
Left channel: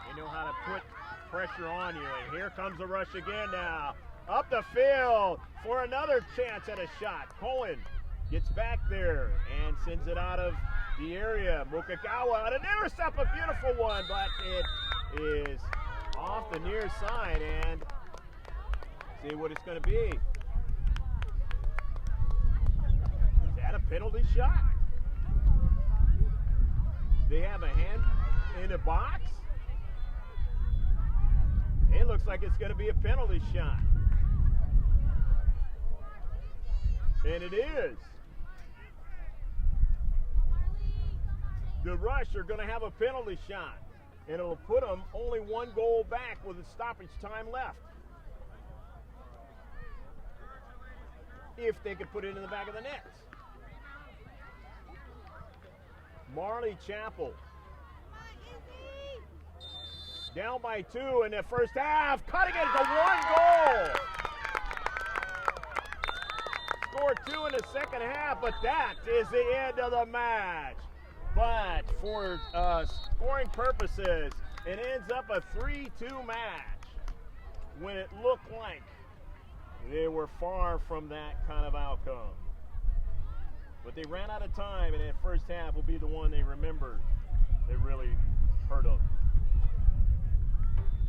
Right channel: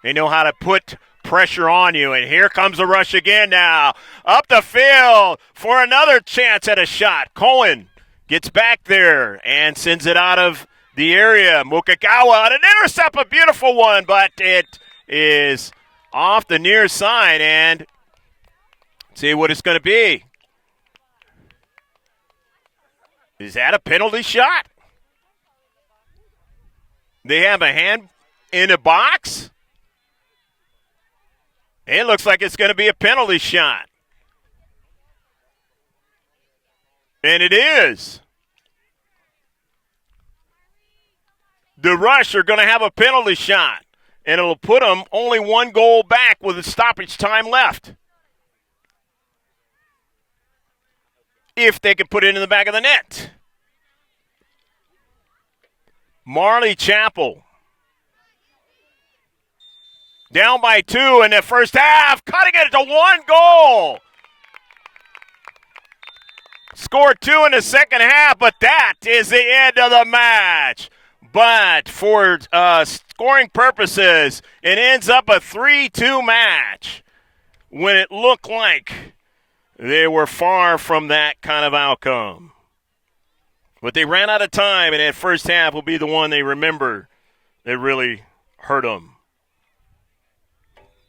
They know how to put pressure on you. And here comes the rush again now. Up the field for another chance at a shot. Cohen gets back there and sends it out of the area. Mukagawa, an intercept, a beautiful one, but it is off the near side. And see what it's going to be. Is that a penalty shot? They have a hand in the box. It looks like it's going to be a penalty shot. And it is. The Rush are going to have a penalty shot. And it'll put them only one goal back with a stoppage time left. If they can put it in the back of the net. Marley Chapel. Down by 2 in the first half, cutting it to 1 goal. Scored 2 in the second half, but that is the end of the match. But for scoring purposes, it ends up a 3-2 match when it looked like they were far from that kind of outcome. But they ran out of time, and that first half will be the one they remember that really hurt them.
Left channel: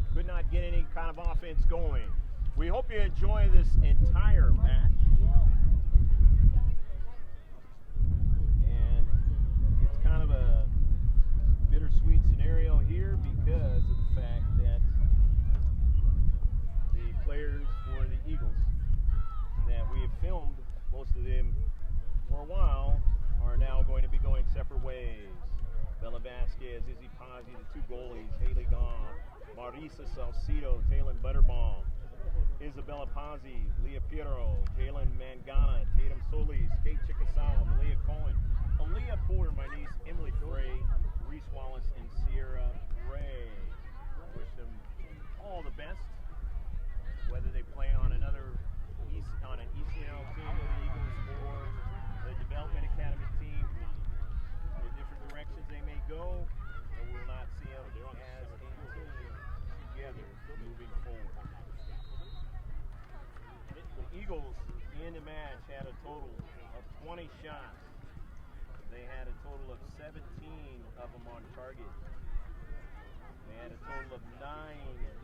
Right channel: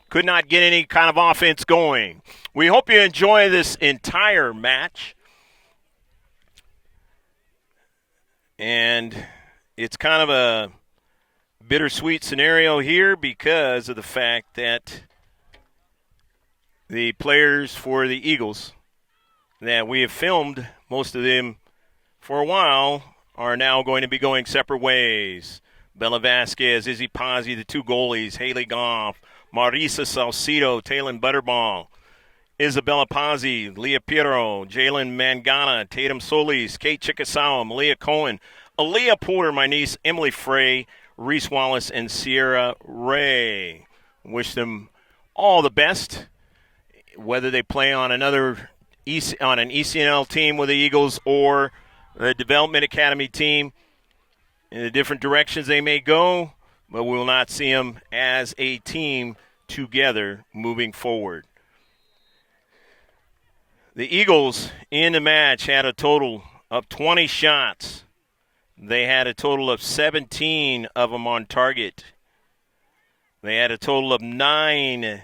Could not get any kind of offense going. We hope you enjoy this entire match. And it's kind of a bittersweet scenario here because of the fact that the players for the Eagles that we have filmed, most of them for a while, are now going to be going separate ways. Bella Vasquez, Izzy Pazzi, the 2 goalies, Haley Goff, Marisa Salcido, Taylon Butterball, Isabella Pazzi, Leah Piero, Jalen Mangana, Tatum Solis, Kate Chickasawa, Malia Cohen, Aaliyah Porter, my niece, Emily Frey, Reese Wallace, and Sierra Ray. Wish them all the best, whether they play on an ECNL team with the Eagles or the Development Academy team. In the different directions they may go, but we will not see them as a team together moving forward. The Eagles in the match had a total of 20 shots. They had a total of 17 of them on target. They had a total of 9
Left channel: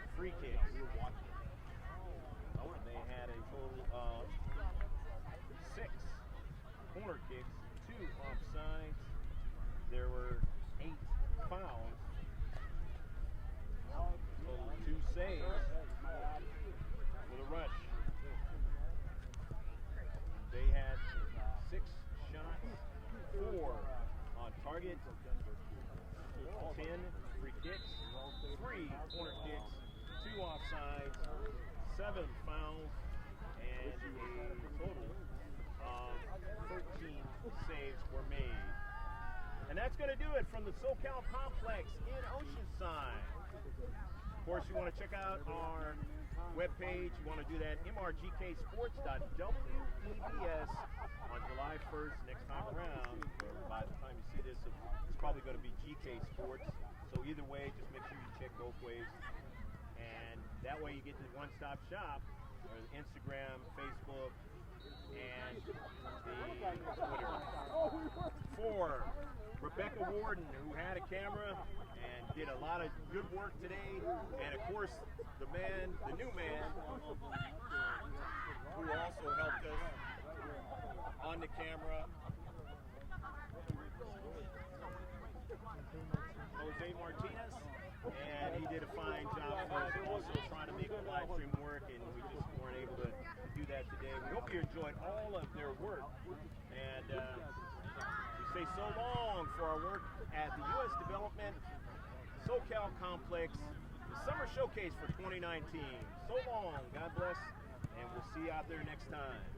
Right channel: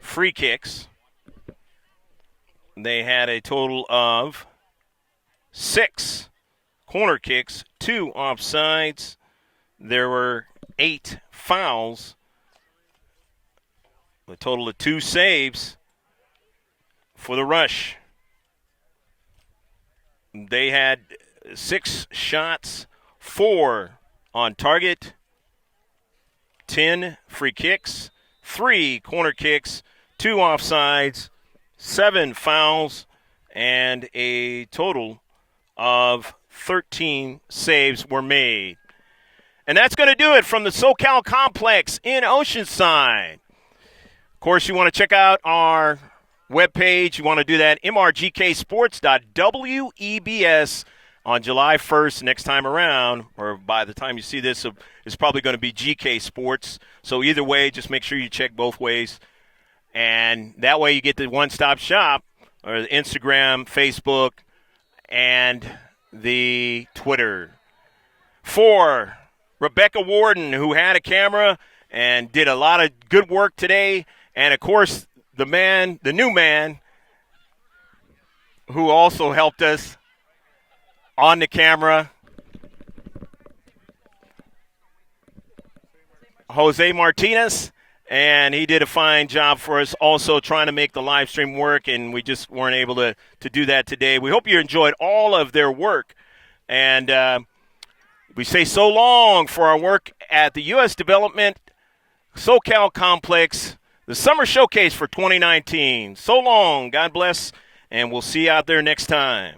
free kicks. They had a total of 6 corner kicks, 2 offsides. There were 8 fouls, a total of 2 saves for the Rush. They had 6 shots, 4 on target, 10 free kicks, 3 corner kicks, 2 offsides, 7 fouls, and a total of 13 saves were made. And that's going to do it from the SoCal Complex in Oceanside. Of course, you want to check out our webpage. You want to do that, mrgksports.webs on July 1st next time around, or by the time you see this, it's probably going to be GK Sports. So either way, just make sure you check both ways. And that way you get the one-stop shop, or the Instagram, Facebook, and the Twitter. For Rebecca Warden, who had a camera and did a lot of good work today, and of course the new man who also helped us on the camera, Jose Martinez, and he did a fine job for us also trying to make the live stream work, and we just weren't able to do that today. We hope you enjoyed all of their work, and We say so long for our work at the U.S. Development SoCal Complex, the Summer Showcase for 2019. So long, God bless, and we'll see you out there next time.